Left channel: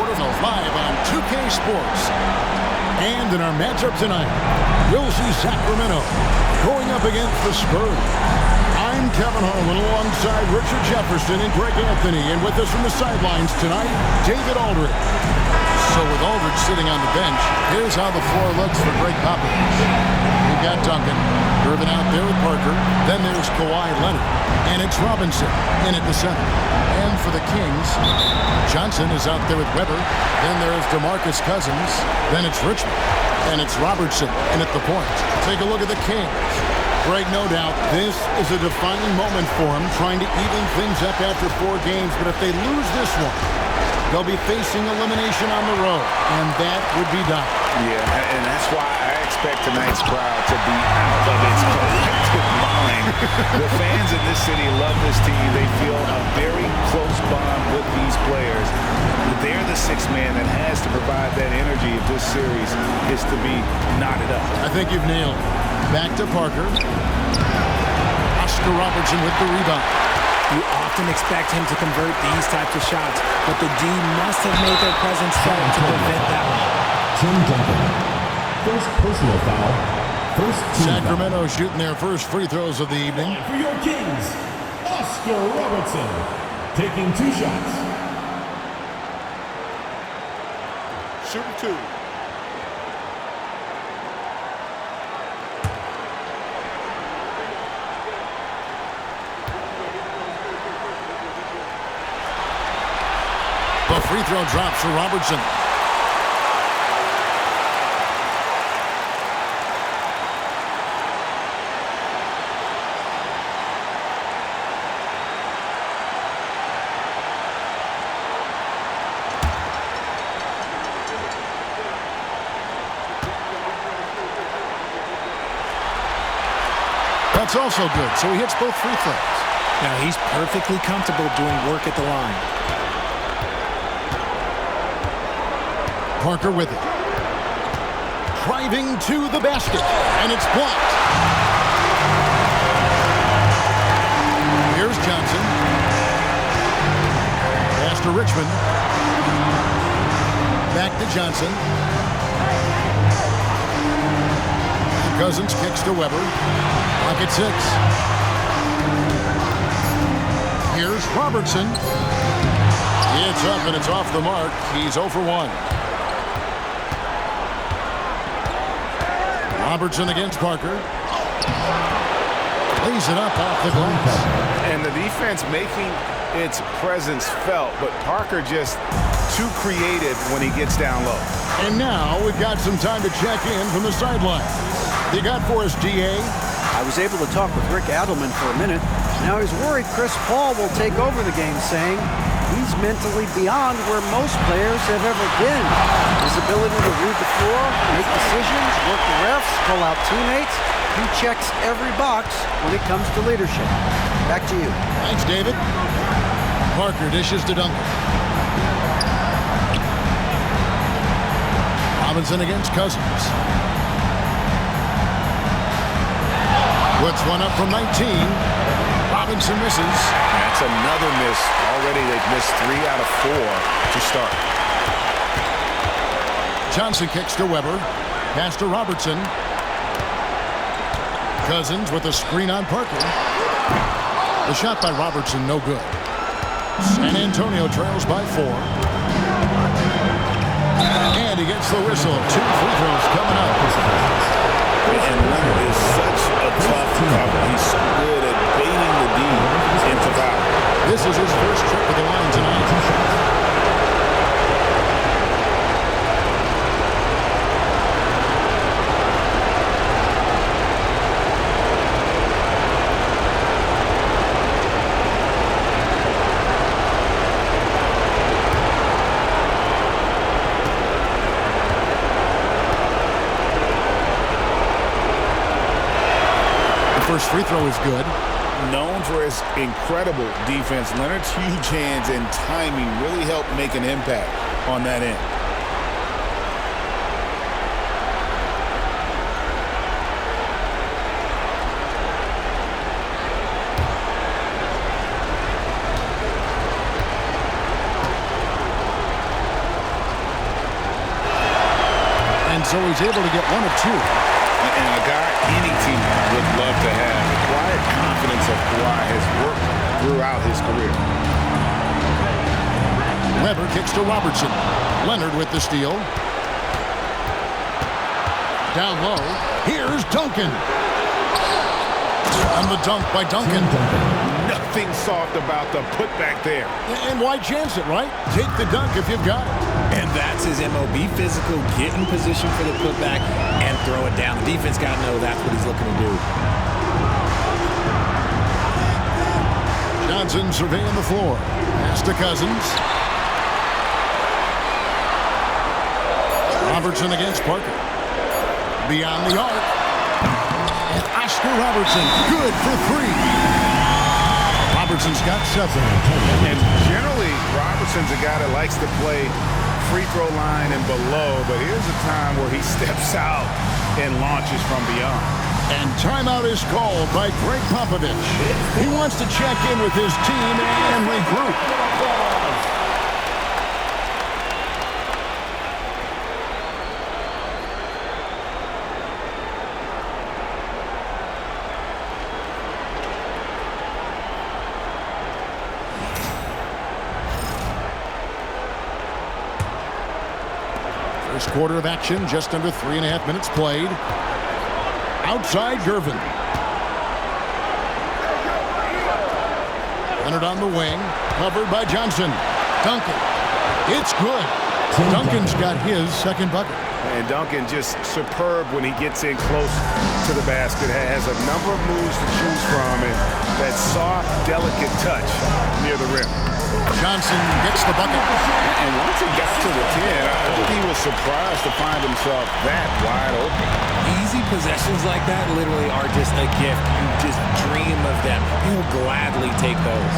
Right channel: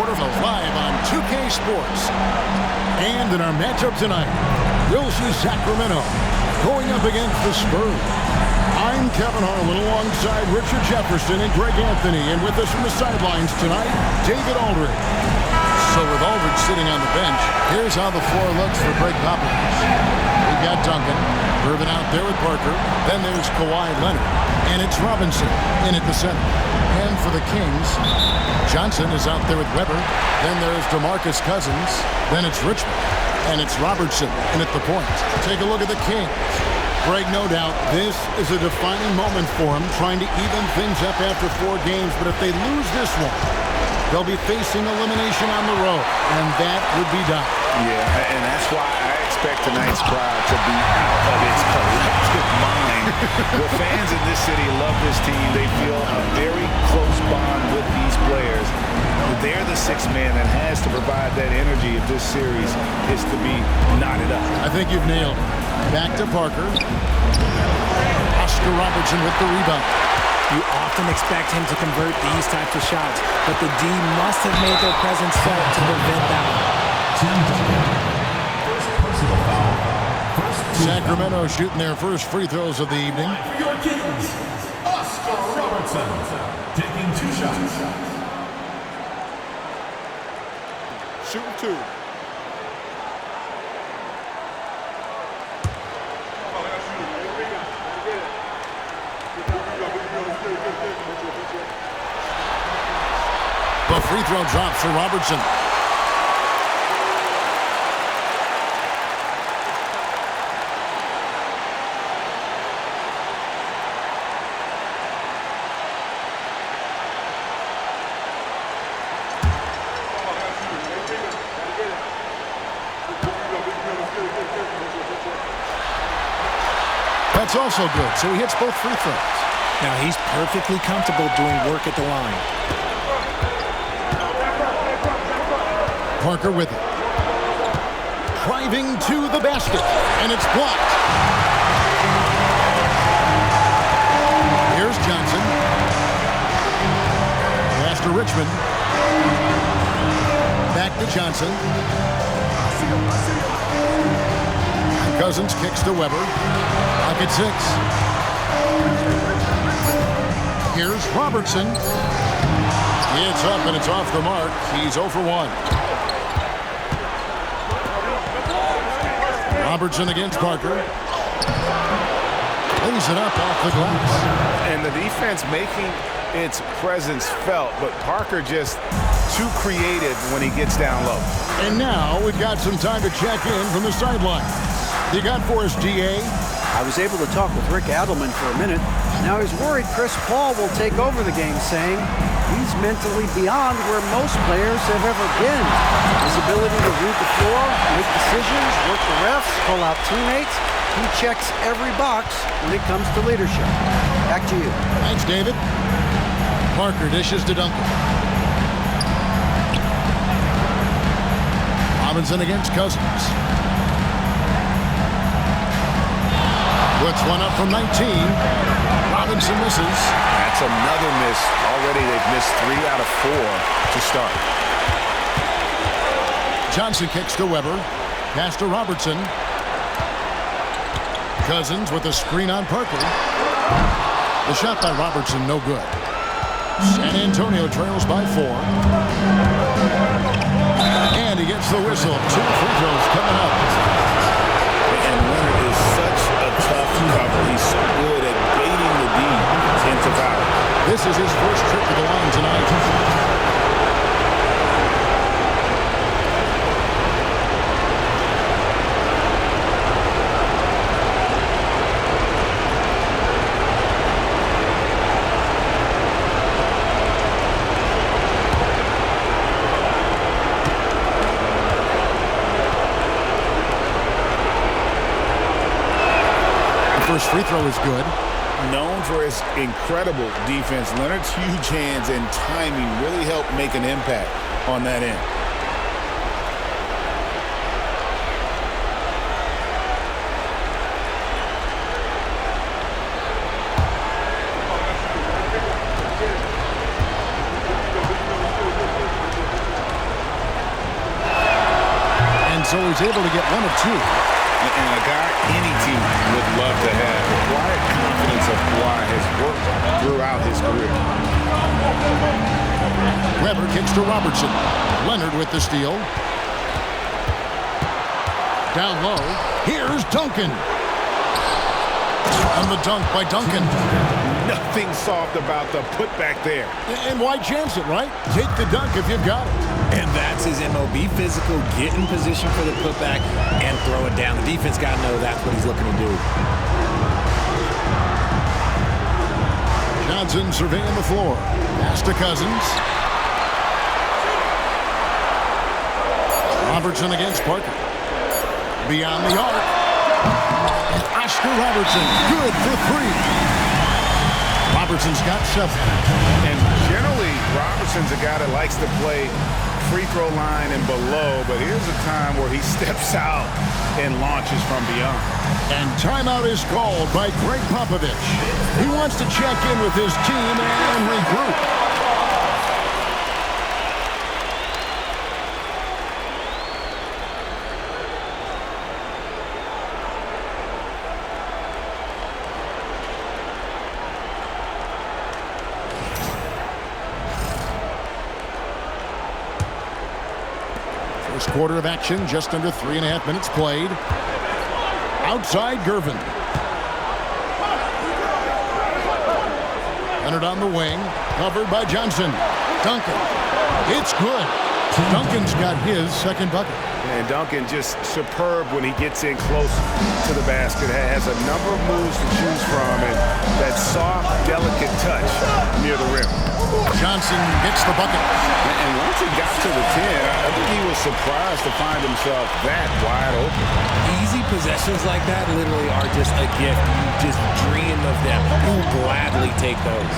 quarterfinals live on 2K Sports. And in our matchup tonight, we'll see Sacramento going up against the Spurs. I'm Kevin Harlan alongside Richard Jefferson and Greg Anthony. And with us from the sidelines tonight, David Aldridge. So with Aldridge sitting on the bench, here's how the floor looks for Greg Popovich. We've got Duncan, Irvin out there with Parker. Then there's Kawhi Leonard. And it's Robinson in at the center. And for the Kings, Johnson is out there with Weber. Then there's DeMarcus Cousins. Then it's Richmond. And it's Robertson in at the point. Take a look at the Kings. Greg, no doubt, this is a defining moment for him, trying to even things up after 4 games. But if they lose this one, they'll be facing elimination on the road, and that would be dire. Yeah, and that's why I expect tonight's crowd to be out of its collective mind. The fans in this city love this team. They feel a very close bond with these players. They're the sixth man that has to provide that energy if this series is to be knotted up. I think you've nailed it. Back to Parker. Oscar Robertson with the rebound. You often expect him to convert these types of shots, but the D must have made their presence felt to prevent that one. Tim Duncan, first personal foul. Sacramento shooting their first free throws of the evening. For your Kings, Oscar Robertson, taking 2 shots. Shooting 2. The free throw drops for Robertson. That's also good, so he hits both free throws. Now he's perfectly comfortable doing work at the line. Parker with it. Driving to the basket, and it's blocked. Here's Johnson. Pass to Richmond. Back to Johnson. And Cousins kicks to Weber. Pocket 6. Here's Robertson. It's up and it's off the mark. He's 0 for 1. Robertson against Parker. Lays it up off the glass. And the defense making its presence felt, but Parker just too creative when he gets down low. And now we've got some time to check in from the sideline. You got for us, DA? I was able to talk with Rick Adelman for a minute. Now he's worried Chris Paul will take over the game, saying he's mentally beyond where most players have ever been. His ability to read the floor, make decisions, work the refs, call out teammates. He checks every box when it comes to leadership. Back to you. Thanks, David. Parker dishes to Duncan. Robinson against Cousins. Puts one up from 19. Robinson misses. That's another miss. Already they've missed 3 out of 4 to start. Johnson kicks to Weber. Pass to Robertson. Cousins with a screen on Parker. The shot by Robertson, no good. San Antonio trails by 4. And he gets the whistle. 2 free throws coming up. And Leonard is such a tough cover. He's so good at baiting the D into foul. This is his first trip to the line tonight. First free throw is good. Known for his incredible defense, Leonard's huge hands and timing really help make an impact on that end. so he's able to get one of two. And a guy any team would love to have. The quiet confidence of Kawhi has worked throughout his career. Weber kicks to Robertson. Leonard with the steal. Down low. Here's Duncan. And the dunk by Duncan. Nothing soft about the putback there. And why chance it, right? Take the dunk if you've got it. And that's his MO. Be physical, get in position for the putback, and throw it down. The defense got to know that's what he's looking to do. Johnson surveying the floor. Pass to Cousins. Robertson against Parker. Beyond the arc. And Oscar Robertson, good for three. Robertson's got 7. And generally, Robertson's a guy that likes to play free throw line and below, but here's a time where he steps out and launches from beyond. And timeout is called by Greg Popovich. He wants to check in with his team and regroup. First quarter of action, just under 3.5 minutes played. Outside Gervin. Leonard on the wing, covered by Johnson. Duncan. It's good. Duncan's got his second bucket. And Duncan just superb when he gets in close to the basket. Has a number of moves to choose from, and that soft, delicate touch near the rim. Johnson gets the bucket. And once he got to the 10, I think he was surprised to find himself that wide open. Easy possessions like that literally are just a gift. You just dream of them. You will gladly take those.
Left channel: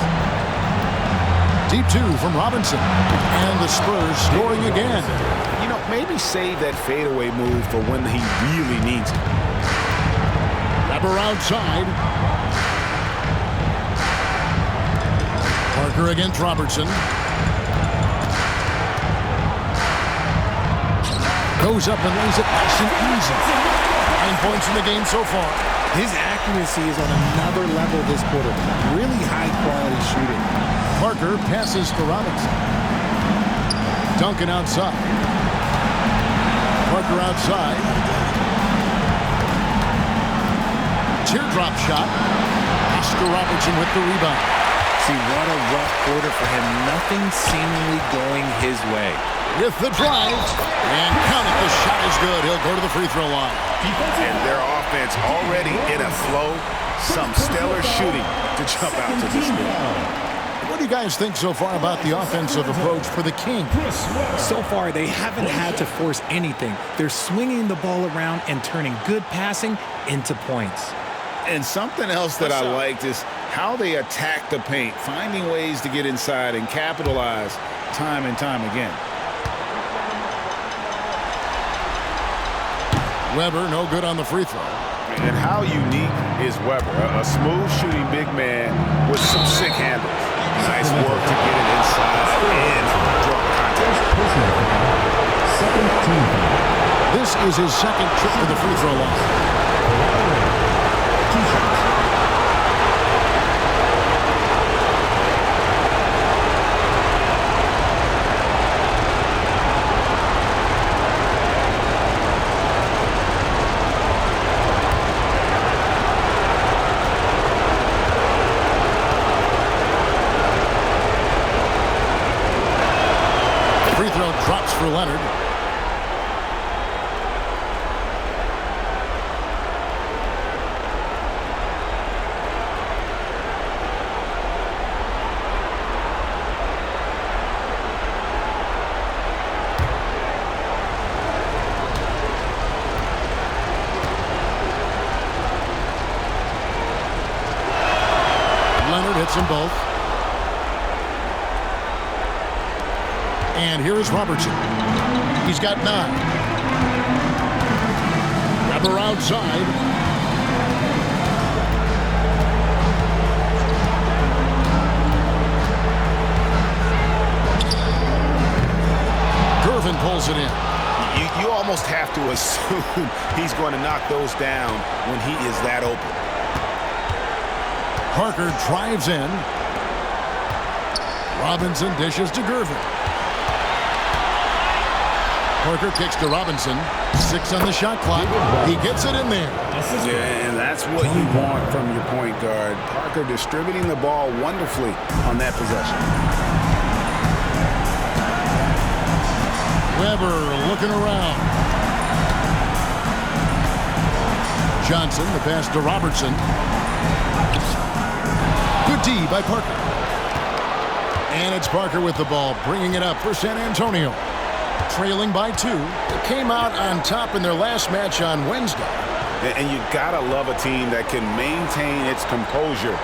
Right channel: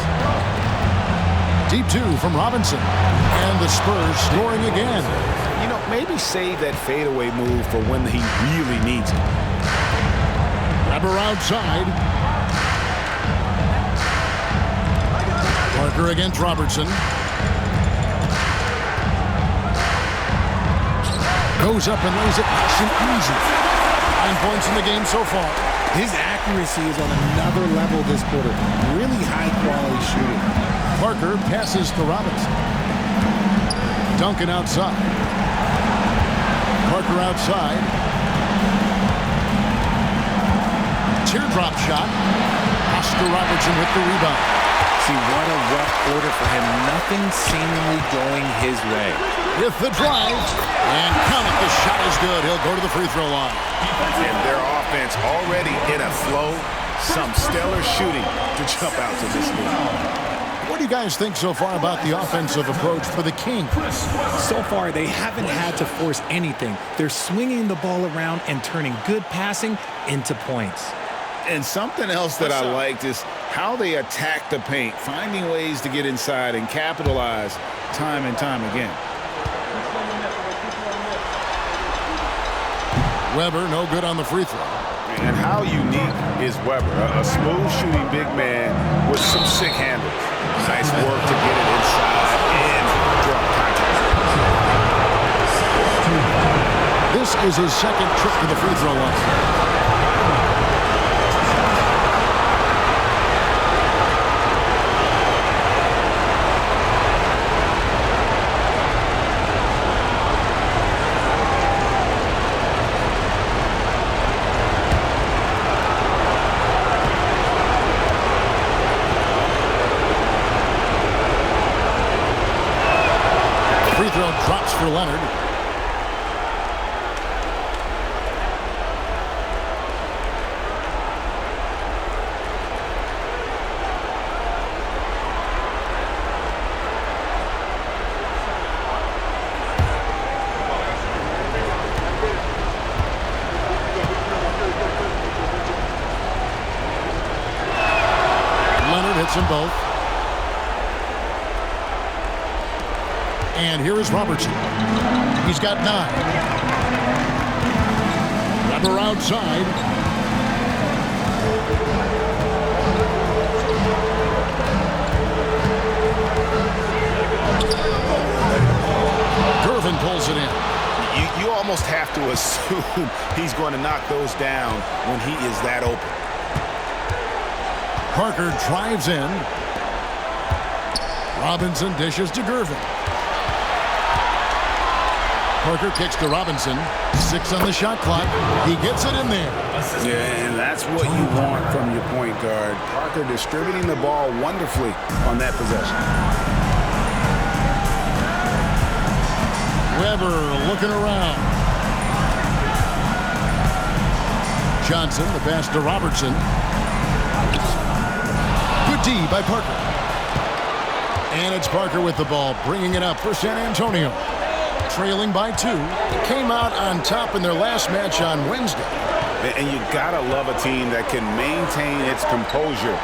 Deep 2 from Robinson. And the Spurs scoring again. You know, maybe save that fadeaway move for when he really needs it. Weber outside. Parker against Robertson. Goes up and lays it nice and easy. 9 points in the game so far. His accuracy is on another level this quarter. Really high-quality shooting. Parker passes to Robinson. Duncan outside. Parker outside. Teardrop shot. Oscar Robertson with the rebound. See, what a rough quarter for him. Nothing seemingly going his way. With the drive. And count it. The shot is good. He'll go to the free throw line. And their offense already in a flow. Some stellar shooting to jump out to this lead. What do you guys think so far about the offensive approach for the Kings? So far, they haven't had to force anything. They're swinging the ball around and turning good passing into points. And something else that I liked is how they attack the paint, finding ways to get inside and capitalize time and time again. Weber, no good on the free throw. And how unique is Weber? A smooth shooting big man with some sick handles. Nice work to get it inside and draw contact. This is his second trip to the free throw line. Free throw drops for Leonard. Leonard hits them both. And here is Robertson. He's got 9. Weber outside. Gervin pulls it in. You almost have to assume he's going to knock those down when he is that open. Parker drives in. Robinson dishes to Gervin. Parker kicks to Robinson. 6 on the shot clock. He gets it in there. Yeah, and that's what you want from your point guard. Parker distributing the ball wonderfully on that possession. Weber looking around. Johnson, the pass to Robertson. Good D by Parker. And it's Parker with the ball, bringing it up for San Antonio. Trailing by 2. They came out on top in their last match on Wednesday. And you gotta love a team that can maintain its composure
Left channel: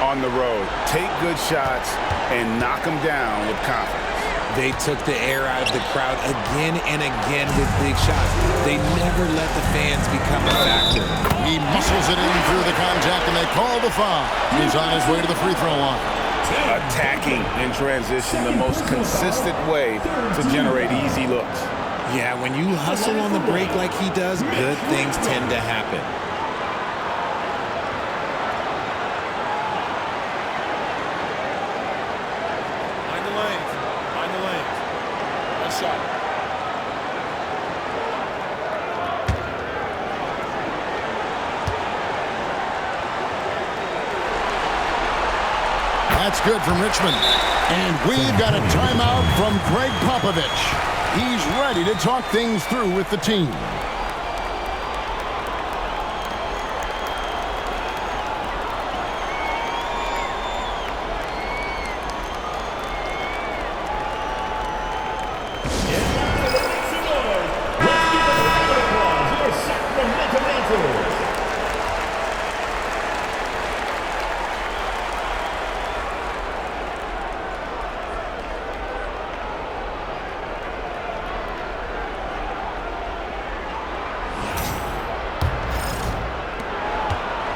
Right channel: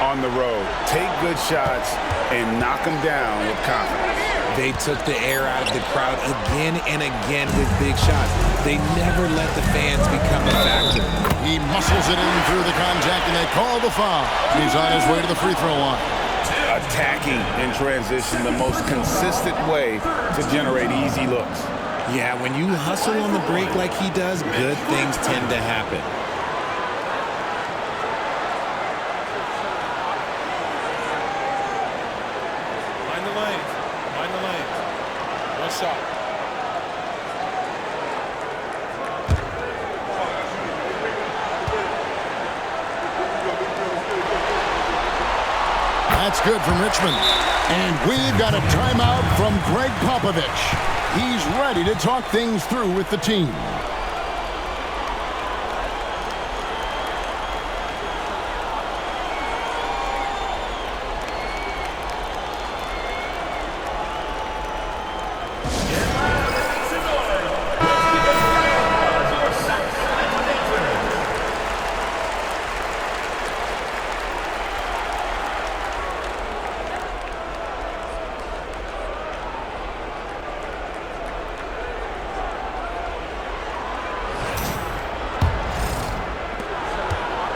on the road. Take good shots and knock them down with confidence. They took the air out of the crowd again and again with big shots. They never let the fans become a factor. He muscles it in through the contact, and they call the foul. He's on his way to the free throw line. Attacking in transition, the most consistent way to generate easy looks. Yeah, when you hustle on the break like he does, good things tend to happen. Mind the lanes. Mind the lanes. One shot. That's good from Richmond. And we've got a timeout from Greg Popovich. He's ready to talk things through with the team.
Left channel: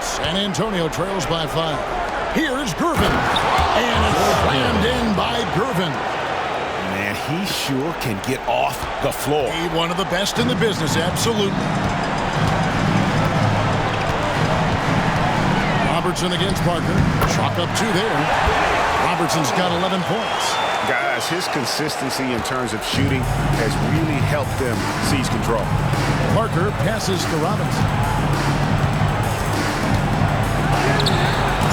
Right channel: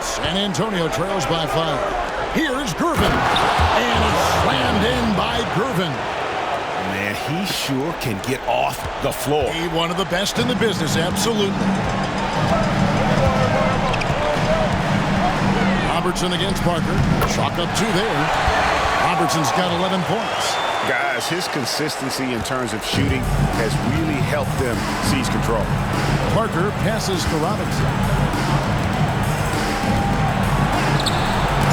San Antonio trails by 5. Here's Gervin. And it's slammed in by Gervin. Man, he sure can get off the floor. He's one of the best in the business, absolutely. Robertson against Parker. Chalk up 2 there. Robertson's got 11 points. Guys, his consistency in terms of shooting has really helped them seize control. Parker passes to Robinson.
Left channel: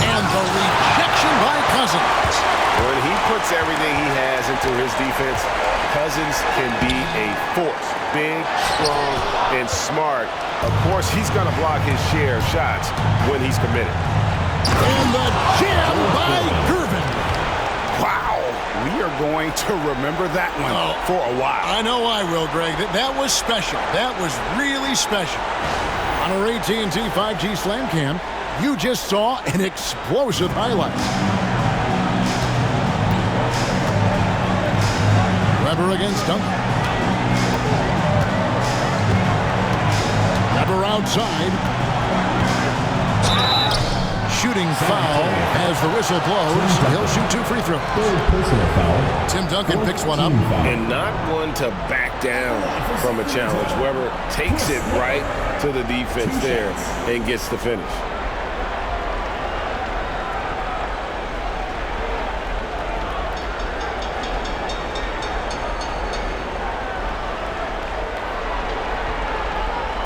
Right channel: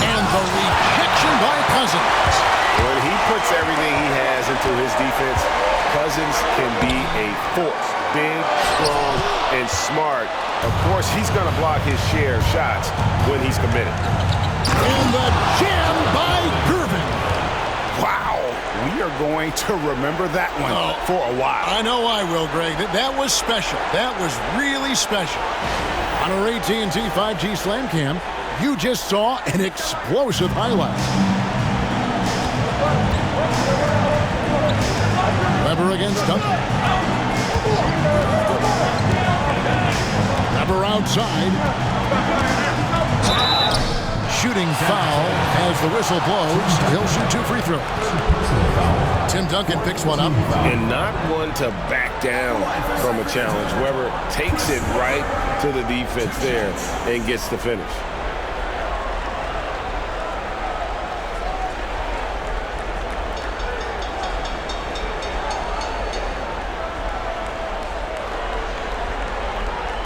And the rejection by Cousins. When he puts everything he has into his defense, Cousins can be a force. Big, strong, and smart. Of course, he's going to block his share of shots when he's committed. And the jam by Gervin. Wow. We are going to remember that one for a while. I know I will, Greg. That was special. That was really special. On our AT&T 5G Slam Cam, you just saw an explosive highlight. Weber against Duncan. Weber outside. Shooting foul as the whistle blows. He'll shoot 2 free throws. Tim Duncan picks one up. And not one to back down from a challenge. Weber takes it right to the defense there and gets the finish.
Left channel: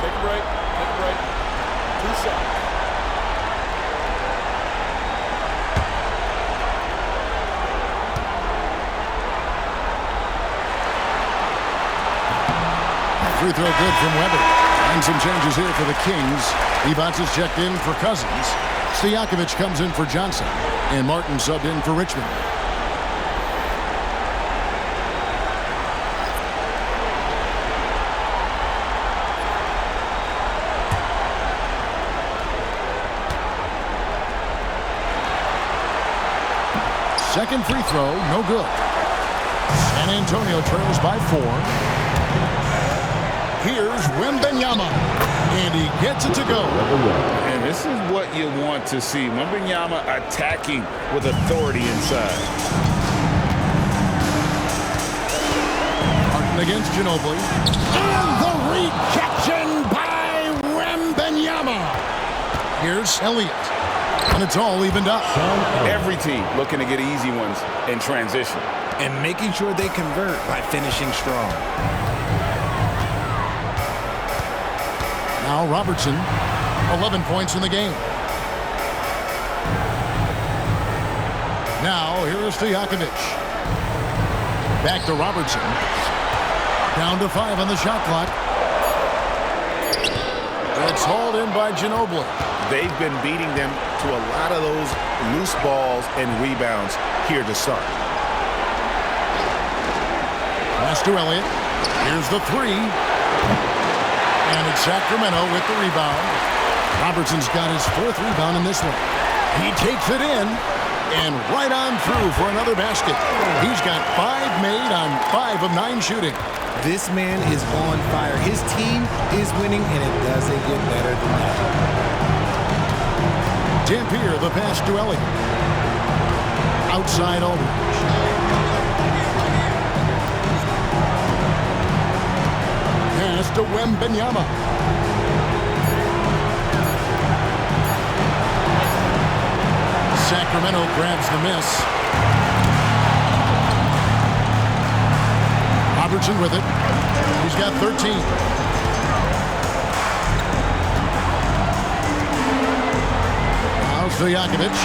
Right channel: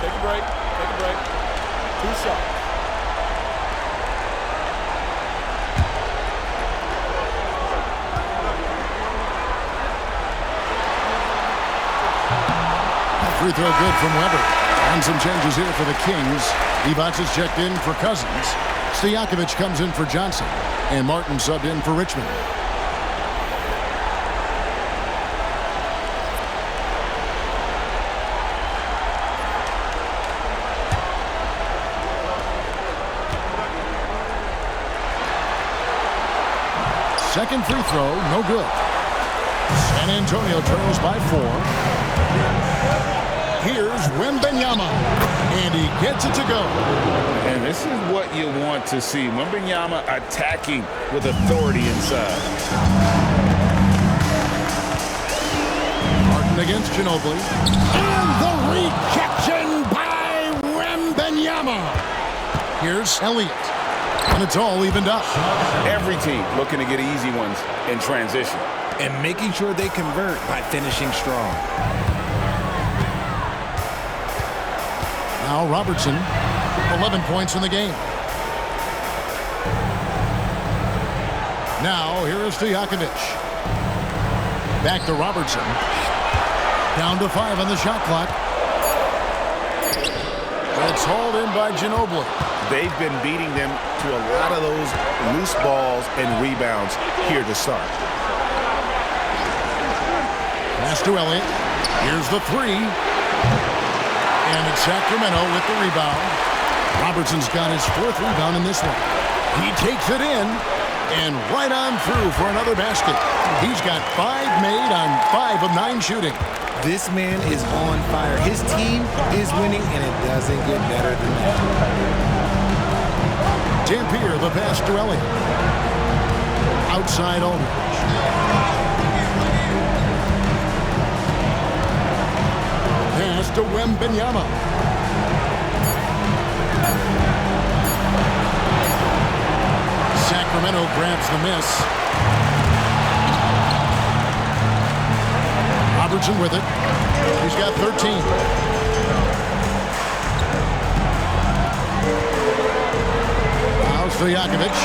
Take a break. Take a break. 2 shots. Free throw good from Weber. And some changes here for the Kings. Evans is checked in for Cousins. Stojakovic comes in for Johnson. And Martin subbed in for Richmond. Second free throw, no good. San Antonio trails by 4. Here's Wembanyama, and he gets it to go. And this is what you want to see. Wembanyama attacking with authority inside. Martin Martin against Ginobili. And the rejection by Wembanyama. Here's Elliott. And it's all evened up. Every team looking to get easy ones in transition. And making sure they convert by finishing strong. Now Robertson, 11 points in the game. Now here is Stojakovic. Back to Robertson. Down to 5 on the shot clock. It's hauled in by Ginobili. They've been beating them to a lot of those loose balls and rebounds here to start. Pass to Elliott. Here's the 3. And it's Sacramento with the rebound. Robertson's got his 4th rebound in this one. He takes it in and right on through for another basket. He's got 5 made on 5 of 9 shooting. This man is on fire. His team is winning, and it doesn't get better than that. Dampier, the pass to Elliott. Outside Aldridge. Pass to Wembanyama. Sacramento grabs the miss. Robertson with it. He's got 13. Now Stojakovic.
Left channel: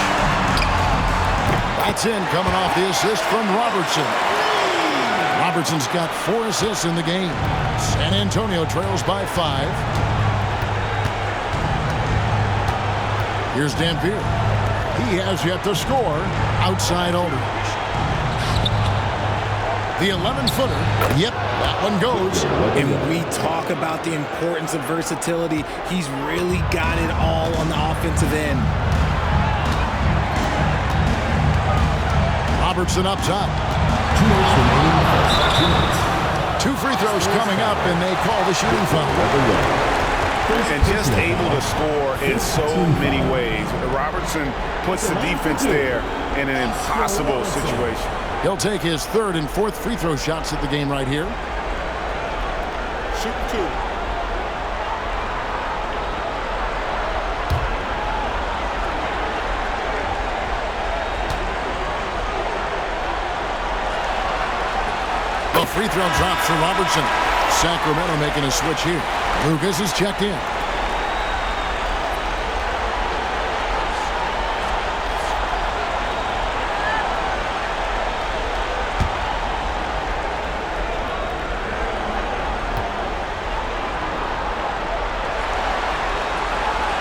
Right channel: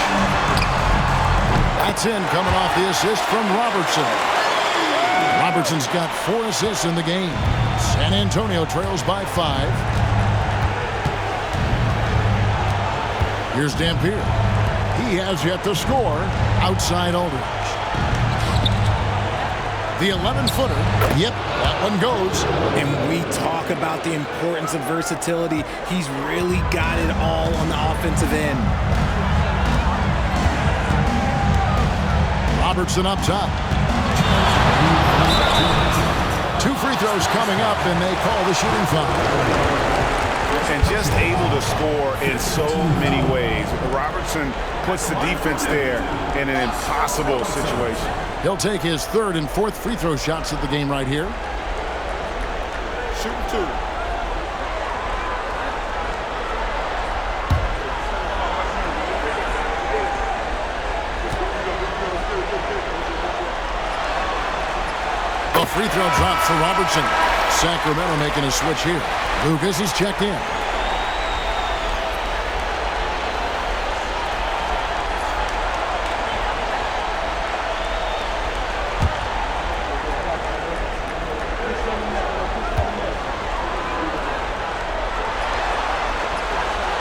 That's in, coming off the assist from Robertson. Robertson's got 4 assists in the game. San Antonio trails by 5. Here's Dampier. He has yet to score. Outside Aldridge. The 11-footer. Yep, that one goes. And we talk about the importance of versatility. He's really got it all on the offensive end. Robertson up top. 2 free throws coming up, and they call the shooting foul. And just able to score in so many ways. Robertson puts the defense there in an impossible situation. He'll take his 3rd and 4th free throw shots of the game right here. Shooting 2. The free throw drops for Robertson. Sacramento making a switch here. Lucas is checked in.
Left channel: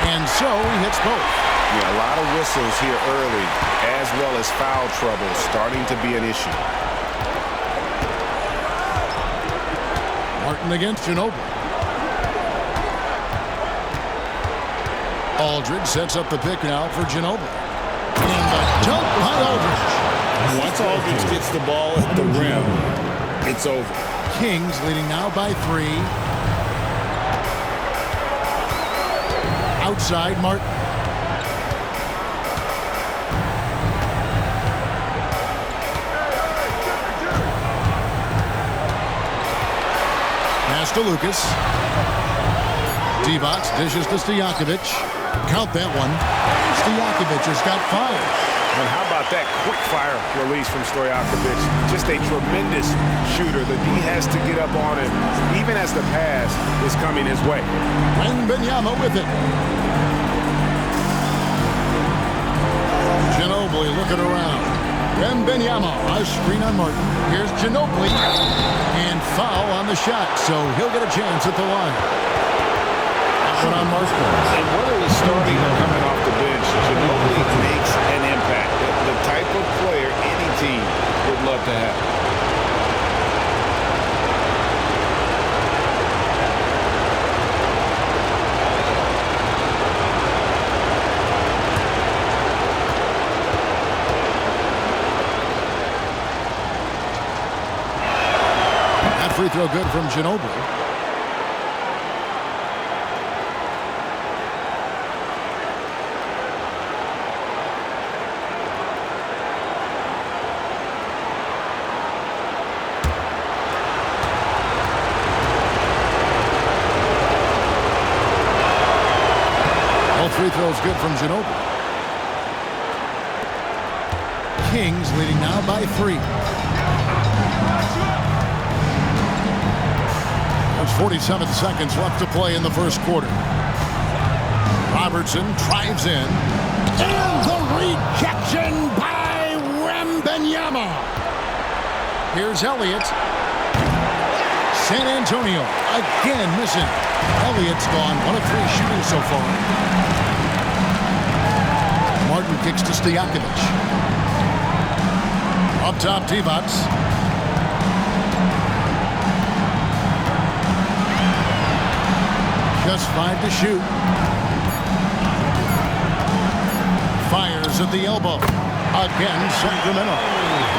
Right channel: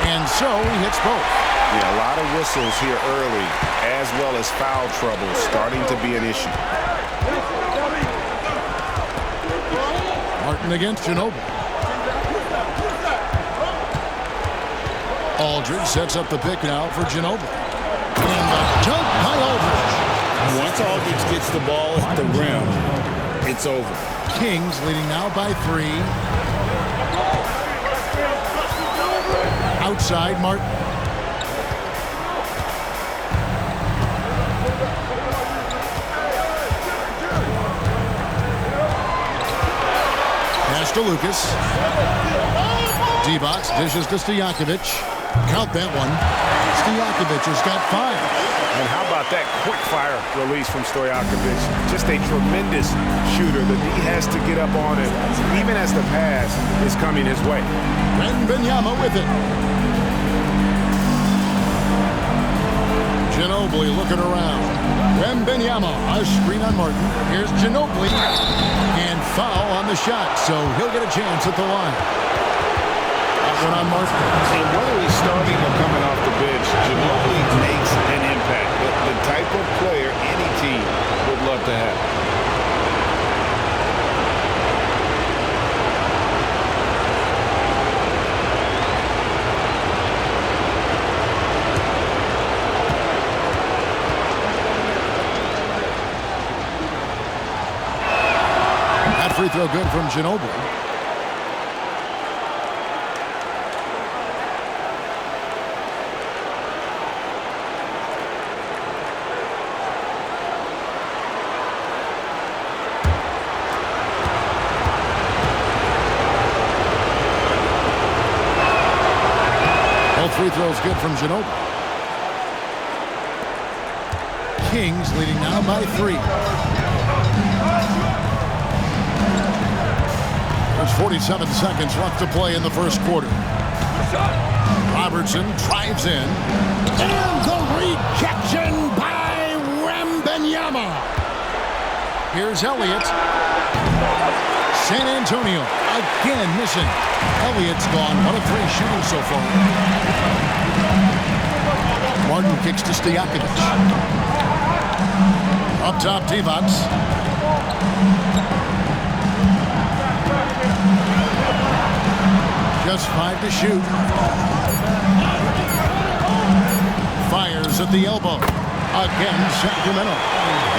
And so he hits both. Yeah, a lot of whistles here early, as well as foul trouble starting to be an issue. Martin against Ginobili. Aldridge sets up the pick now for Ginobili. And the dunk by Aldridge. Once Aldridge gets the ball at the rim, it's over. Kings leading now by 3. Outside Martin. Pass to Lucas. D-box dishes to Stojakovic. Count that one. Stojakovic has got 5. And how about that quick fire release from Stojakovic? Just a tremendous shooter. The D has to get up on him, even as the pass is coming his way. Wembanyama with it. Ginobili looking around. Wembanyama, a screen on Martin. Here's Ginobili. And foul on the shot, so he'll get a chance at the line. That one on Martin. And whether he's starting or coming off the bench, Ginobili makes an impact. The type of player any team would love to have. That free throw good from Ginobili. Both free throws good from Ginobili. Kings leading now by 3. There's 47 seconds left to play in the first quarter. Robertson drives in. And the rejection by Wembanyama. Here's Elliott. San Antonio again missing. Elliott's gone 1 of 3 shooting so far. Martin kicks to Stojakovic. Up top, Divac. Just 5 to shoot. Fires at the elbow. Again, Sacramento.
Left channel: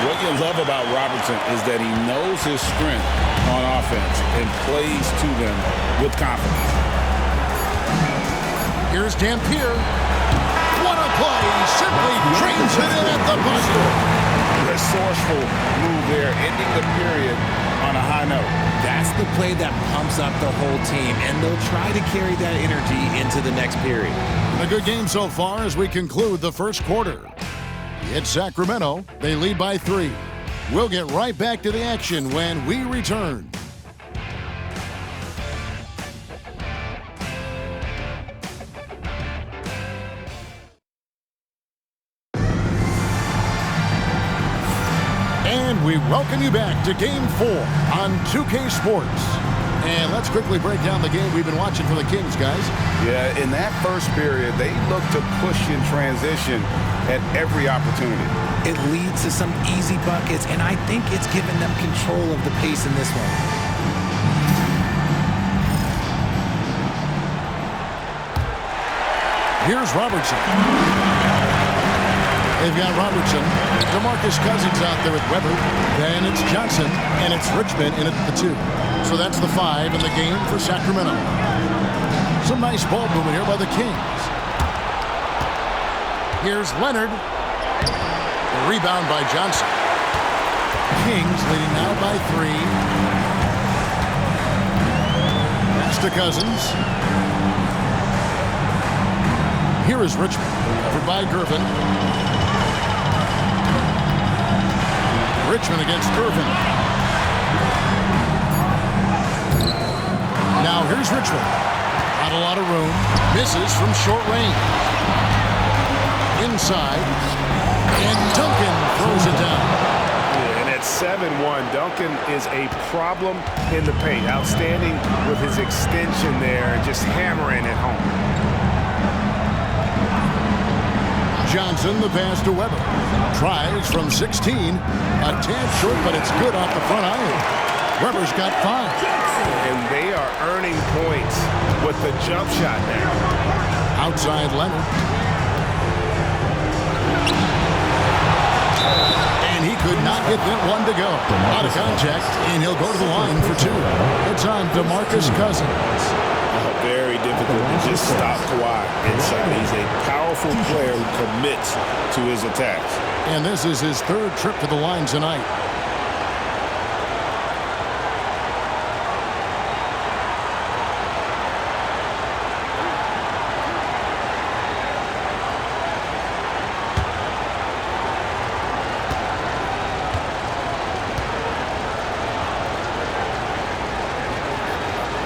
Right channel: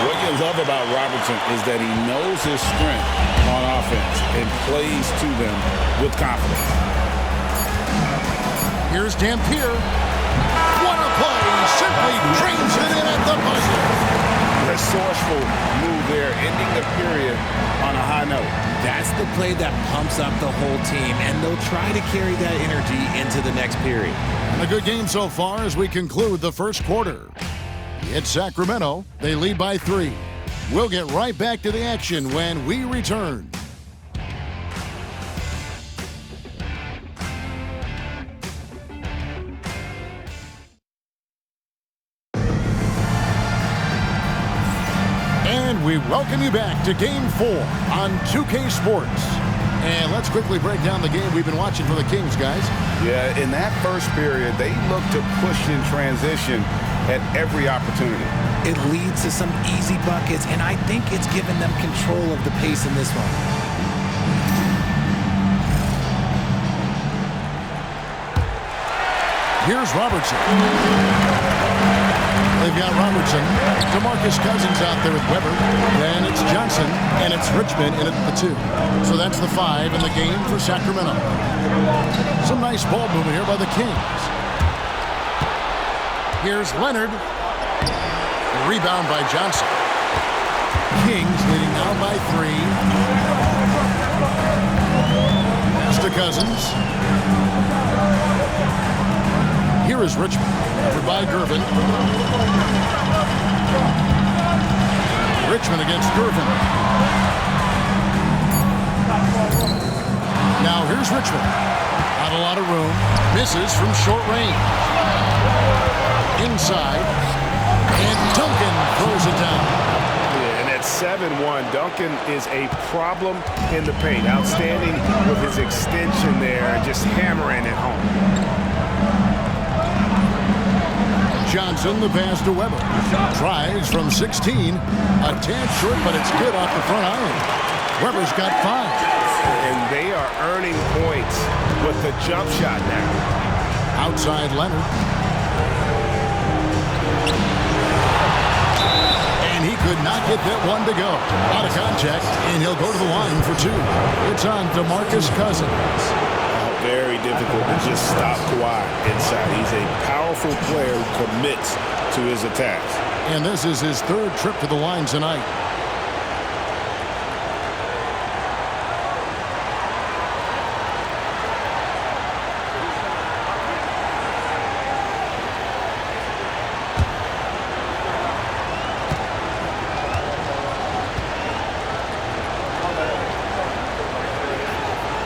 What you love about Robertson is that he knows his strength on offense and plays to them with confidence. Here's Dampier. What a play! Simply drains it in at the buzzer. Resourceful move there, ending the period on a high note. That's the play that pumps up the whole team, and they'll try to carry that energy into the next period. A good game so far as we conclude the first quarter. It's Sacramento. They lead by 3. We'll get right back to the action when we return. And we welcome you back to Game 4 on 2K Sports. And let's quickly break down the game we've been watching for the Kings, guys. Yeah, in that first period, they looked to push in transition at every opportunity. It leads to some easy buckets, and I think it's given them control of the pace in this one. Here's Robertson. They've got Robertson. DeMarcus Cousins out there with Weber. Then it's Johnson, and it's Richmond in at the 2. So that's the 5 in the game for Sacramento. Some nice ball movement here by the Kings. Here's Leonard. The rebound by Johnson. Kings leading now by 3. Pass to Cousins. Here is Richmond. Covered by Gervin. Richmond against Gervin. Now here's Richmond. Not a lot of room. Misses from short range. Inside. And Duncan throws it down. Yeah, and at 7-1, Duncan is a problem in the paint. Outstanding with his extension there and just hammering it home. Johnson, the pass to Weber. Tries from 16. A tad short, but it's good off the front iron. Weber's got 5. And they are earning points with the jump shot now. Outside Leonard. And he could not get that one to go. Out of contact, and he'll go to the line for 2. It's on DeMarcus Cousins. Very difficult to just stop Kawhi inside. He's a powerful player who commits to his attacks. And this is his 3rd trip to the line tonight.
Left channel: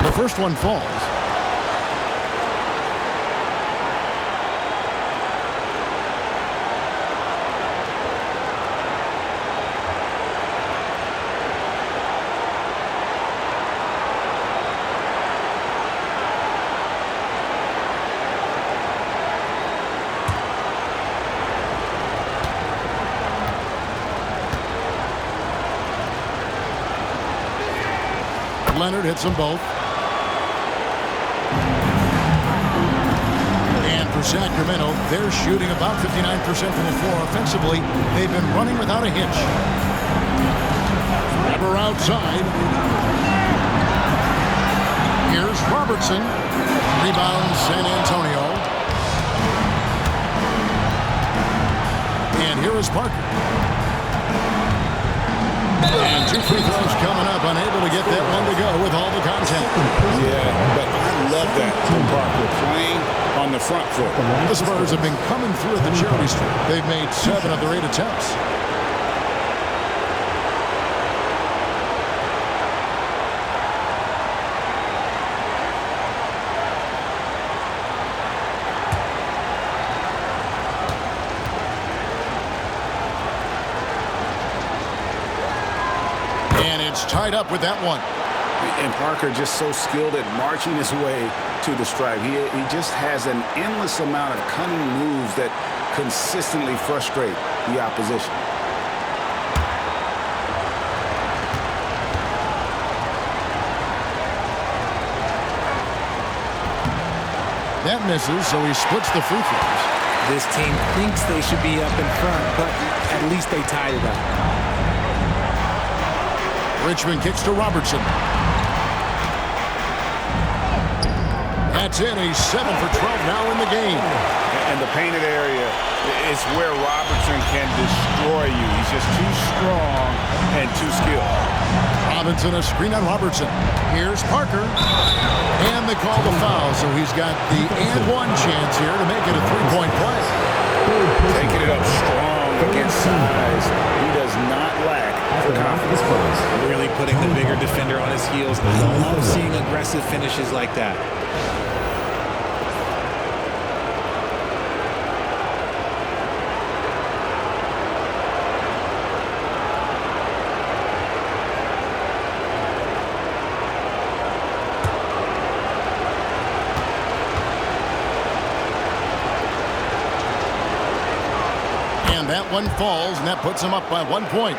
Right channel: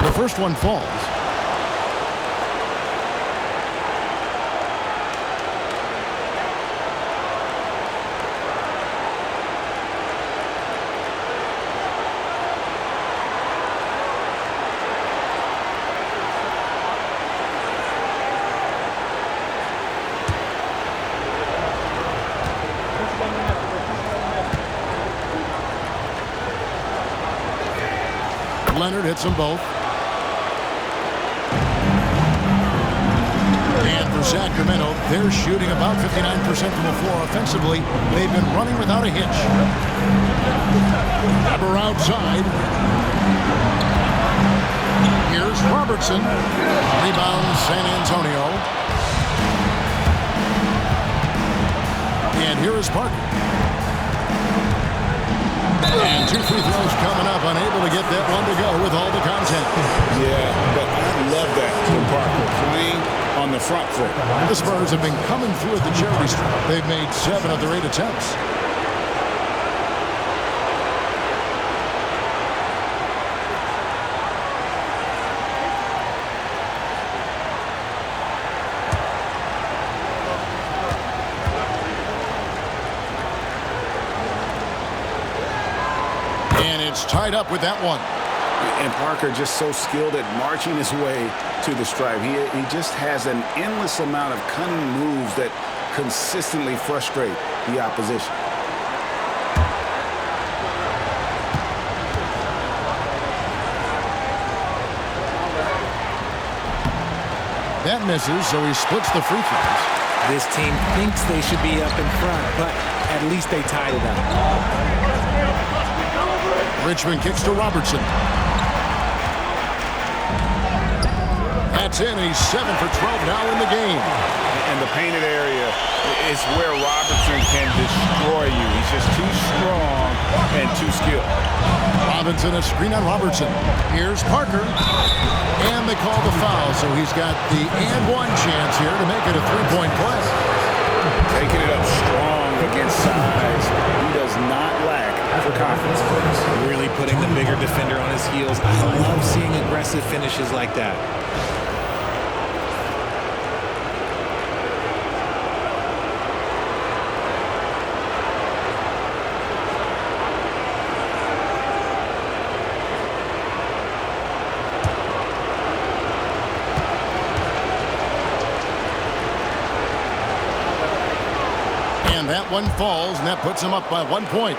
The first one falls. Leonard hits them both. And for Sacramento, they're shooting about 59% from the floor offensively. They've been running without a hitch. Weber outside. Here's Robertson. Rebound San Antonio. And here is Parker. And 2 free throws coming up, unable to get that one to go with all the contact. Yeah, but I love love that from Parker, playing on the front foot. The Spurs have been coming through at the charity stripe. They've made 7 of their 8 attempts. And it's tied up with that one. And Parker just so skilled at marching his way to the stripe. He just has an endless amount of cunning moves that consistently frustrate the opposition. That misses, so he splits the free throws. This team thinks they should be up in front, but at least they tied it up. Richmond kicks to Robertson. That's in. He's 7 for 12 now in the game. And the painted area is where Robertson can destroy you. He's just too strong and too skilled. Robinson, a screen on Robertson. Here's Parker. And they call the foul, so he's got the and one chance here to make it a three-point play. Taking it up strong against size. He does not lack for confidence. Really putting the bigger defender on his heels. I love seeing aggressive finishes like that. And that one falls, and that puts them up by 1 point.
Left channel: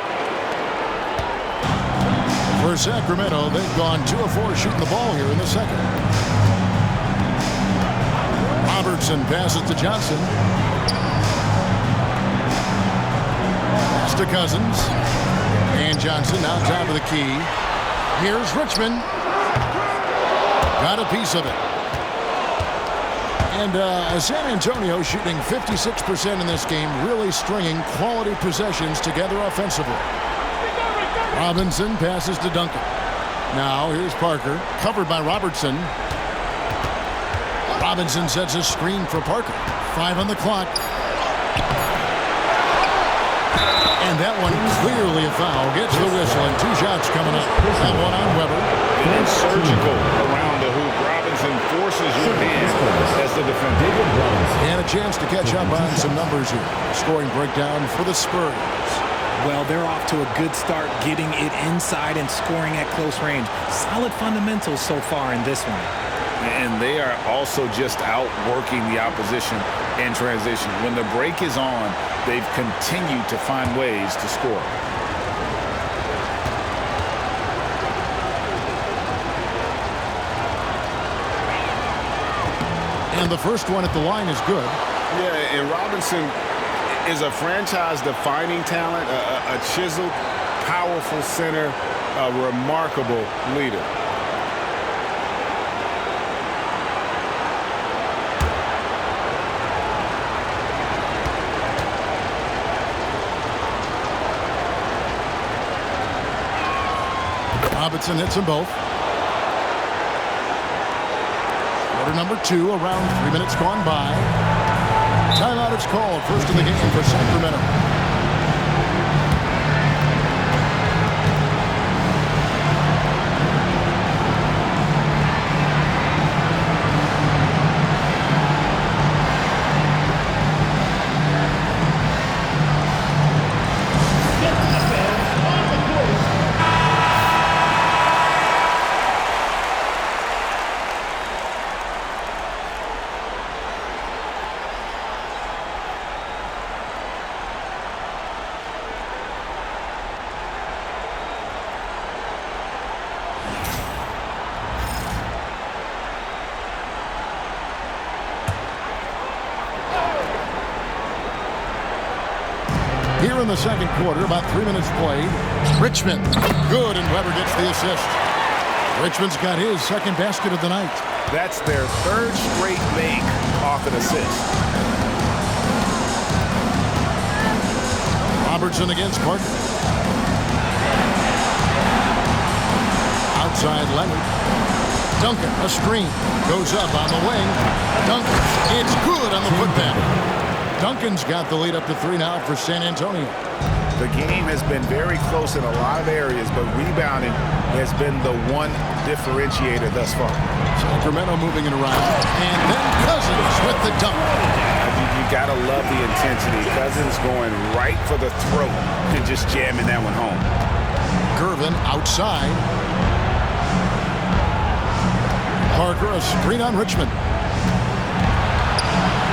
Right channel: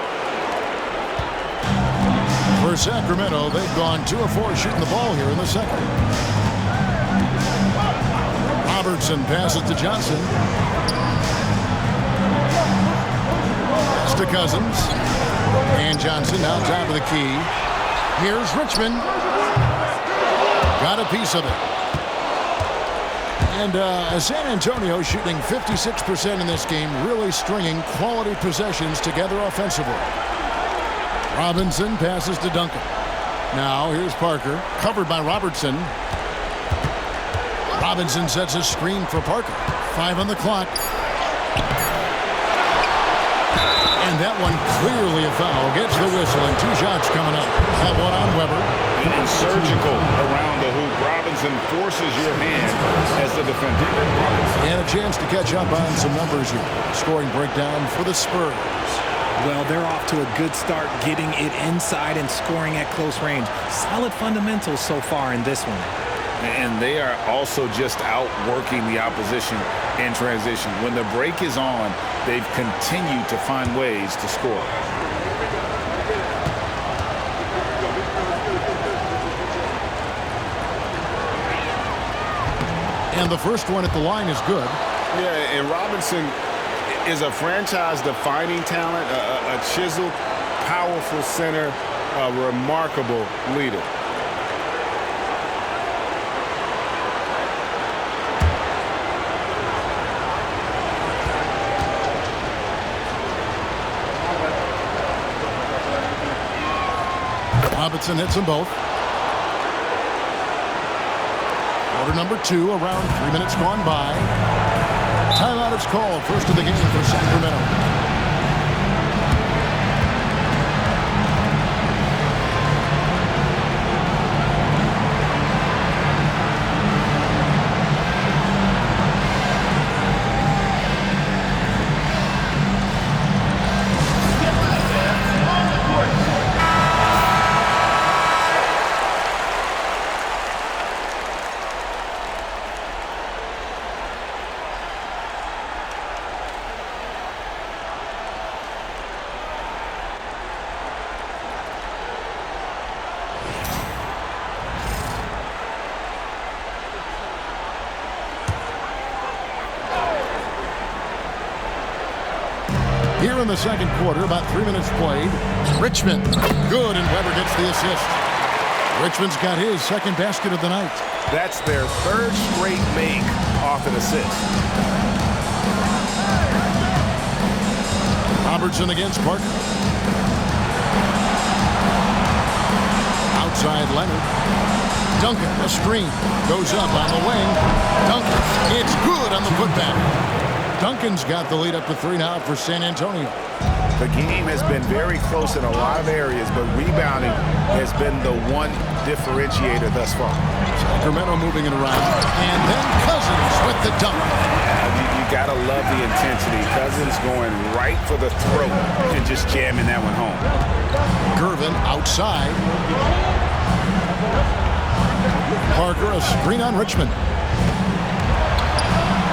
For Sacramento, they've gone 2 of 4 shooting the ball here in the second. Robertson passes to Johnson. Pass to Cousins. And Johnson now top of the key. Here's Richmond. Got a piece of it. And San Antonio shooting 56% in this game, really stringing quality possessions together offensively. Robinson passes to Duncan. Now here's Parker, covered by Robertson. Robinson sets a screen for Parker. 5 on the clock. And that one clearly a foul. Gets the whistle, and 2 shots coming up. That one on Weber. And surgical around the hoop. Robinson forces your hand as the defender. And a chance to catch up on some numbers here. Scoring breakdown for the Spurs. Well, they're off to a good start, getting it inside and scoring at close range. Solid fundamentals so far in this one. And they are also just outworking the opposition in transition. When the break is on, they've continued to find ways to score. And the first one at the line is good. Yeah, and Robinson is a franchise-defining talent, a chiseled, powerful center, a remarkable leader. Robinson hits them both. Quarter number 2, around 3 minutes gone by. Timeout is called. First of the game for Sacramento. Here in the second quarter, about 3 minutes played. Richmond, good, and Weber gets the assist. Richmond's got his second basket of the night. That's their 3rd straight make off an assist. Robertson against Parker. Outside Leonard. Duncan, a screen. Goes up on the wing. Duncan, it's good on the putback. Duncan's got the lead up to 3 now for San Antonio. The game has been very close in a lot of areas, but rebounding has been the one differentiator thus far. Sacramento moving it around. And then Cousins with the dunk. You got to love the intensity. Cousins going right for the throat and just jamming that one home. Gervin outside. Parker, a screen on Richmond.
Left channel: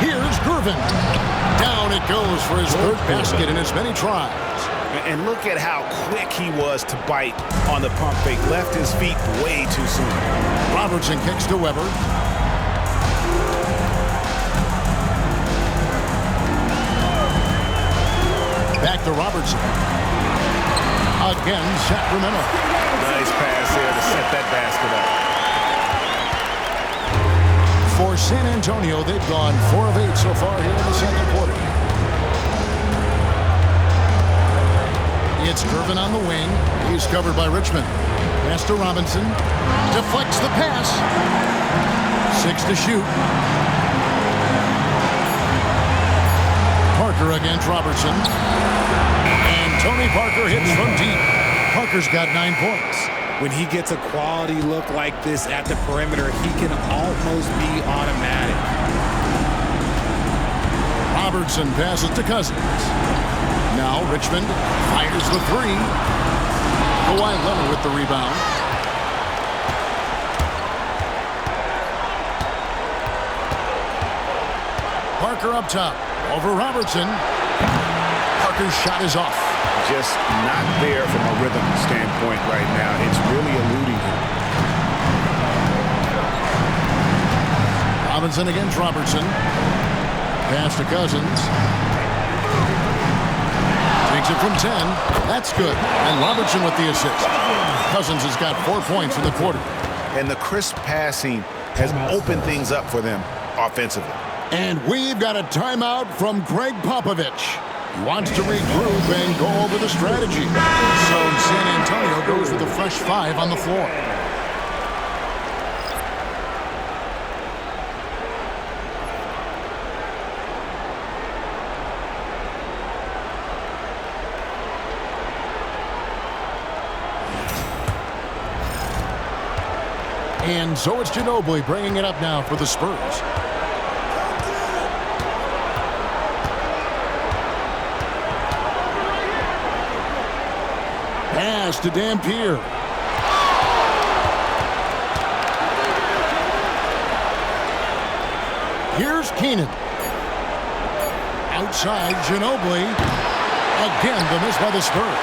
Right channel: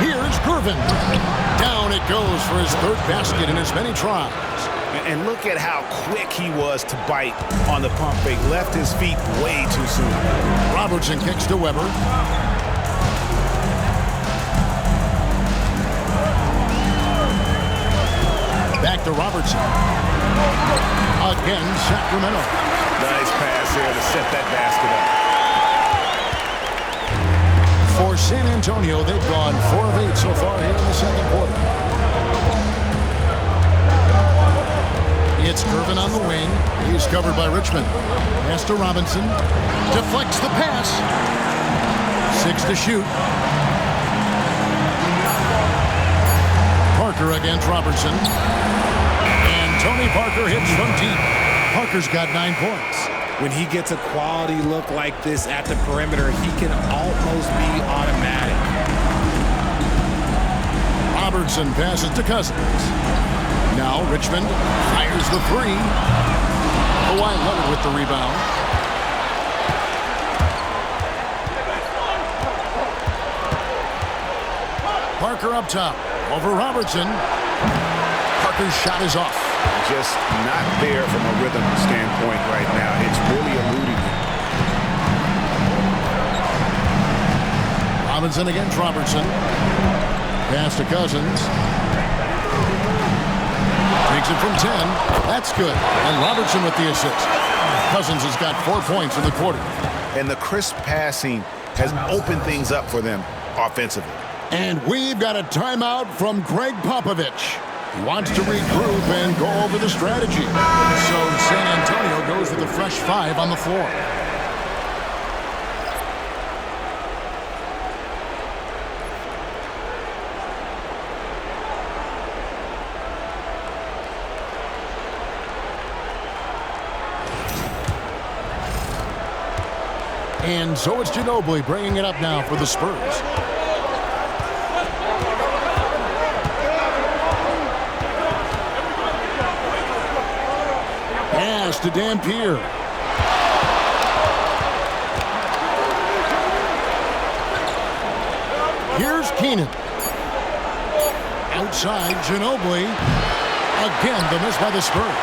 Here's Gervin. Down it goes for his 3rd basket in as many tries. And look at how quick he was to bite on the pump fake. Left his feet way too soon. Robertson kicks to Weber. Back to Robertson. Again, Sacramento. Nice pass there to set that basket up. For San Antonio, they've gone 4 of 8 so far here in the second quarter. It's Gervin on the wing. He's covered by Richmond. Pass to Robinson. Deflects the pass. 6 to shoot. Parker against Robertson. And Tony Parker hits from deep. Parker's got 9 points. When he gets a quality look like this at the perimeter, he can almost be automatic. Robertson passes to Cousins. Now Richmond fires the 3. Kawhi Leonard with the rebound. Parker up top. Over Robertson. Parker's shot is off. Just not there from a rhythm standpoint right now. It's really eluding him. Robinson against Robertson. Pass to Cousins. Takes it from 10. That's good. And Robertson with the assist. Cousins has got 4 points in the quarter. And the crisp passing has opened things up for them offensively. And we've got a timeout from Greg Popovich. He wants to regroup and go over the strategy. So San Antonio goes with a fresh 5 on the floor. And so it's Ginobili bringing it up now for the Spurs. Pass to Dampier. Here's Keenan. Outside, Ginobili. Again, the miss by the Spurs.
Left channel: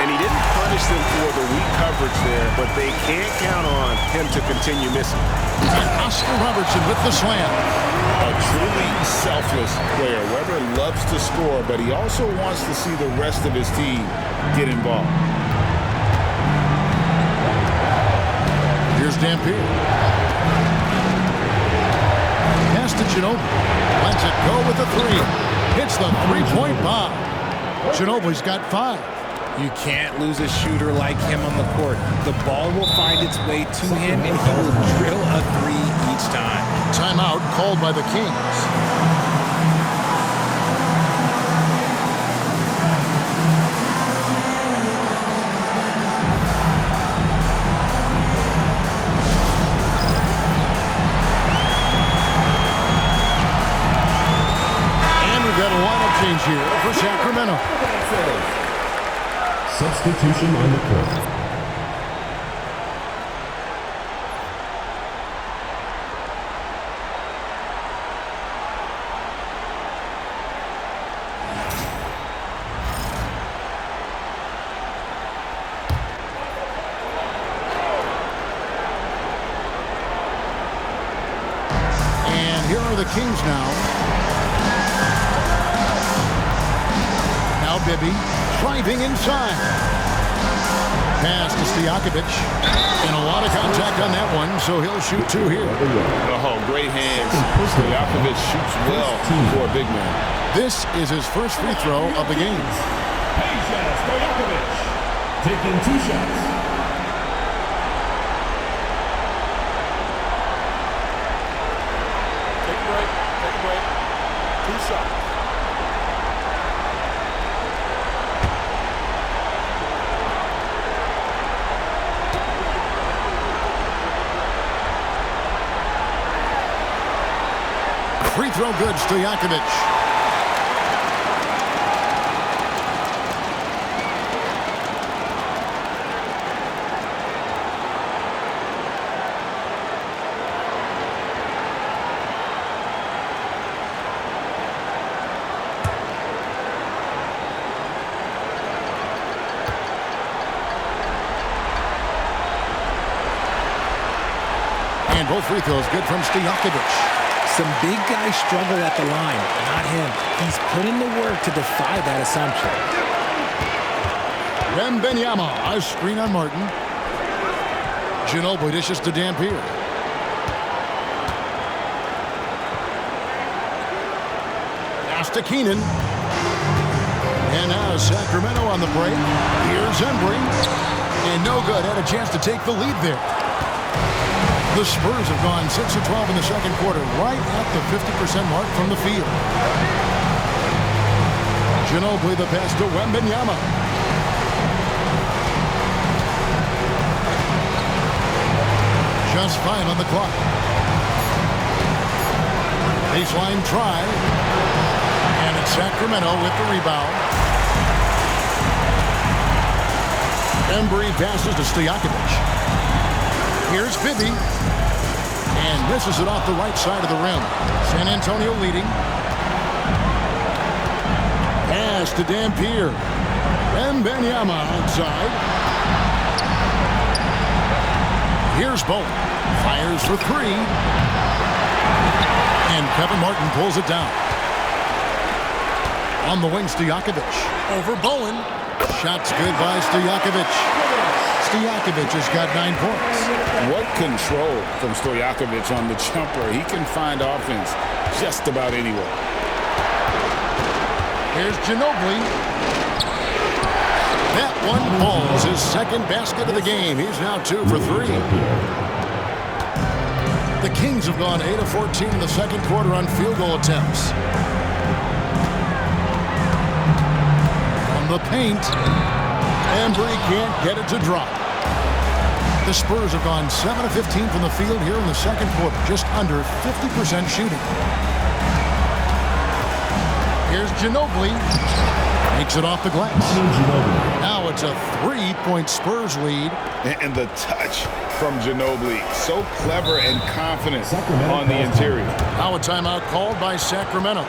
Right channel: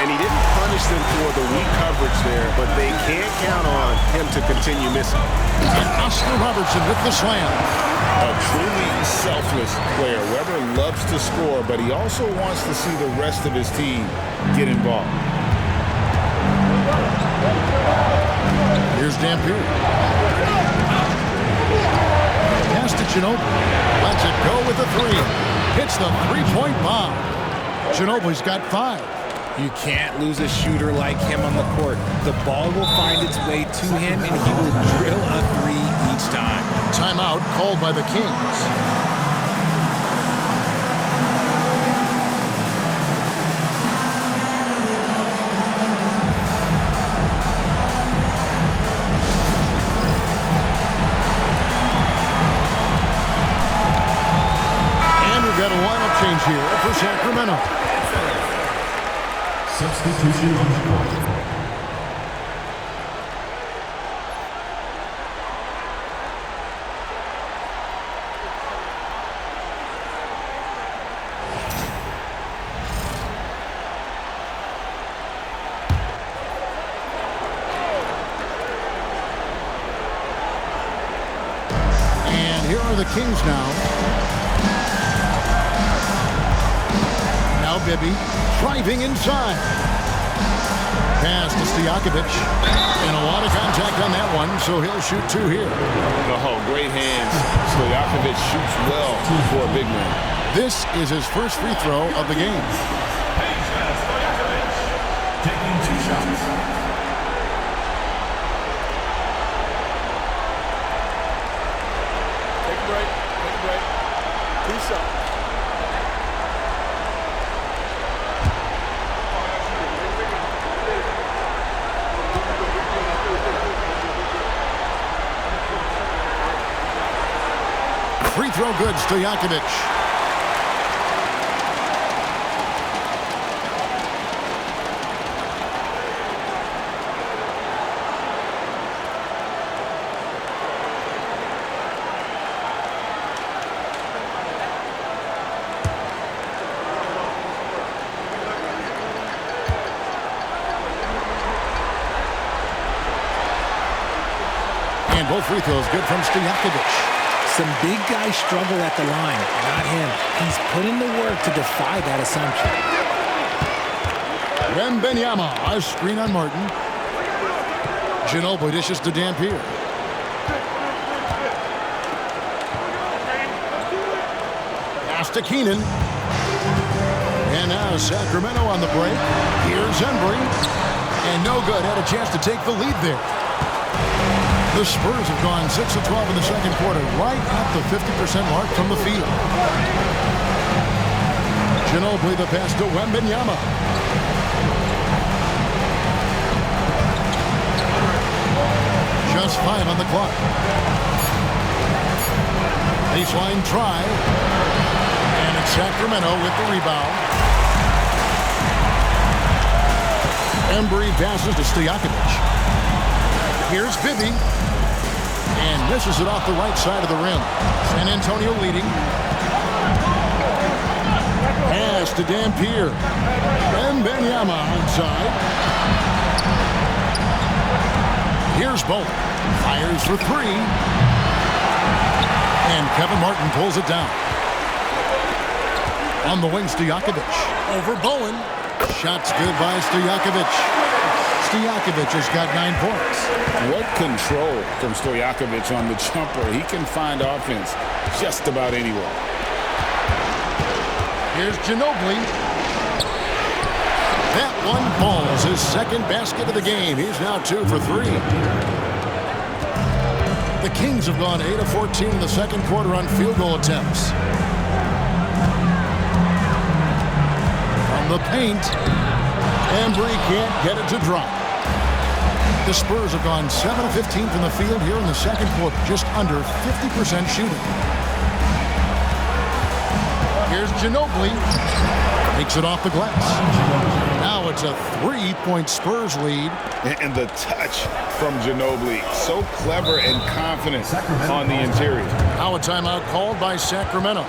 And he didn't punish them for the weak coverage there, but they can't count on him to continue missing. And Oscar Robertson with the slam. A truly selfless player. Weber loves to score, but he also wants to see the rest of his team get involved. Here's Dampier. Pass to Ginobili. Lets it go with the 3. Hits the 3-point bomb. Ginobili's got 5. You can't lose a shooter like him on the court. The ball will find its way to him, and he will drill a 3 each time. Timeout called by the Kings. And we've got a lineup change here for Sacramento. Substitution on the court. And here are the Kings now. Now Bibby driving inside. Pass to Stojakovic. And a lot of contact on that one, so he'll shoot 2 here. Oh, great hands. Stojakovic shoots well for a big man. This is his first free throw of the game. Taking 2 shots. Take a break. Take a break. 2 shots. Free throw good, Stojakovic. And both free throws good from Stojakovic. Some big guys struggle at the line, not him. He's put in the work to defy that assumption. Wembanyama, a screen on Martin. Ginobili dishes to Dampier. Pass to Keenan. And now Sacramento on the break. Here's Embry. And no good. Had a chance to take the lead there. The Spurs have gone 6 of 12 in the second quarter, right at the 50% mark from the field. Ginobili the pass to Wembanyama. Just 5 on the clock. Baseline try. And it's Sacramento with the rebound. Embry passes to Stojakovic. Here's Bibby. And misses it off the right side of the rim. San Antonio leading. Pass to Dampier. Wembanyama outside. Here's Bowen. Fires for 3. And Kevin Martin pulls it down. On the wing, Stojakovic. Over Bowen. Shots good by Stojakovic. Stojakovic has got 9 points. What control from Stojakovic on the jumper. He can find offense just about anywhere. Here's Ginobili. That one falls. His second basket of the game. He's now 2 for 3. The Kings have gone 8 of 14 in the second quarter on field goal attempts. From the paint, Embry can't get it to drop. The Spurs have gone 7 of 15 from the field here in the second quarter, just under 50% shooting. Here's Ginobili. Makes it off the glass. Now it's a 3-point Spurs lead. And the touch from Ginobili. So clever and confident on the interior. Now a timeout called by Sacramento.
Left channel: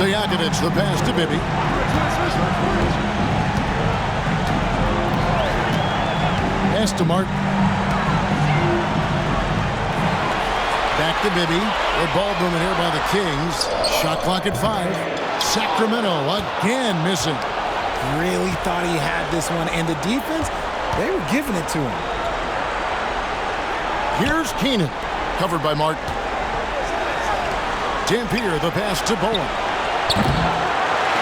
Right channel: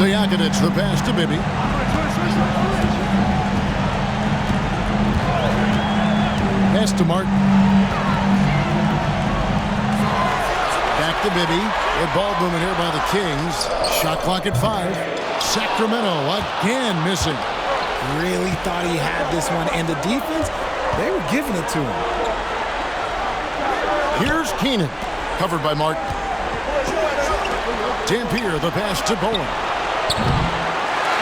Stojakovic, the pass to Bibby. Pass to Martin. Back to Bibby. Good ball movement here by the Kings. Shot clock at 5. Sacramento again missing. Really thought he had this one, and the defense, they were giving it to him. Here's Keenan, covered by Martin. Dampier, the pass to Bowen.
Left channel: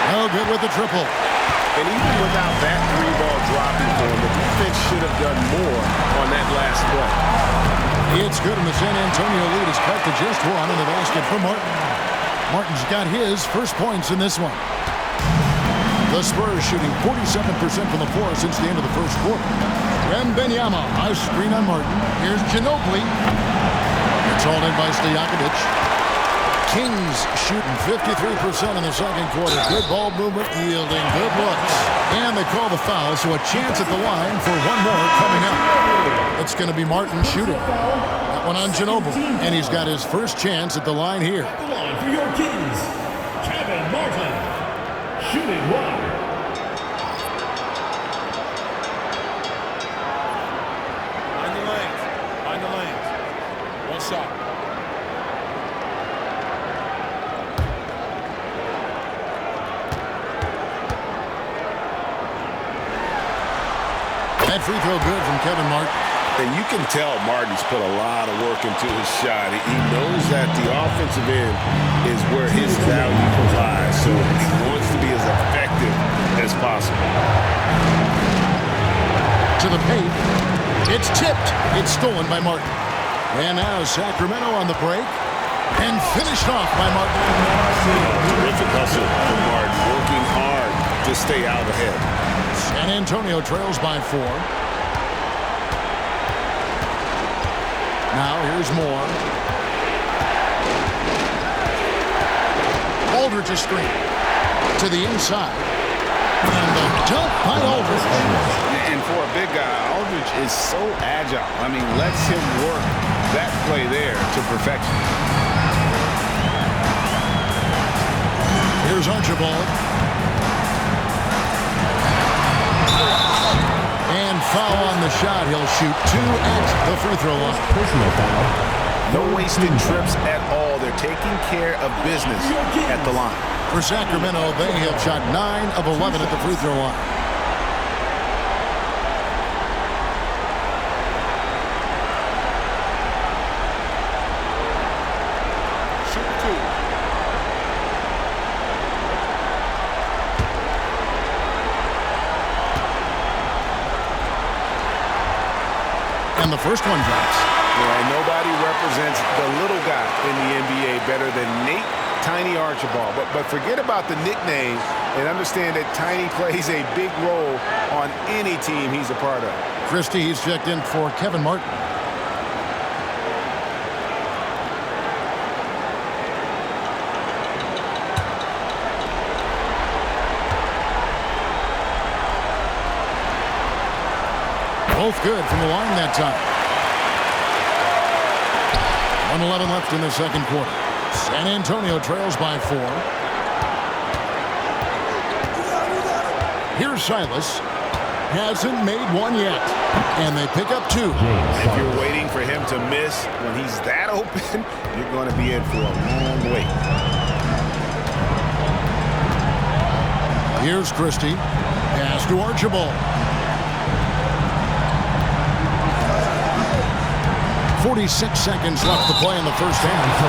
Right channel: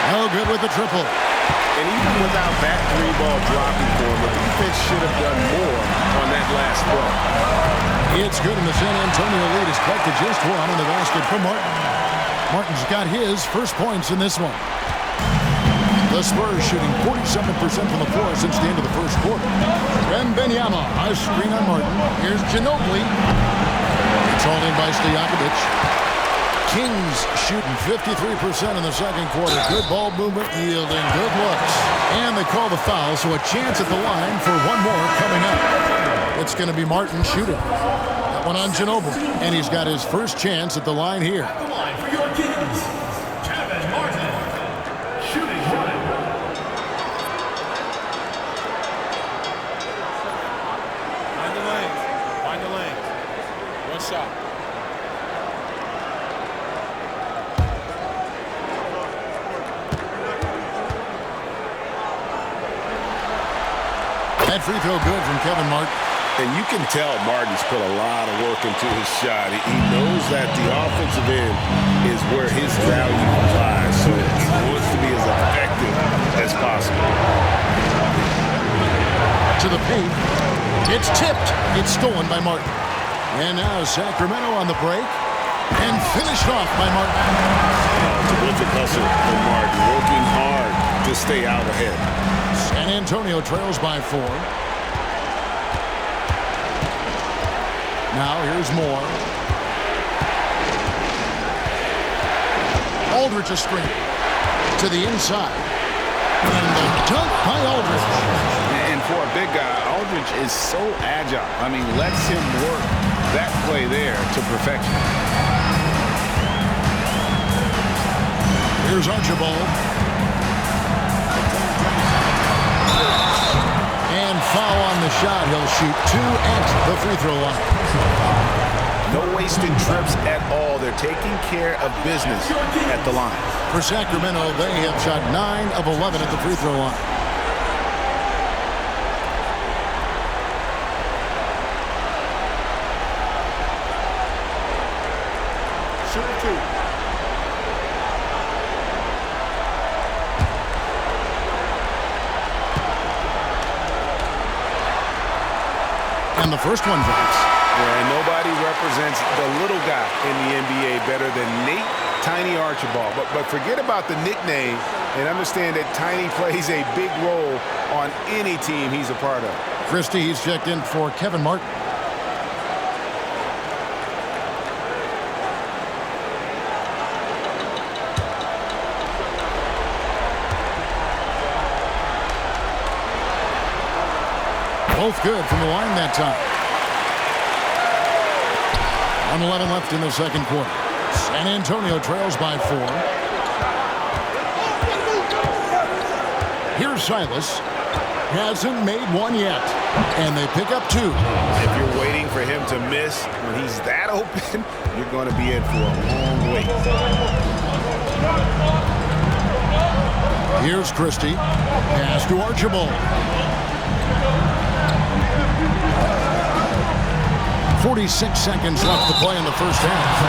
No good with the triple. And even without that 3-ball dropping for him, the defense should have done more on that last play. It's good, and the San Antonio lead is cut to just 1 on the basket from Martin. Martin's got his first points in this one. The Spurs shooting 47% from the floor since the end of the first quarter. Wembanyama, a screen on Martin. Here's Ginobili. It's hauled in by Stojakovic. Kings shooting 53% in the second quarter. Good ball movement, yielding good looks. And they call the foul, so a chance at the line for one more coming up. It's going to be Martin shooting. That one on Ginobili. And he's got his first chance at the line here. At the line for your Kings, Kevin Martin, shooting 1. shot. That free throw good from Kevin Martin. And you can tell Martin's put a lot of work into his shot. He knows that the offensive end is where his value lies, so he wants to be as effective as possible. To the paint. It's tipped. It's stolen by Martin. And now Sacramento on the break. And finished off by Martin. Terrific hustle from Martin, working hard to stay out ahead. San Antonio trails by 4. Now here's Moore. Aldridge a screen. To the inside. And the dunk by Aldridge. And for a big guy, Aldridge is so agile. I mean, lets him work that play there to perfection. Here's Archibald. And foul on the shot. He'll shoot 2 at the free throw line. Personal foul. No wasted trips at all. They're taking care of business at the line. For Sacramento, they have shot 9 of 11 at the free throw line. Shooting 2. And the first one drops. Yeah, and nobody represents the little guy in the NBA better than Nate Tiny Archibald. But forget about the nickname and understand that Tiny plays a big role on any team he's a part of. Christie, he's checked in for Kevin Martin. Both good from the line that time. 1:11 left in the second quarter. San Antonio trails by 4. Here's Silas. Hasn't made one yet. And they pick up 2. If you're waiting for him to miss when he's that open, you're going to be in for a long wait. Here's Christie. Pass to Archibald. 46 seconds left to play in the first half.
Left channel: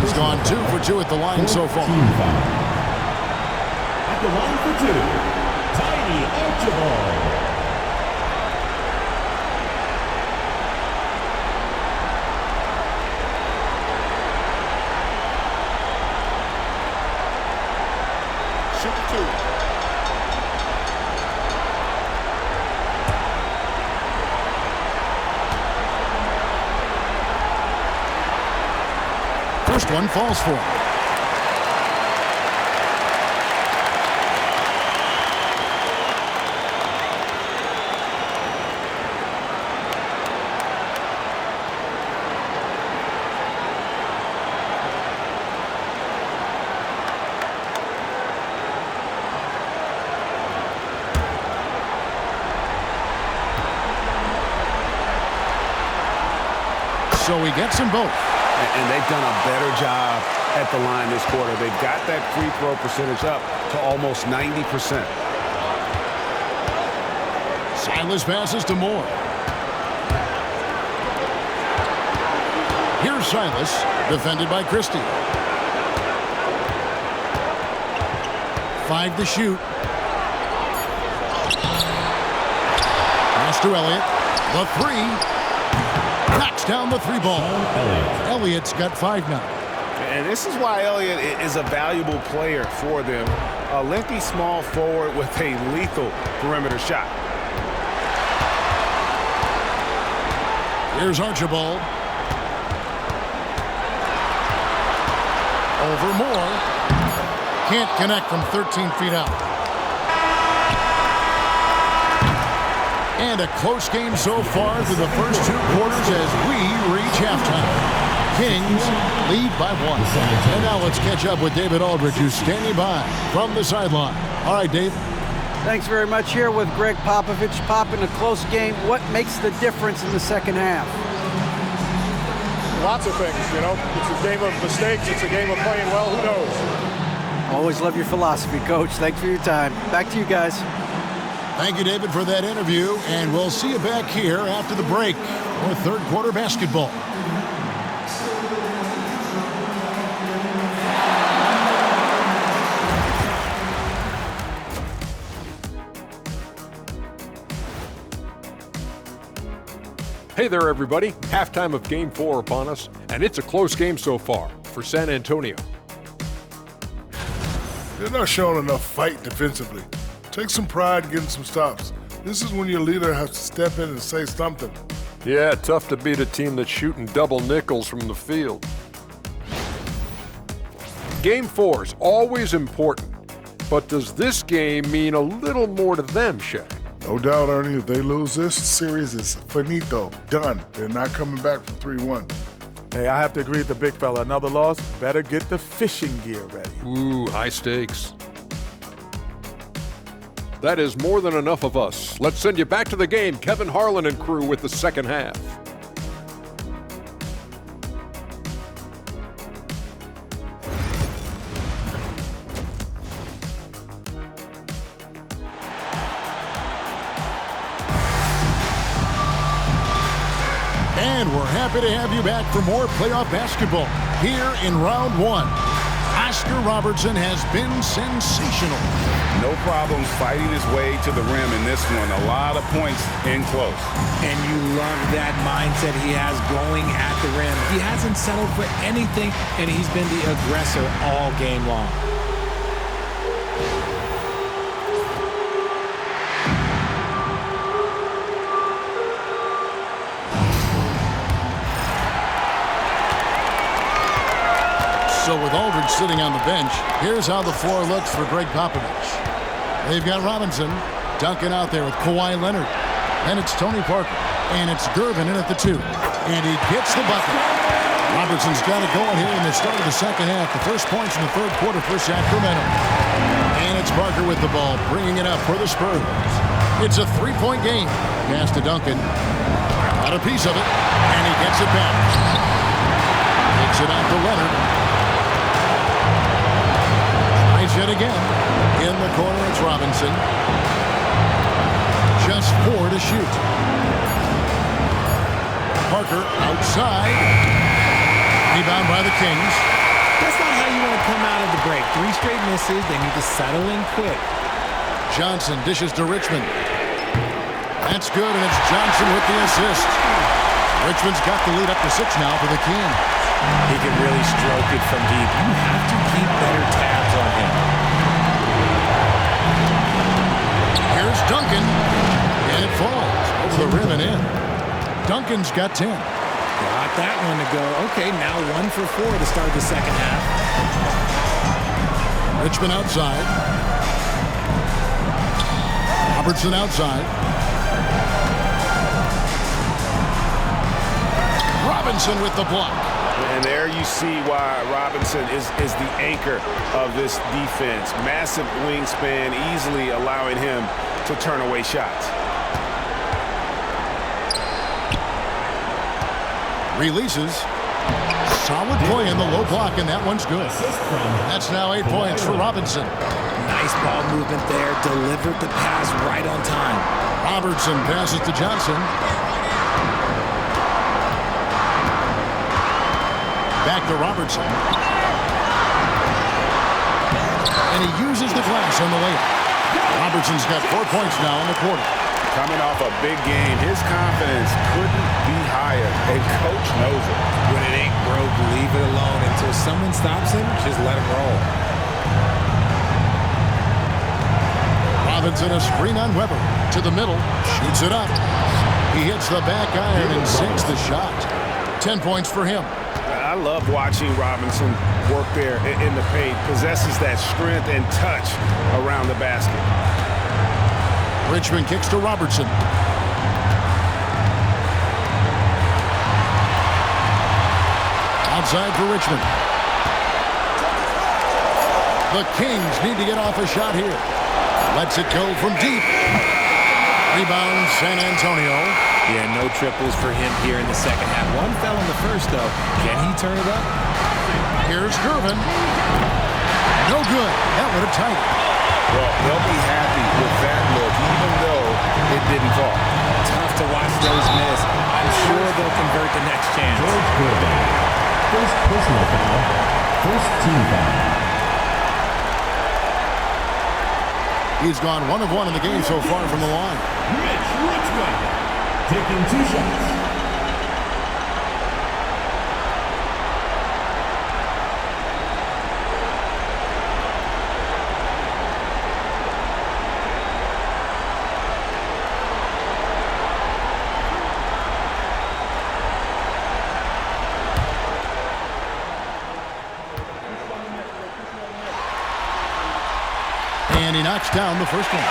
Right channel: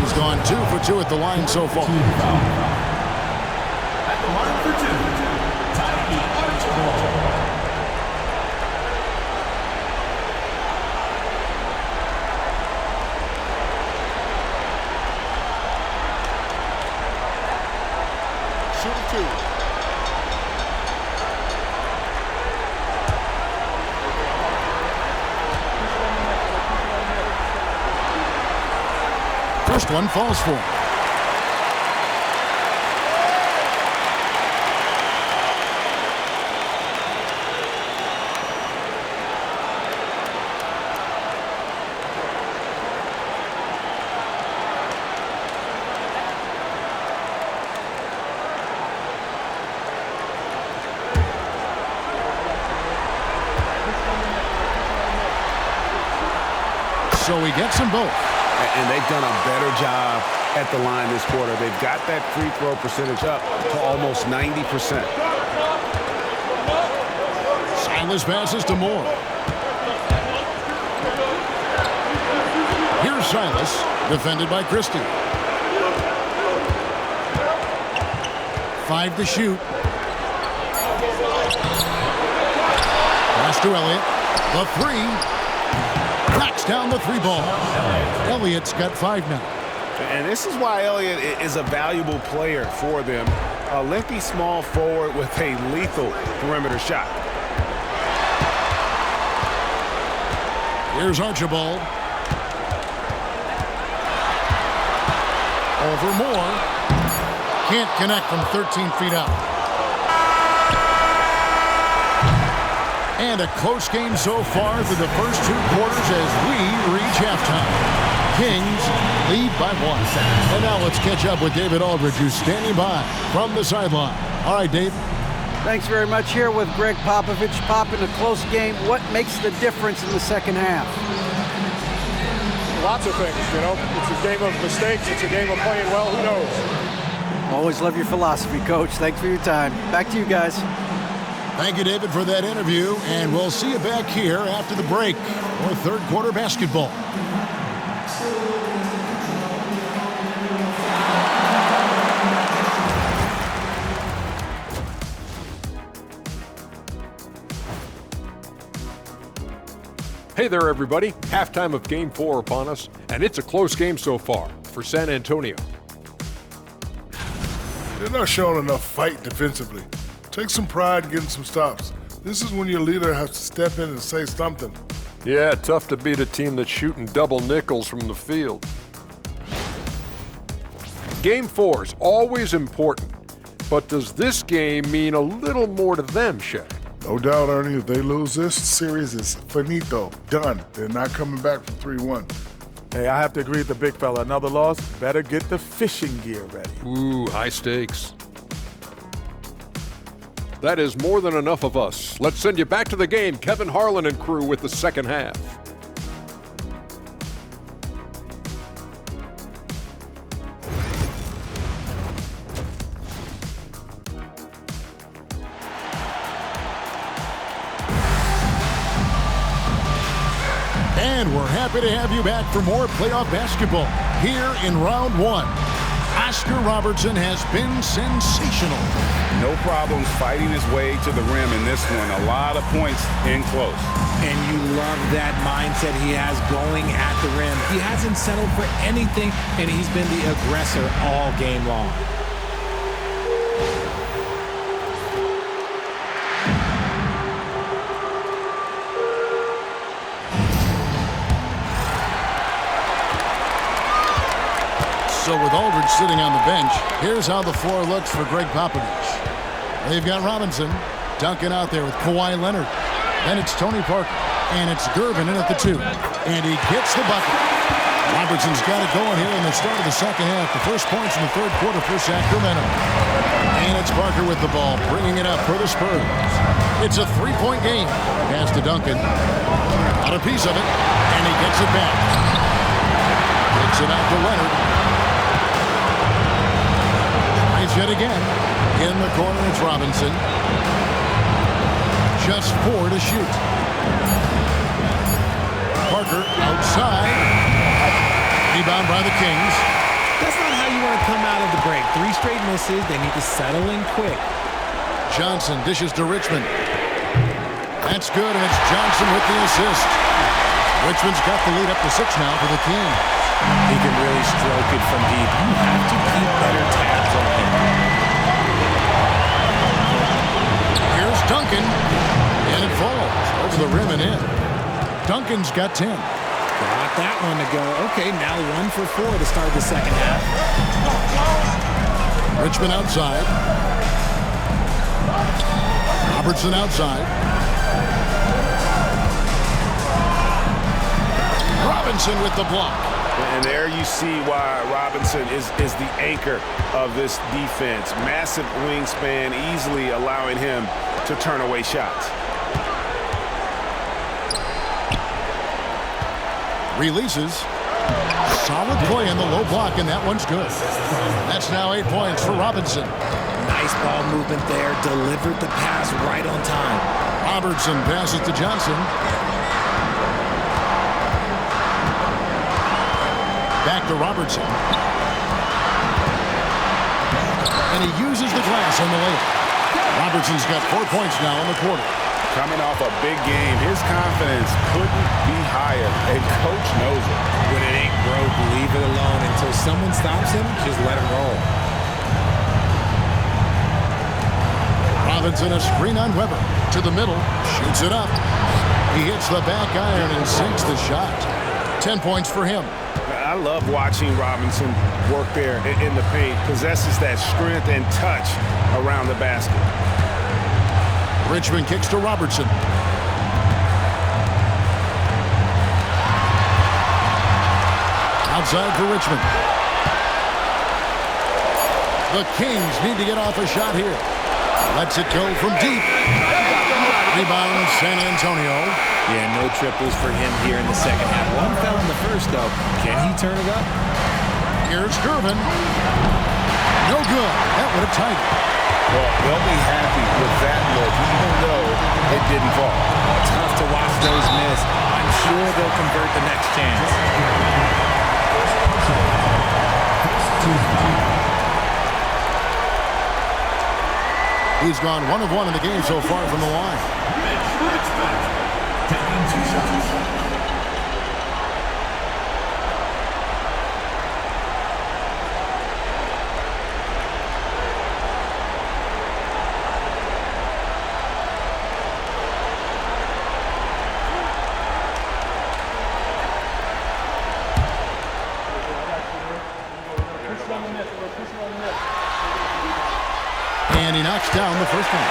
He's gone 2 for 2 at the line so far. At the line for 2, Tiny Archibald. Shooting 2. First one falls for him. So he gets them both. And they've done a better job at the line this quarter. They've got that free throw percentage up to almost 90%. Silas passes to Moore. Here's Silas, defended by Christie. 5 to shoot. Pass to Elliott. The 3. Knocks down the 3 ball. Elliott's got 5 now. And this is why Elliott is a valuable player for them. A lengthy small forward with a lethal perimeter shot. Here's Archibald. Over Moore. Can't connect from 13 feet out. And a close game so far through the first 2 quarters as we reach halftime. Kings lead by 1. And now let's catch up with David Aldridge, who's standing by from the sideline. All right, Dave. Thanks very much. Here with Greg Popovich. Pop, in a close game, what makes the difference in the second half? Lots of things, you know. It's a game of mistakes. It's a game of playing well. Who knows? Always love your philosophy, Coach. Thanks for your time. Back to you guys. Thank you, David, for that interview, and we'll see you back here after the break for third quarter basketball. Hey there, everybody. Halftime of Game 4 upon us, and it's a close game so far for San Antonio. They're not showing enough fight defensively. Take some pride in getting some stops. This is when your leader has to step in and say something. Yeah, tough to beat a team that's shooting double nickels from the field. Game 4 is always important, but does this game mean a little more to them, Shaq? No doubt, Ernie, if they lose this series, is finito, done. They're not coming back from 3-1. Hey, I have to agree with the big fella. Another loss, better get the fishing gear ready. Ooh, high stakes. That is more than enough of us. Let's send you back to the game. Kevin Harlan and crew with the second half. And we're happy to have you back for more playoff basketball here in round one. Oscar Robertson has been sensational. No problems fighting his way to the rim in this one. A lot of points in close. And you love that mindset he has going at the rim. He hasn't settled for anything, and he's been the aggressor all game long. So with Aldridge sitting on the bench, here's how the floor looks for Greg Popovich. They've got Robinson, Duncan out there with Kawhi Leonard. Then it's Tony Parker, and it's Gervin in at the 2. And he gets the bucket. Robertson's got it going here in the start of the second half. The first points in the third quarter for Sacramento. And it's Parker with the ball, bringing it up for the Spurs. It's a three-point game. Pass to Duncan. Got a piece of it, and he gets it back. Takes it out to Leonard. Tries yet again. In the corner, it's Robinson. Just 4 to shoot. Parker outside. Rebound by the Kings. That's not how you want to come out of the break. 3 straight misses. They need to settle in quick. Johnson dishes to Richmond. That's good, and it's Johnson with the assist. Richmond's got the lead up to 6 now for the Kings. He can really stroke it from deep. You have to keep better tabs on him. Here's Duncan, and it falls over the rim and in. Duncan's got 10. Got that one to go. Okay, now 1 for 4 to start the second half. Richmond outside. Robertson outside. Robinson with the block. And there you see why Robinson is the anchor of this defense. Massive wingspan, easily allowing him to turn away shots. Releases. Solid play in the low block, and that one's good. That's now 8 points for Robinson. Nice ball movement there. Delivered the pass right on time. Robertson passes to Johnson. Back to Robertson. And he uses the glass on the layup. Robertson's got 4 points now in the quarter. Coming off a big game, his confidence couldn't be higher, and coach knows it. When it ain't broke, leave it alone. Until someone stops him, just let him roll. Robinson a screen on Weber. To the middle, shoots it up. He hits the back iron and sinks the shot. 10 points for him. I love watching Robinson work there in the paint. Possesses that strength and touch around the basket. Richmond kicks to Robertson. Outside for Richmond. The Kings need to get off a shot here. Lets it go from deep. Rebound, San Antonio. Yeah, no triples for him here in the second half. One fell in the first, though. Can he turn it up? Here's Gervin. No good. That would have tied it. Well, they'll be happy with that look, even though it didn't fall. Tough to watch those miss. I'm sure they'll convert the next chance. First personal foul. First team foul. He's gone 1 of 1 in the game so far from the line. Mitch Richmond taking 2 shots. And he knocks down the first one.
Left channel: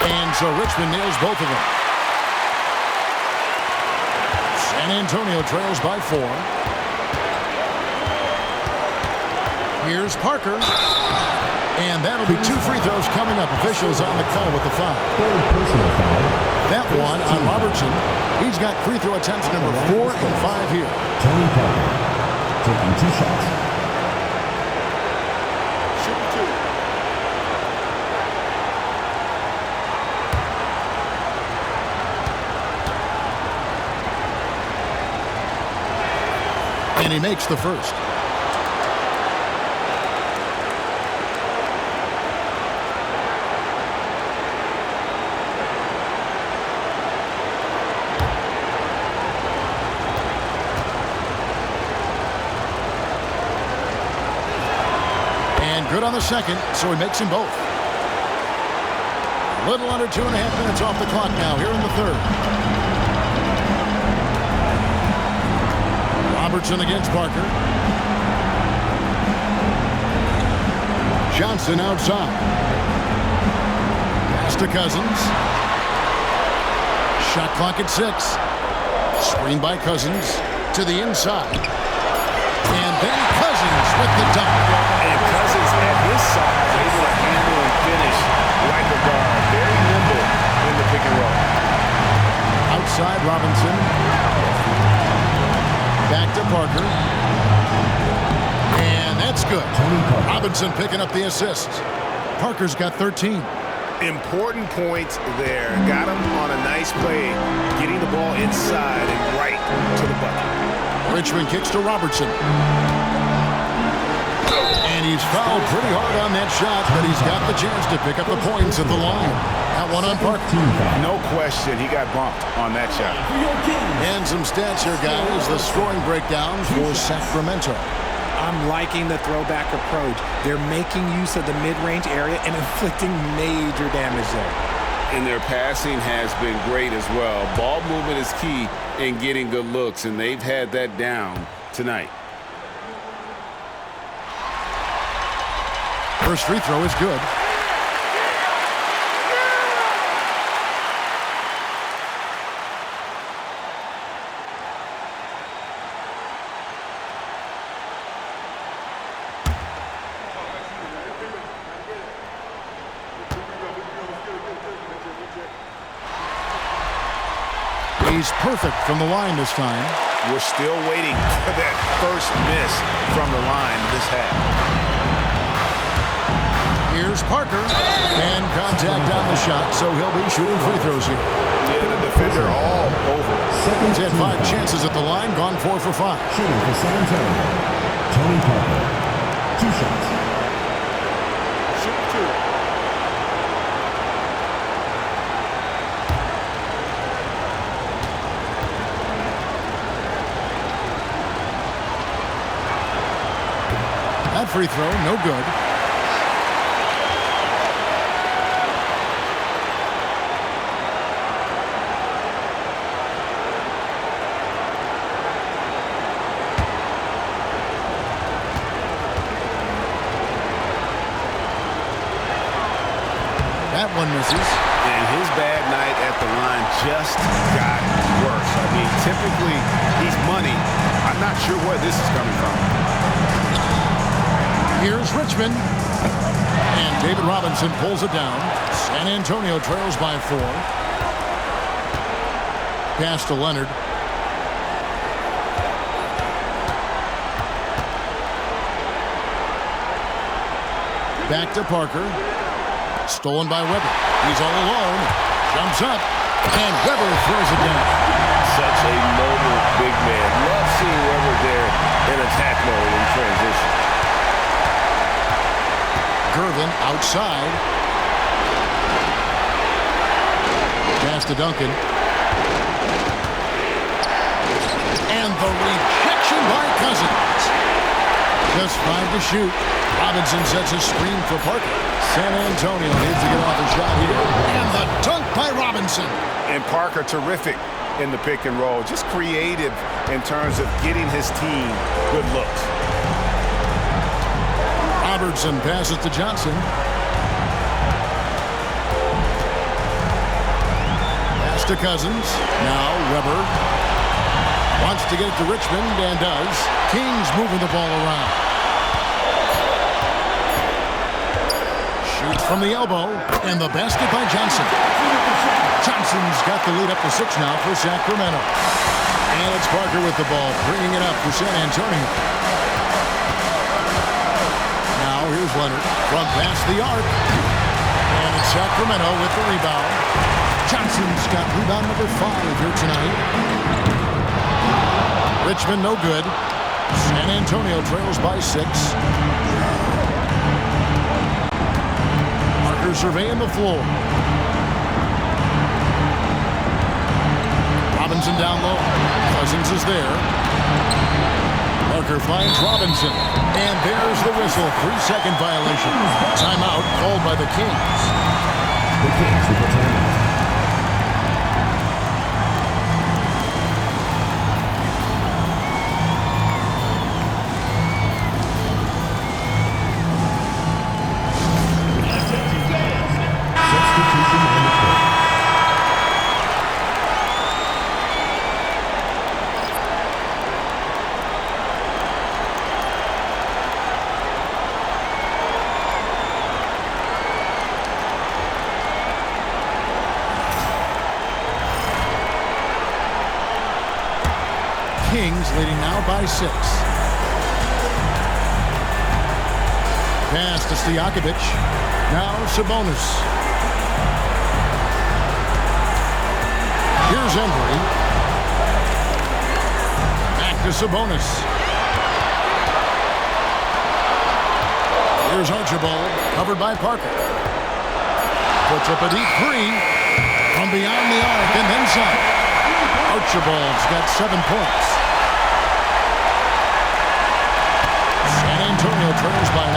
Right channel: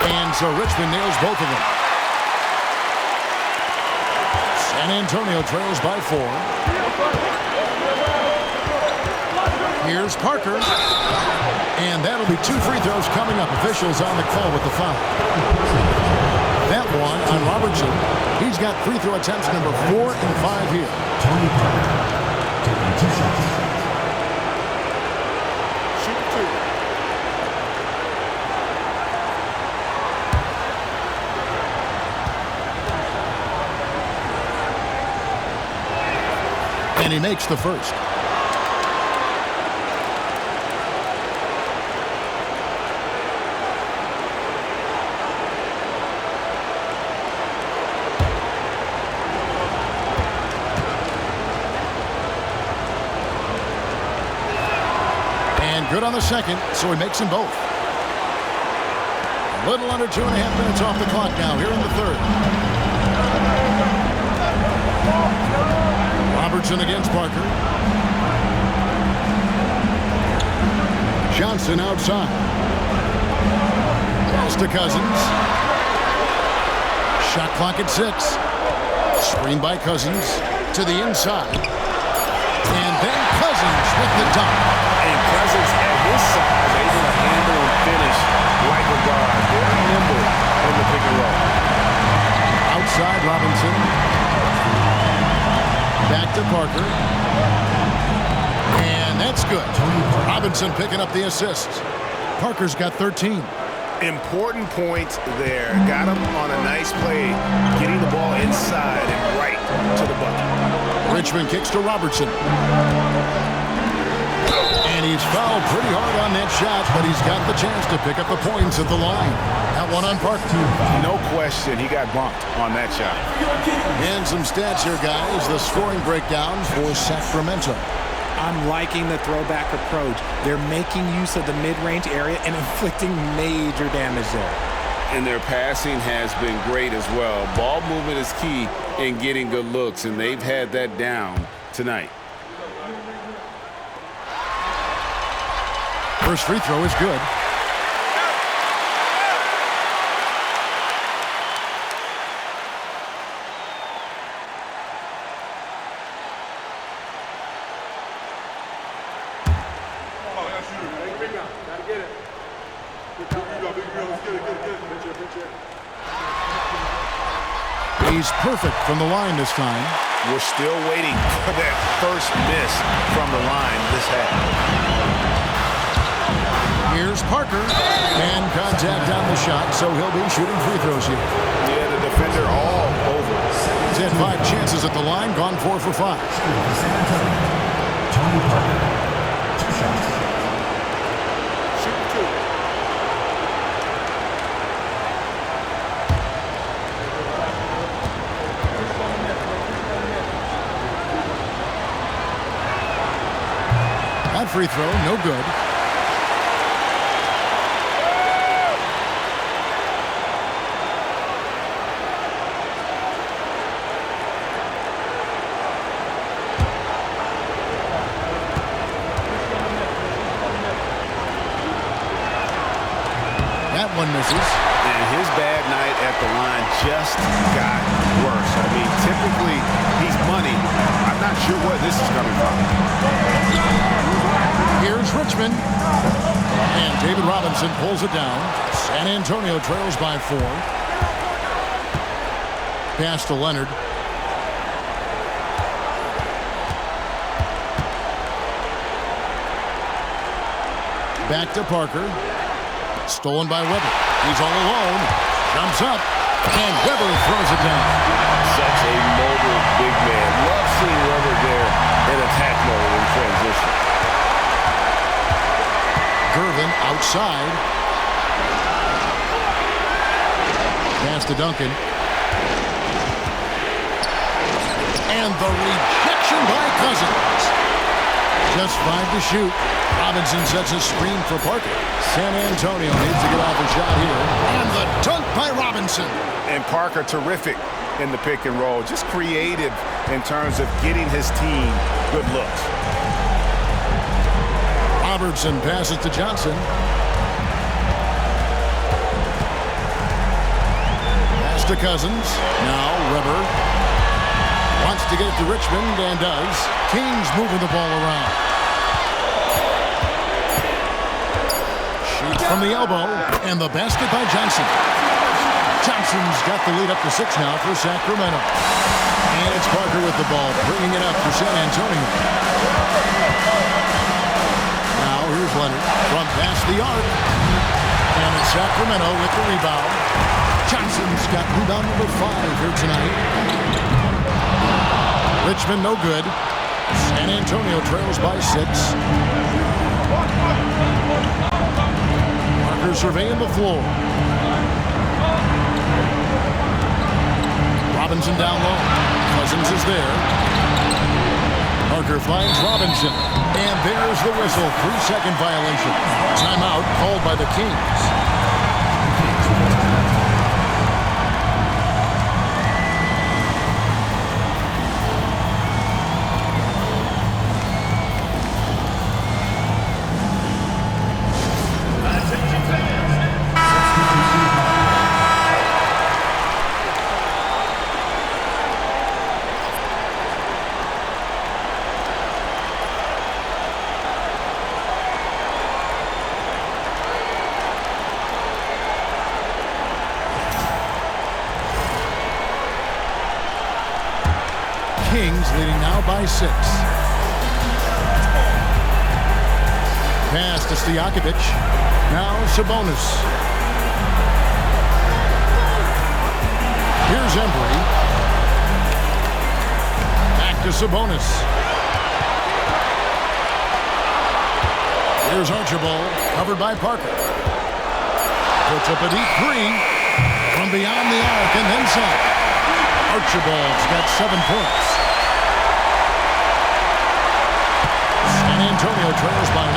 And so Richmond nails both of them. San Antonio trails by 4. Here's Parker. And that'll be 2 free throws coming up. Officials on the call with the foul. That one on Robertson. He's got free throw attempts number 4 and 5 here. Tony Parker taking 2 shots. Shooting 2. And he makes the first. And good on the second, so he makes them both. A little under 2.5 minutes off the clock now here in the third. Robertson against Parker. Johnson outside. Pass to Cousins. Shot clock at 6. Screen by Cousins to the inside. And then Cousins with the dunk. And Cousins at his size able to handle and finish like a guard. Very nimble in the pick and roll. Outside Robinson. Back to Parker. And that's good. Robinson picking up the assists. Parker's got 13. Important points there. Got him on a nice play, getting the ball inside and right to the bucket. Richmond kicks to Robertson. And he's fouled pretty hard on that shot, but he's got the chance to pick up the points at the line. That one on Parker. No question, he got bumped on that shot. And some stats here, guys. The scoring breakdown for Sacramento. I'm liking the throwback approach. They're making use of the mid-range area and inflicting major damage there. And their passing has been great as well. Ball movement is key in getting good looks, and they've had that down tonight. First free throw is good. He's perfect from the line this time. We're still waiting for that first miss from the line this half. Here's Parker. And contact on the shot, so he'll be shooting free throws here. Yeah, the defender all over. He's had 5 chances at the line, gone 4 for 5. Shooting for San Antonio. Tony Parker. 2 shots. Shooting 2. That free throw, no good. That one misses. And his bad night at the line just got worse. I mean, typically he's money. I'm not sure where this is coming from. Here's Richmond. And David Robinson pulls it down. San Antonio trails by 4. Pass to Leonard. Back to Parker. Stolen by Weber. He's all alone. Jumps up. And Weber throws it down. Such a mobile big man. Love seeing Weber there in attack mode in transition. Gervin outside. Pass to Duncan. And the rejection by Cousins. Just 5 to shoot. Robinson sets a screen for Parker. San Antonio needs to get off a shot here. And the dunk by Robinson. And Parker terrific in the pick and roll. Just creative in terms of getting his team good looks. Robertson passes to Johnson. Pass to Cousins. Now Weber wants to get it to Richmond and does. Kings moving the ball around. Shoots from the elbow, and the basket by Johnson. Johnson's got the lead up to 6 now for Sacramento. And it's Parker with the ball, bringing it up for San Antonio. Now here's Leonard from past the arc. And it's Sacramento with the rebound. Johnson's got rebound number 5 here tonight. Richmond no good. San Antonio trails by 6. Parker surveying the floor. Robinson down low. Cousins is there. Parker finds Robinson. And there's the whistle. 3-second violation. Timeout called by the Kings. The Kings with the timeout. Kings leading now by 6. Pass to Stojakovic. Now Sabonis. Here's Embry. Back to Sabonis. Here's Archibald, covered by Parker. Puts up a deep 3 from beyond the arc and then some. Archibald's got 7 points. San Antonio trails by 9.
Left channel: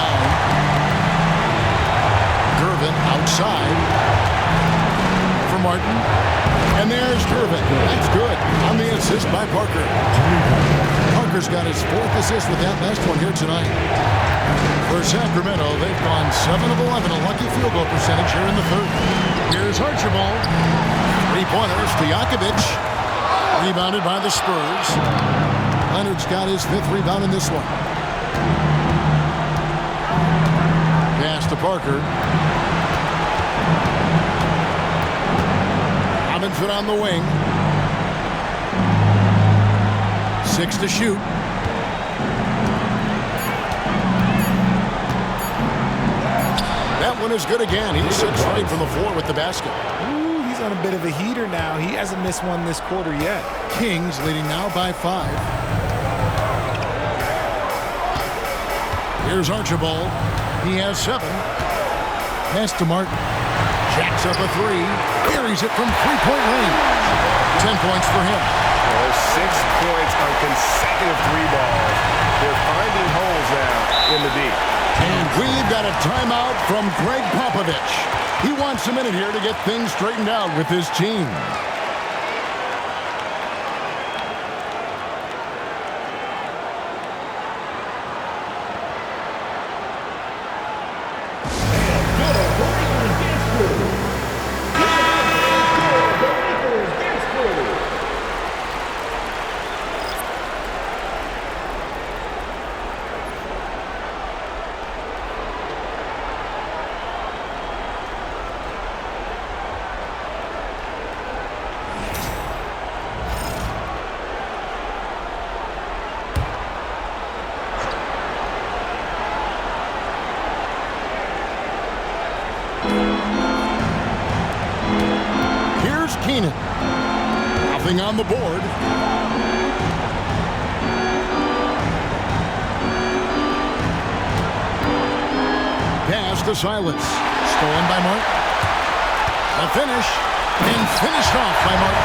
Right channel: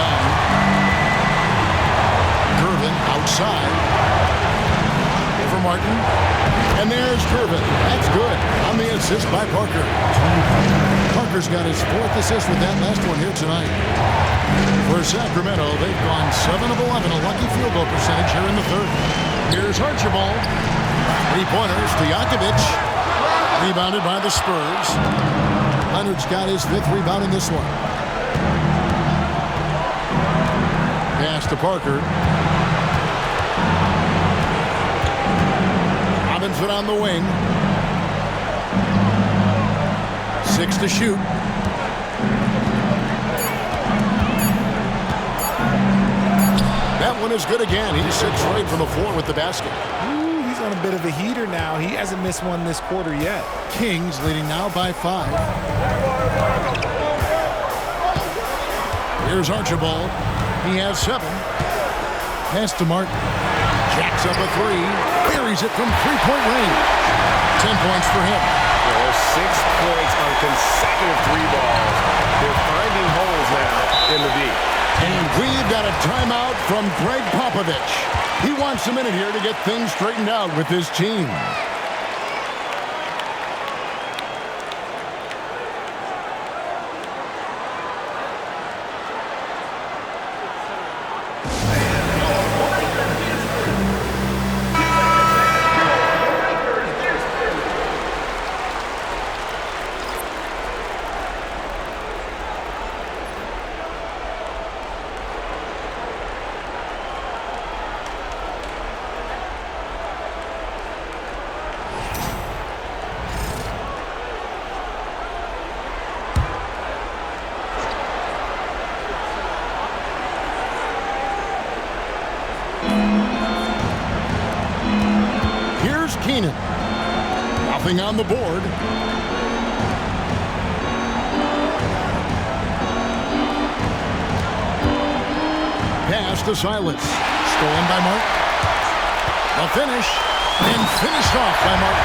Gervin outside. Over Martin. And there's Gervin. That's good on the assist by Parker. Parker's got his 4th assist with that last one here tonight. For Sacramento, they've gone 7 of 11, a lucky field goal percentage here in the 3rd. Here's Archibald. 3-pointers to Stojakovic. Rebounded by the Spurs. Leonard's got his 5th rebound in this one. Pass to Parker. Robinson on the wing. 6 to shoot. That one is good again. He's 6 straight from the floor with the basket. Ooh, he's on a bit of a heater now. He hasn't missed one this quarter yet. Kings leading now by 5. Here's Archibald. He has 7. Pass to Martin. Jacks up a 3. Buries it from 3-point range. 10 points for him. Yeah, there's 6 points on consecutive 3 balls. They're finding holes now in the D. And we've got a timeout from Greg Popovich. He wants a minute here to get things straightened out with his team. And your breaker dance crew Keenan. Nothing on the board. Pass to Silas. Stolen by Martin. The finish. And finished off by Martin.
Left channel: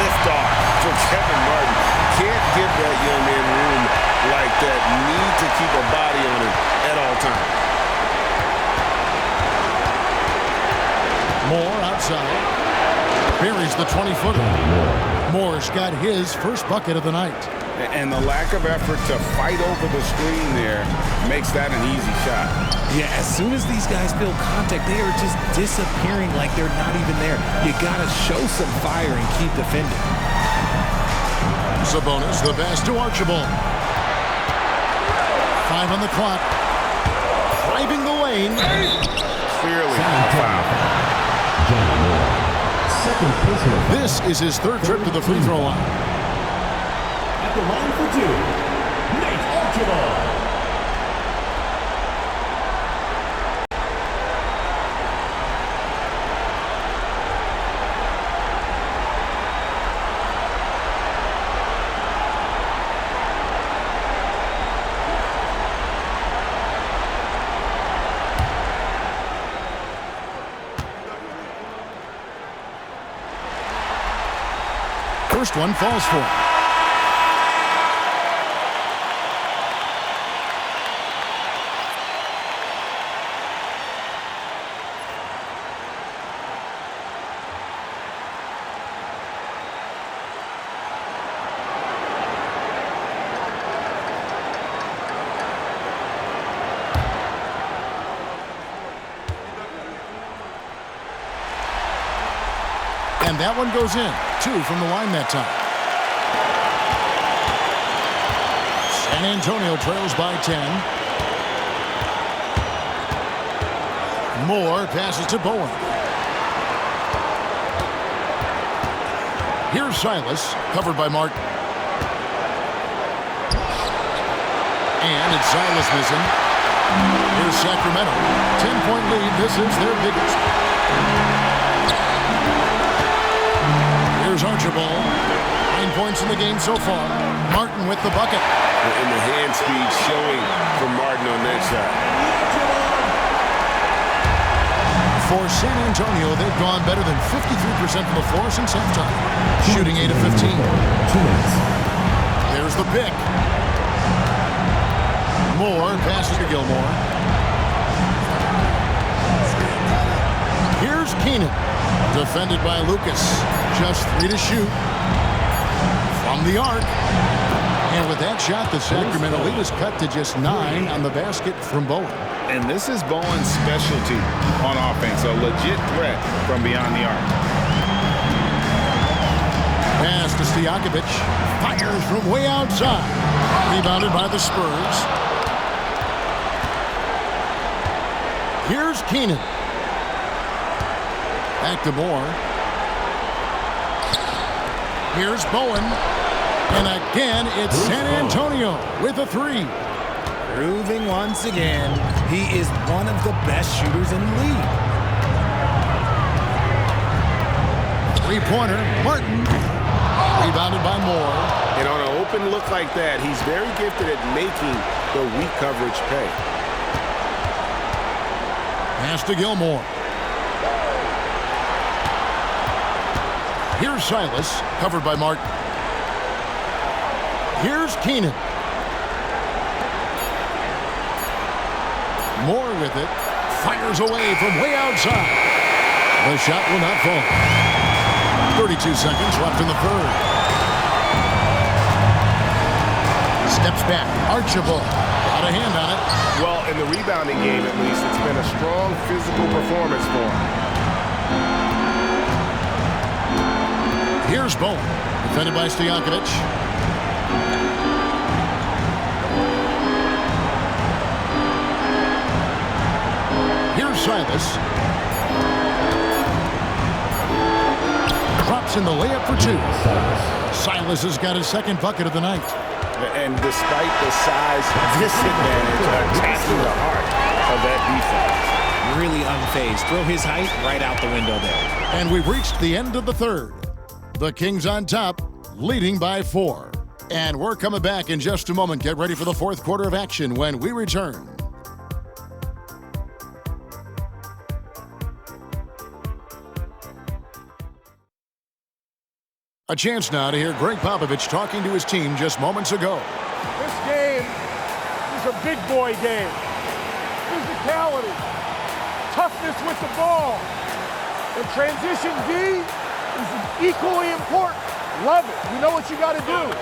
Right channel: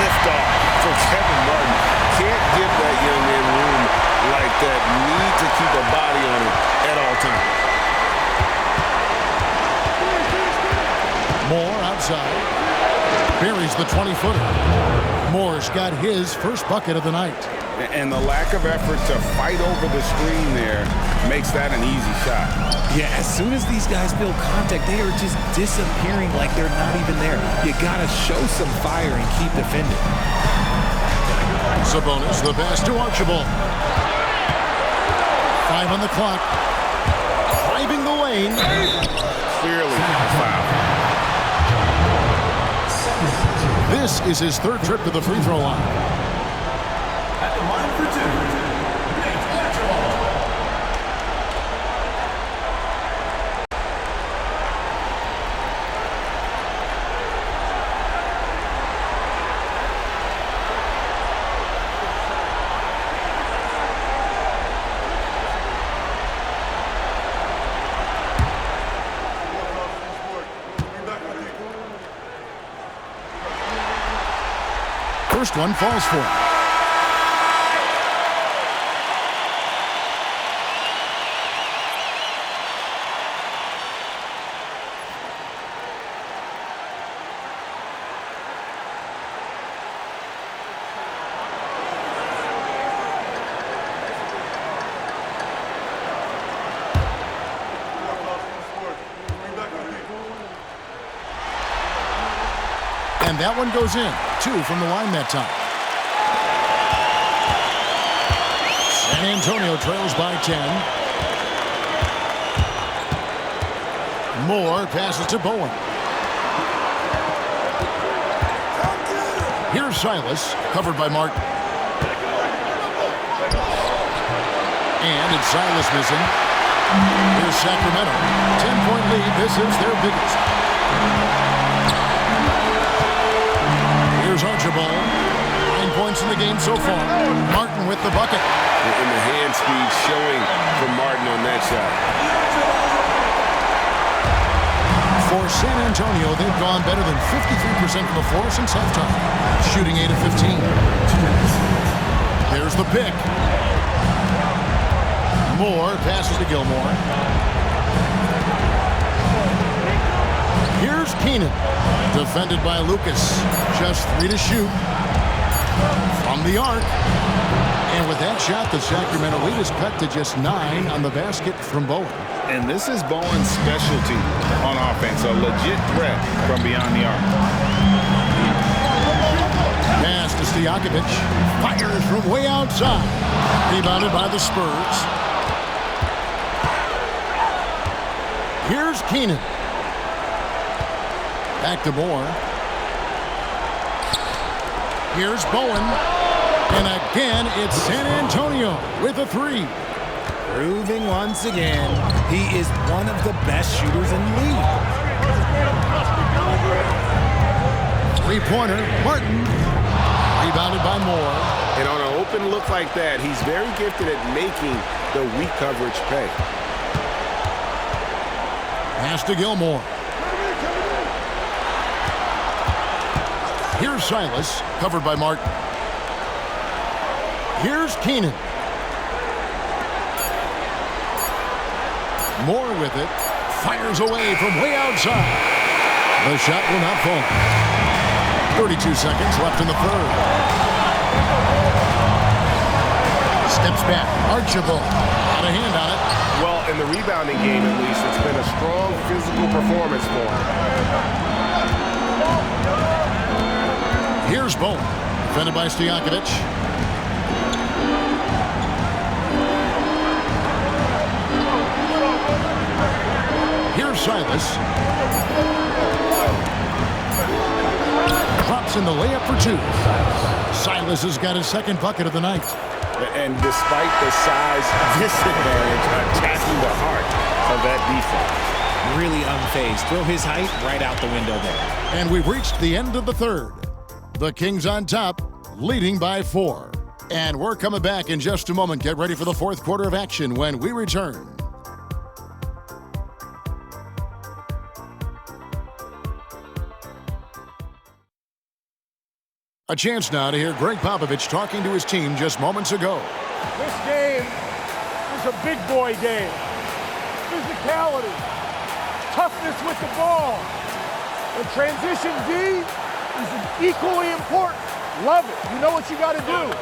Lift off for Kevin Martin. Can't give that young man room like that. Need to keep a body on him at all times. Moore outside. Buries the 20-footer. Moore's got his first bucket of the night. And the lack of effort to fight over the screen there makes that an easy shot. Yeah, as soon as these guys feel contact, they are just disappearing like they're not even there. You got to show some fire and keep defending. Sabonis, the pass to Archibald. 5 on the clock. Driving the lane. Clearly a foul. This is his third trip to the free throw line. At the line for 2, Nate Archibald. First one falls for him. And that one goes in. 2 from the line that time. San Antonio trails by 10. Moore passes to Bowen. Here's Silas, covered by Martin. And it's Silas missing. Here's Sacramento. 10-point lead. This is their biggest. Here's Archibald. 9 points in the game so far. Martin with the bucket. And the hand speed showing for Martin on that shot. For San Antonio, they've gone better than 53% from the floor since halftime. Shooting 8 of 15. 2 minutes. There's the pick. Moore passes to Gilmore. Here's Keenan. Defended by Lucas. Just 3 to shoot. From the arc. And with that shot, the Sacramento lead is cut to just 9 on the basket from Bowen. And this is Bowen's specialty on offense, a legit threat from beyond the arc. Pass to Stojakovic. Fires from way outside. Rebounded by the Spurs. Here's Keenan. Back to Moore. Here's Bowen. And again, it's San Antonio with a 3. Proving once again, he is one of the best shooters in the league. 3-pointer, Martin. Rebounded by Moore. And on an open look like that, he's very gifted at making the weak coverage pay. Pass to Gilmore. Here's Silas, covered by Martin. Here's Keenan. Moore with it. Fires away from way outside. The shot will not fall. 32 seconds left in the third. Steps back. Archibald. Got a hand on it. Well, in the rebounding game, at least, it's been a strong physical performance for him. Here's Bowen. Defended by Stojakovic. Here's Silas. Drops in the layup for 2. Silas has got his second bucket of the night. And despite the size disadvantage, attacking the heart of that defense. really unfazed. Throw his height right out the window there. And we've reached the end of the third. The Kings on top, leading by 4. And we're coming back in just a moment. Get ready for the fourth quarter of action when we return. A chance now to hear Greg Popovich talking to his team just moments ago. This game is a big boy game. Physicality, toughness with the ball, and transition D is equally important. Love it. You know what you got to do.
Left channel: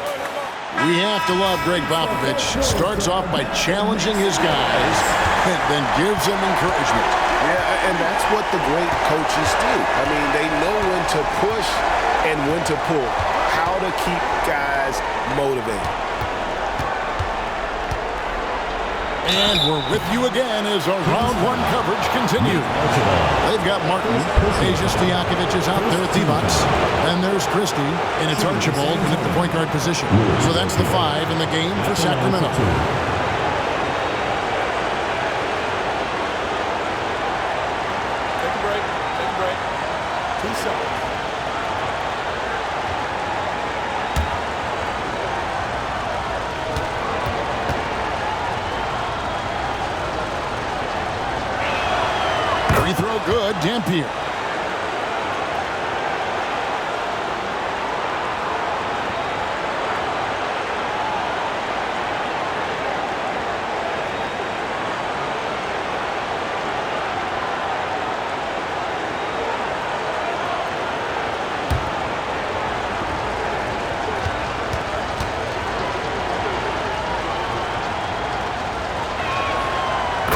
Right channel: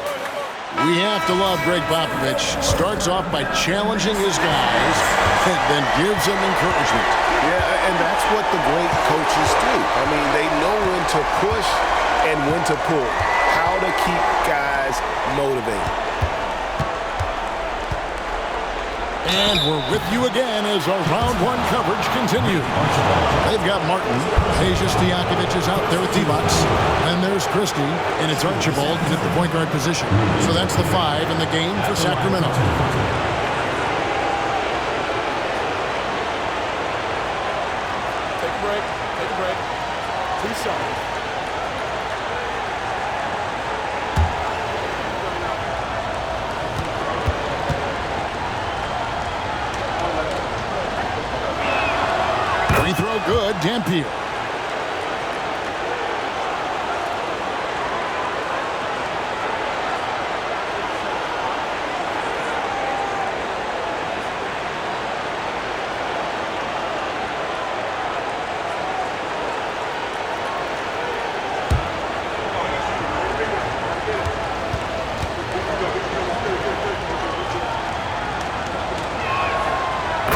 We have to love Greg Popovich. Starts off by challenging his guys and then gives them encouragement. Yeah, and that's what the great coaches do. I mean, they know when to push and when to pull, how to keep guys motivated. And we're with you again as our round one coverage continues. They've got Martin. Asia Stojakovic is out there with Divac. And there's Christie, and it's Archibald in at the point guard position. So that's the 5 in the game for Sacramento. Take a break. Take a break. 2 shots. Free throw good, Dampier.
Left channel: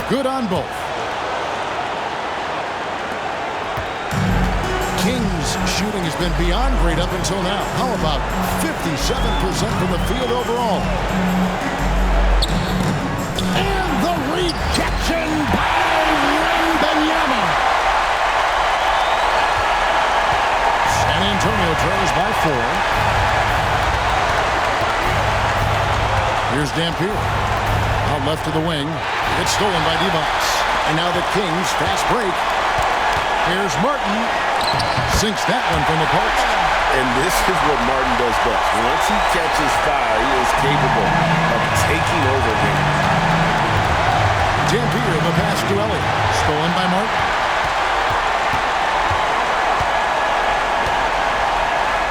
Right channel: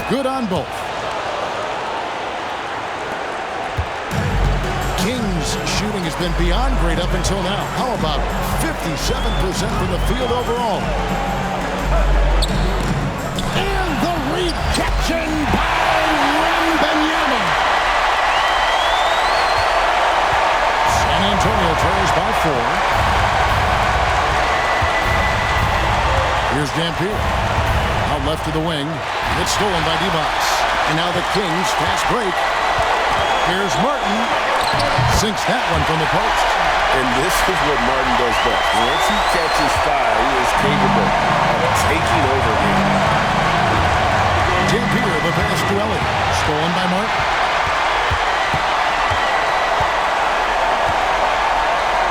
Good on both. Kings shooting has been beyond great up until now. How about 57% from the field overall? And the rejection by Wembanyama. San Antonio trails by 4. Here's Dampier. Out left to the wing. It's stolen by Divac. And now the Kings fast break. Here's Martin. Sinks that one from the post. And this is what Martin does best. Once he catches fire, he is capable of taking over games. Dampier, the pass to Elliott. Stolen by Martin.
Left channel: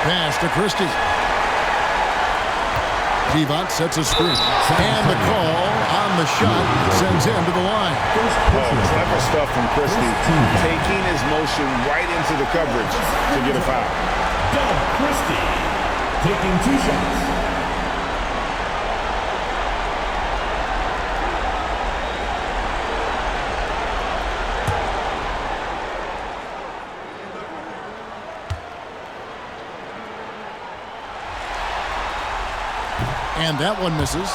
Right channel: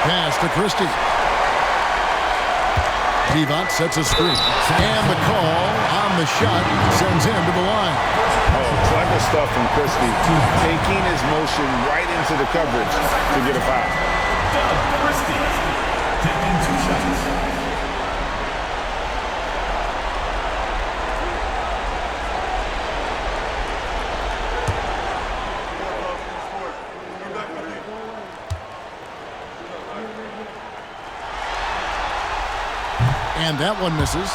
Pass to Christie. Divac sets a screen. And the call on the shot sends him to the line. Oh, clever stuff from Christie. Taking his motion right into the coverage to get a foul. Doug Christie taking 2 shots. And that one misses.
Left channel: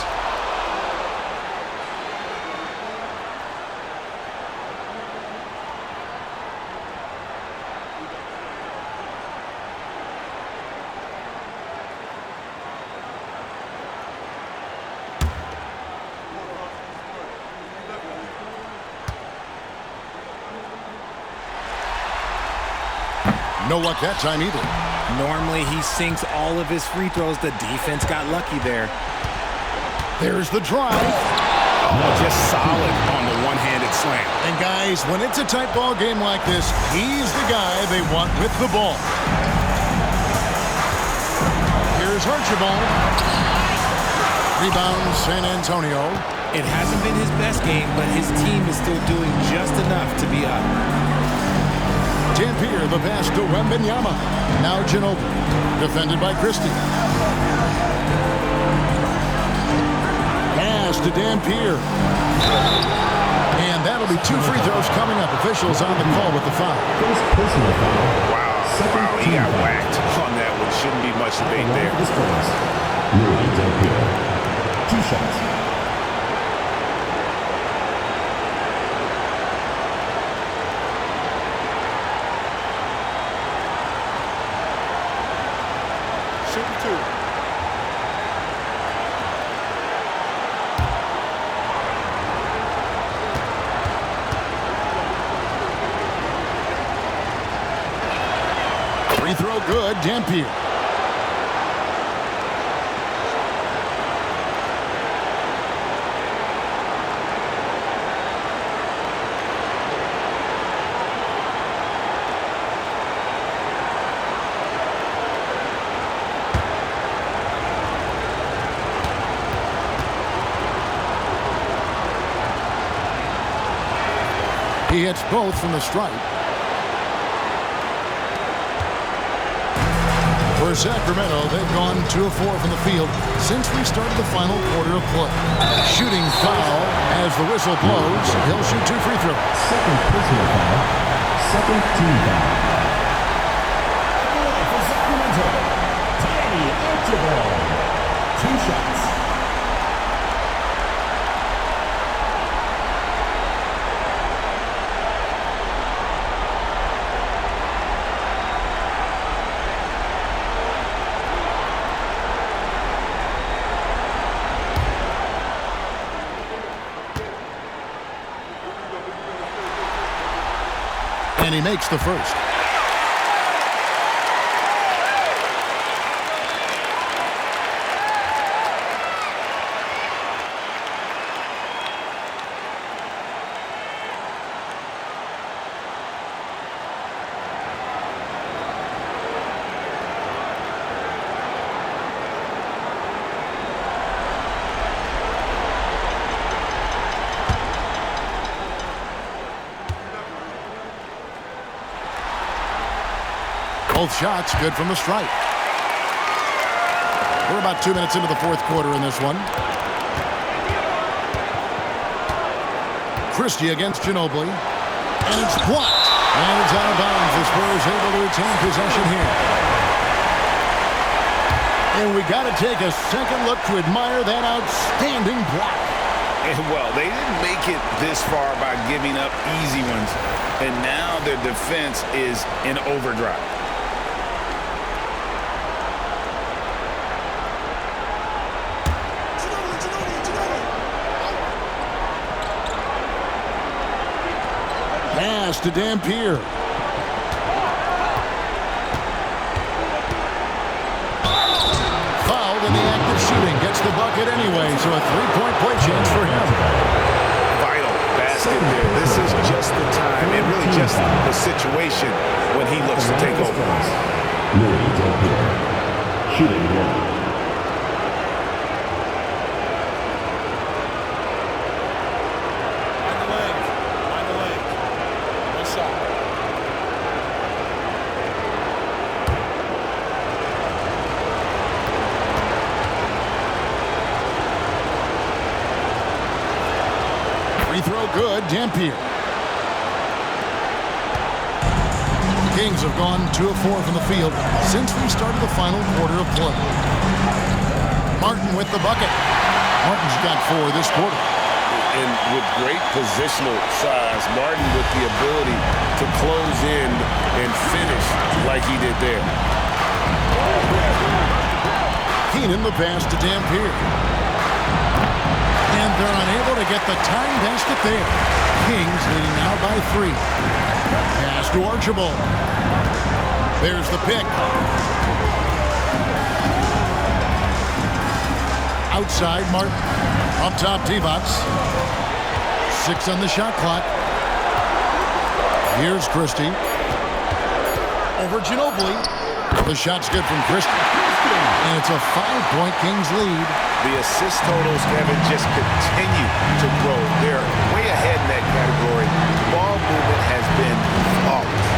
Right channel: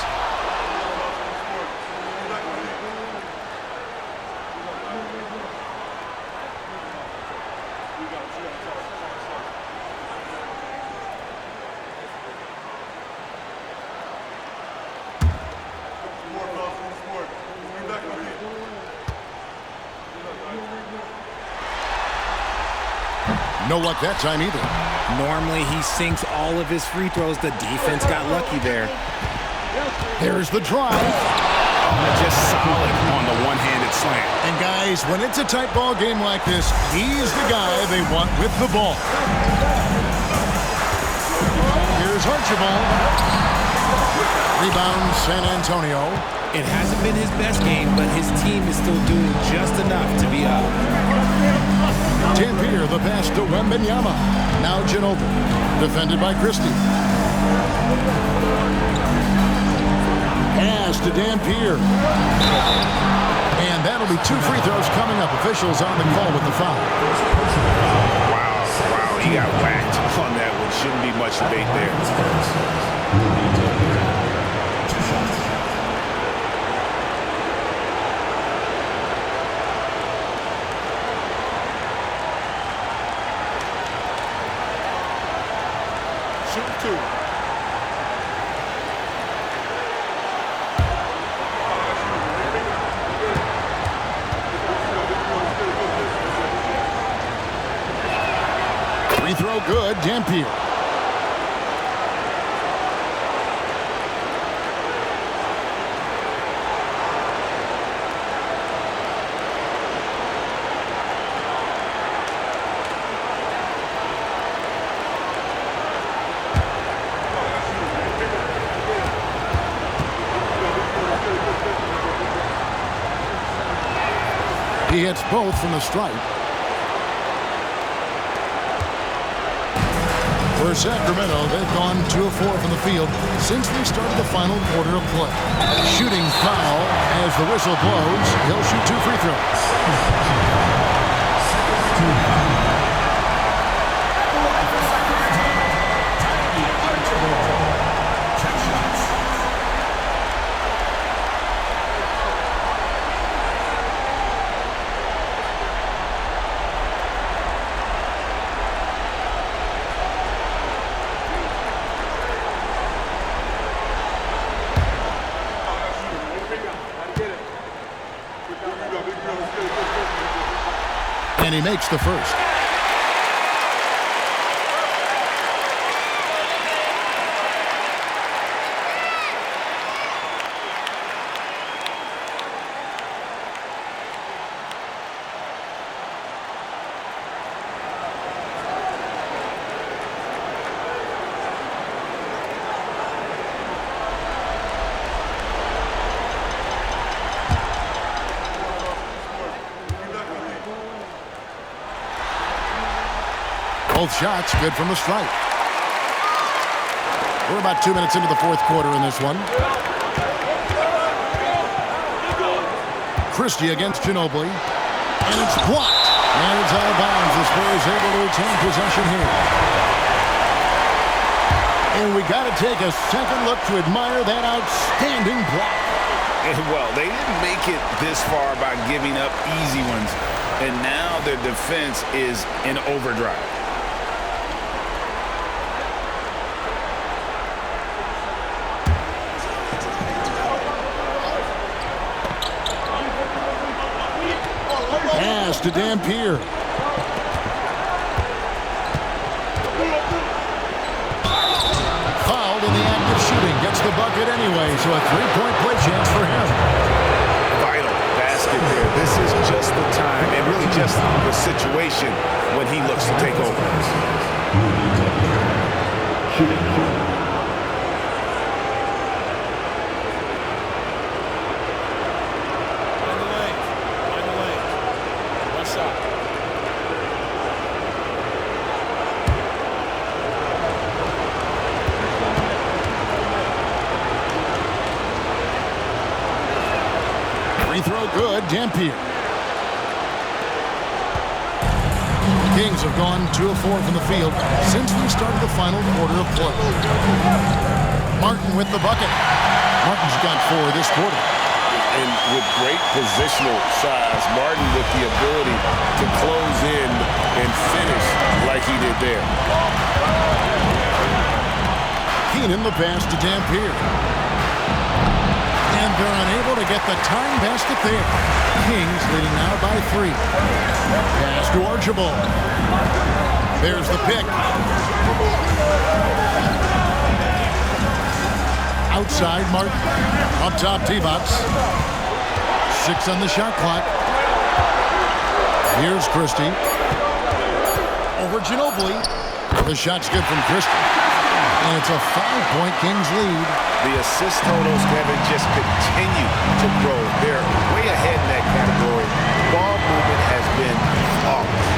No luck that time either. Normally he sinks all of his free throws. The defense got lucky there. There's the drive. Oh, just solid on the one-handed slam. And guys, when it's a tight ball game like this, he's the guy they want with the ball. Here's Archibald. Rebound San Antonio. It hasn't been his best game, but his team is still doing just enough to be up. Dampier, the pass to Wembanyama. Now Ginobili, defended by Christie. Pass to Dampier. And that'll be 2 free throws coming up. Officials on the call with the foul. Wow, he got whacked on that one. Shouldn't be much debate there. 2 shots. Shooting 2. Free throw good, Dampier. He hits both from the stripe. For Sacramento, they've gone 2 of 4 from the field since we started the final quarter of play. Shooting foul as the whistle blows. He'll shoot 2 free throws. Second personal foul. Second team foul. At the line for Sacramento, Tiny Archibald. 2 shots. And he makes the first. Both shots good from the stripe. We're about 2 minutes into the fourth quarter in this one. Christie against Ginobili. And it's blocked. And it's out of bounds. The Spurs able to retain possession here. And we got to take a second look to admire that outstanding block. And well, they didn't make it this far by giving up easy ones. And now their defense is in overdrive. Pass to Dampier. Fouled in the act of shooting. Gets the bucket anyway, so a three-point play chance for him. Vital basket there. This is just the time, and really just the situation when he looks to take over. Louis Dampier, shooting 1. Free throw good, Dampier. Kings have gone 2 of 4 from the field since we started the final quarter of play. Martin with the bucket. Martin's got 4 this quarter. And with great positional size, Martin with the ability to close in and finish like he did there. Keenan the pass to Dampier. And they're unable to get the tying basket there. Kings leading now by 3. Pass to Archibald. There's the pick. Outside, Martin. Up top, T-Bots. 6 on the shot clock. Here's Christie. Over Ginobili. The shot's good from Christie. And it's a 5-point Kings lead. The assist totals, Kevin, just continue to grow. They're way ahead in that category. Ball movement has been flawless.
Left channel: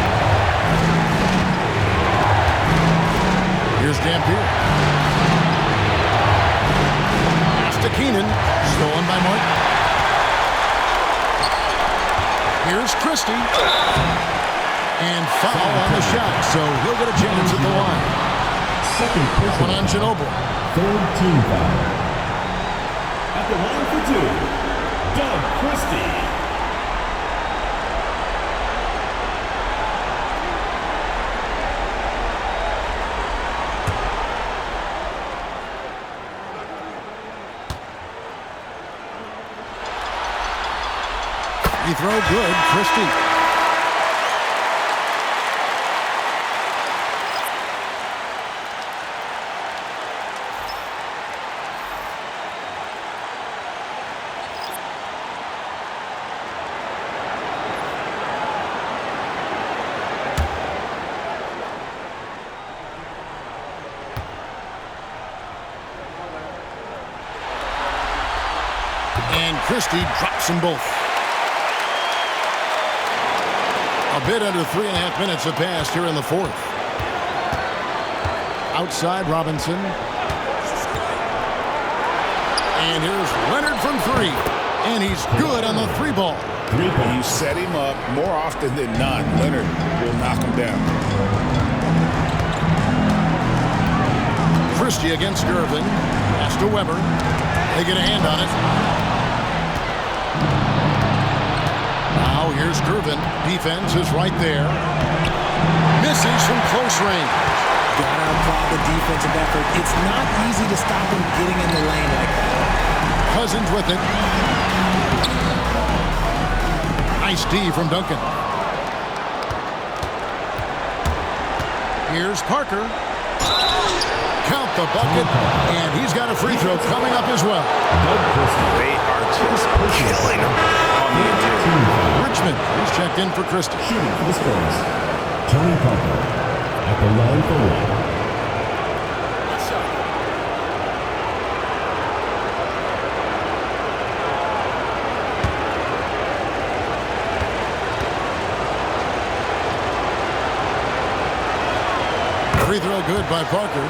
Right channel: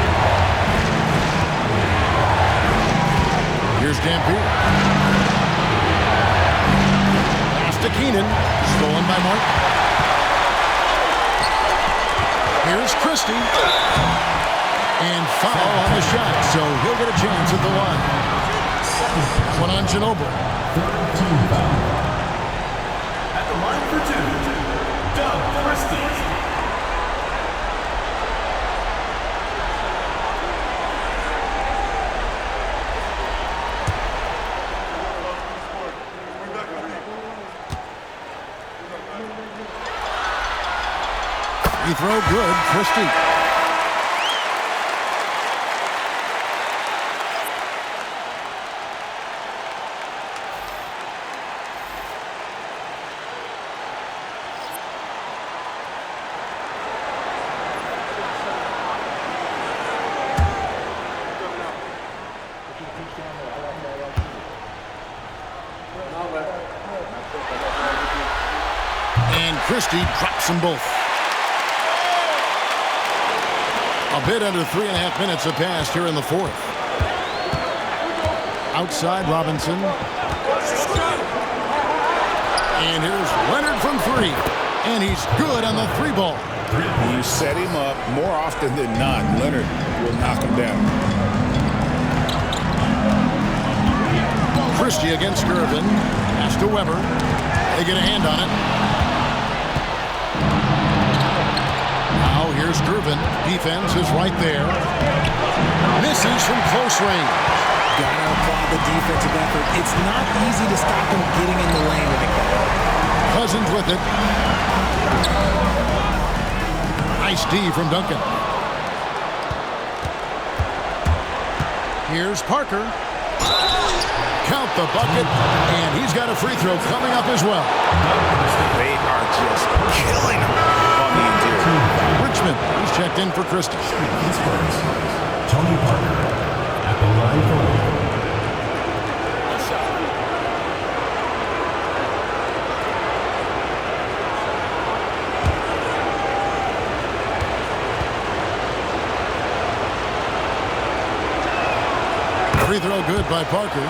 Here's Dampier. Pass to Keenan. Stolen by Martin. Here's Christie. And foul on the shot, so he'll get a chance at the line. That one on Ginobili. Third team foul. At the line for 2, Doug Christie. Free throw good, Christie. And Christie drops them both. A bit under 3.5 minutes have passed here in the fourth. Outside Robinson. And here's Leonard from three. And he's good on the three ball. You set him up more often than not. Leonard will knock him down. Christie against Gervin. Pass to Weber. They get a hand on it. Now here's Gervin. Defense is right there. Misses from close range. Gotta applaud the defensive effort. It's not easy to stop him getting in the lane like that. Cousins with it. Nice D from Duncan. Here's Parker. Count the bucket, and he's got a free throw coming up as well. They are just killing him on the interior. Richmond, he's checked in for Christie. Shooting for the Spurs, Tony Parker at the line for one. One shot. Free throw good by Parker.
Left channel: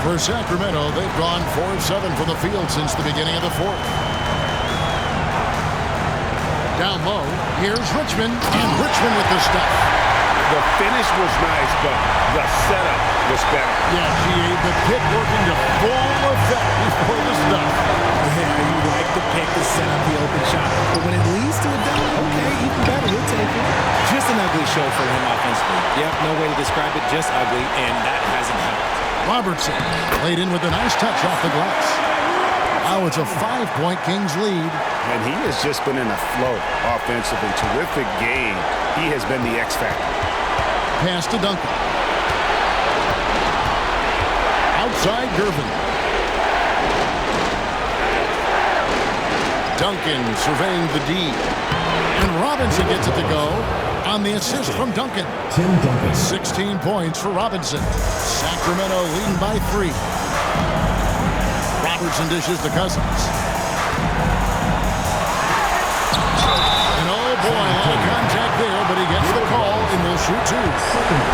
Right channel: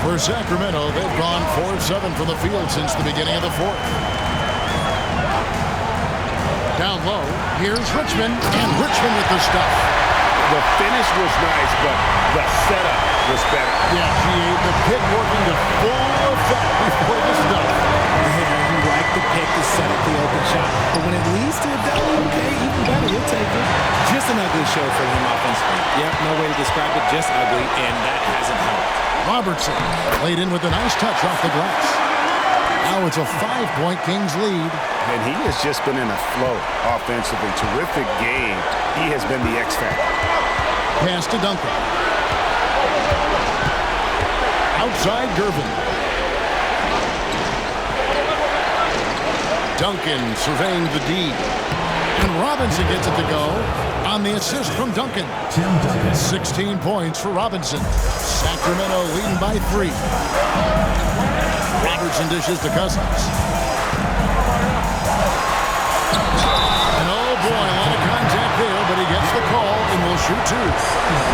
For Sacramento, they've gone 4 of 7 from the field since the beginning of the fourth. Down low, here's Richmond, and Richmond with the stuff. The finish was nice, but the setup was better. Yeah, GA, the pick working to full effect before the stuff. Yeah, you like the pick to set up the open shot, but when it leads to a dunk, okay, even better, you'll take it. Just an ugly show for him offensively. Yep, no way to describe it, just ugly, and that hasn't helped. Robertson laid in with a nice touch off the glass. Now it's a 5-point Kings lead. And he has just been in a flow offensively. Terrific game. He has been the X factor. Pass to Duncan. Outside Gervin. Duncan surveying the D. And Robinson gets it to go on the assist from Duncan. Tim Duncan. 16 points for Robinson. Sacramento leading by 3. Robertson dishes to Cousins. And oh boy, a lot of contact there, but he gets the call and will shoot 2.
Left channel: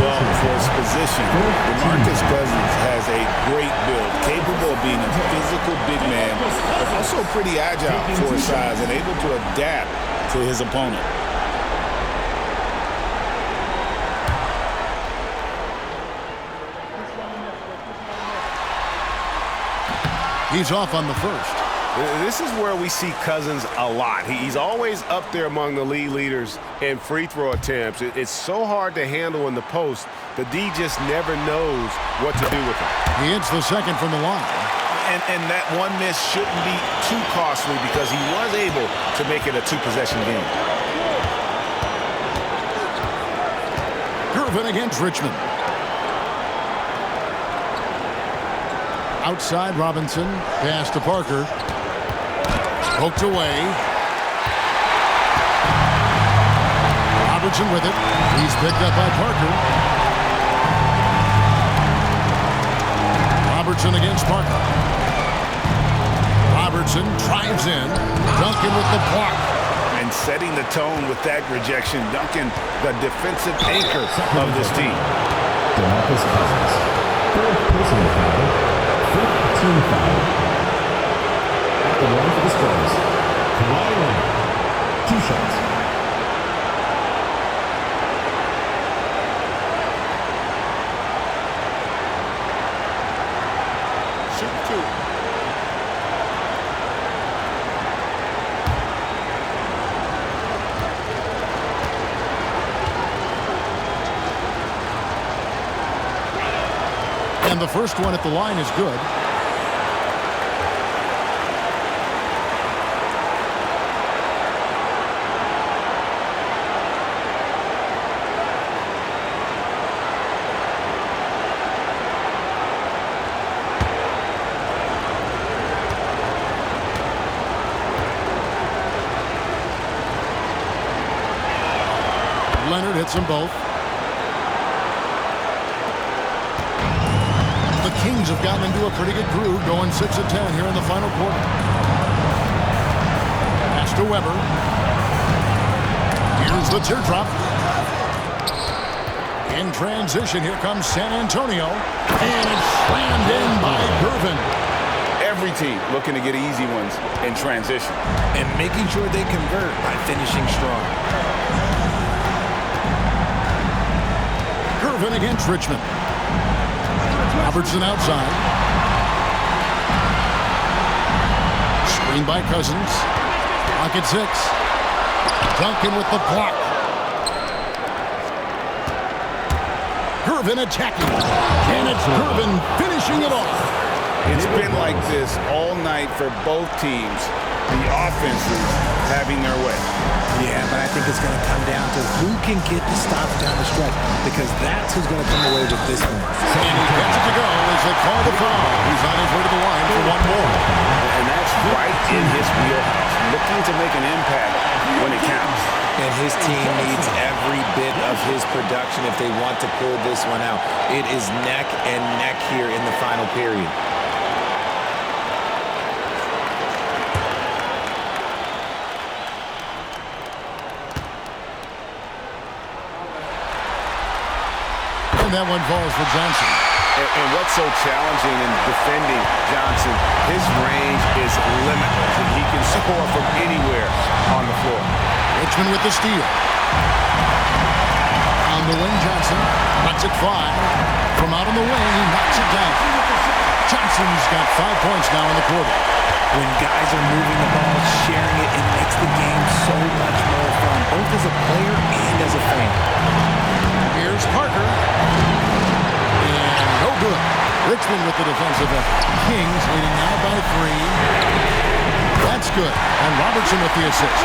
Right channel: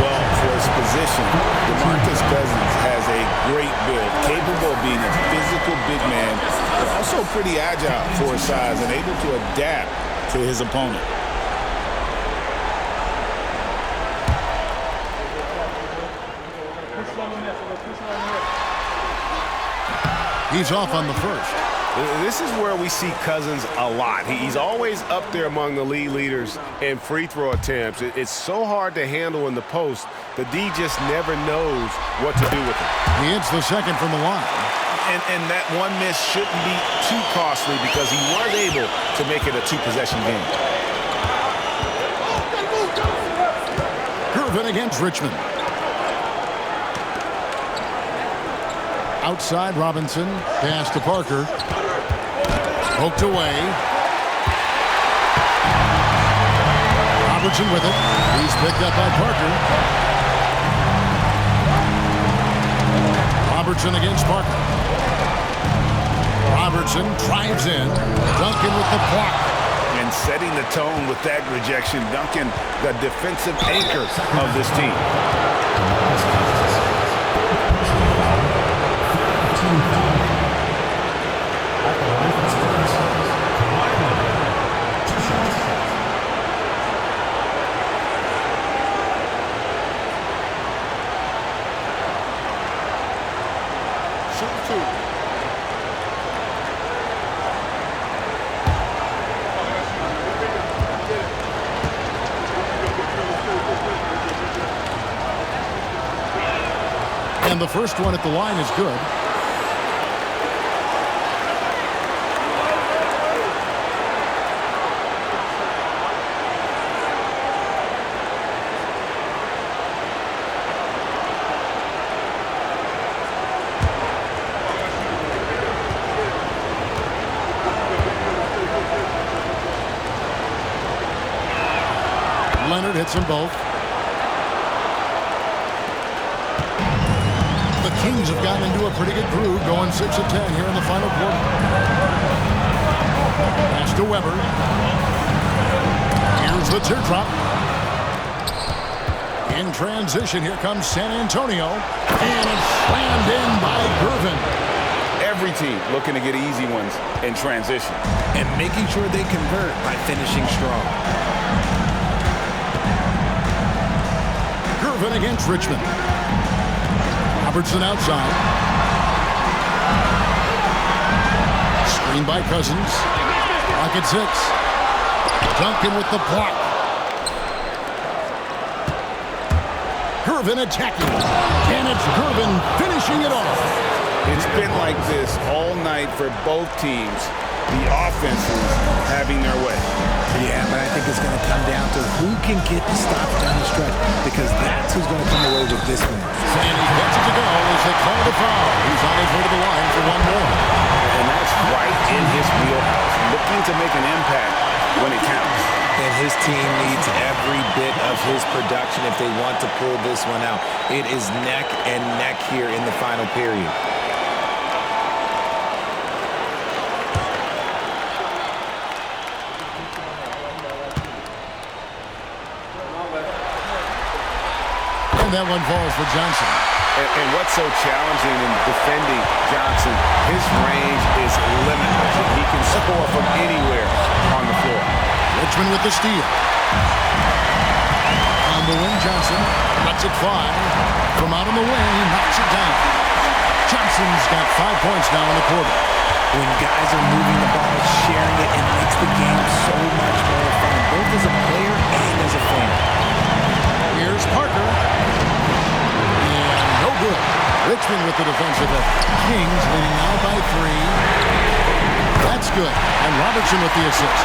Well, for his position, DeMarcus Cousins has a great build, capable of being a physical big man, but also pretty agile for his size and able to adapt to his opponent. He's off on the first. This is where we see Cousins a lot. He's always up there among the league leaders in free throw attempts. It's so hard to handle in the post. The D just never knows what to do with him. He hits the second from the line. And that one miss shouldn't be too costly because he was able to make it a 2-possession game. Gervin against Richmond. Outside Robinson. Pass to Parker. Poked away. Robertson with it. He's picked up by Parker. Robertson against Parker. Robertson drives in. Duncan with the block. And setting the tone with that rejection, Duncan, the defensive anchor of this team. DeMarcus Cousins. Third personal foul. Fifth team foul. At the line for the Spurs, Kawhi Leonard. 2 shots. Shooting 2. And the first one at the line is good. Leonard hits them both. the Kings have gotten into a pretty good groove, going 6 of 10 here in the final quarter. Pass to Weber. Here's the teardrop. In transition, here comes San Antonio. And it's slammed in by Gervin. Every team looking to get easy ones in transition. And making sure they convert by finishing strong. Gervin against Richmond. Robertson outside. Screen by Cousins. Block at 6. Duncan with the block. Gervin attacking. And it's Gervin finishing it off. It's been like this all night for both teams. The offenses having their way. Yeah, but I think it's going to come down to who can get the stops down the stretch, because that's who's going to come away with this one. And he gets it to go as they call the foul. He's on his way to the line for one more. And that's right in his wheelhouse, looking to make an impact when it counts. And his team needs every bit of his production if they want to pull this one out. It is neck and neck here in the final period. And that one falls for Johnson. And what's so challenging in defending Johnson, his range is limitless. He can score from anywhere on the floor. Richmond with the steal. On the wing, Johnson lets it fly. From out on the wing, he knocks it down. Johnson's got 5 points now in the quarter. When guys are moving the ball, sharing it, it makes the game so much more fun, both as a player and as a fan. Here's Parker. And no good. Richmond with the defensive effort. Kings leading now by 3. That's good. And Robertson with the assist.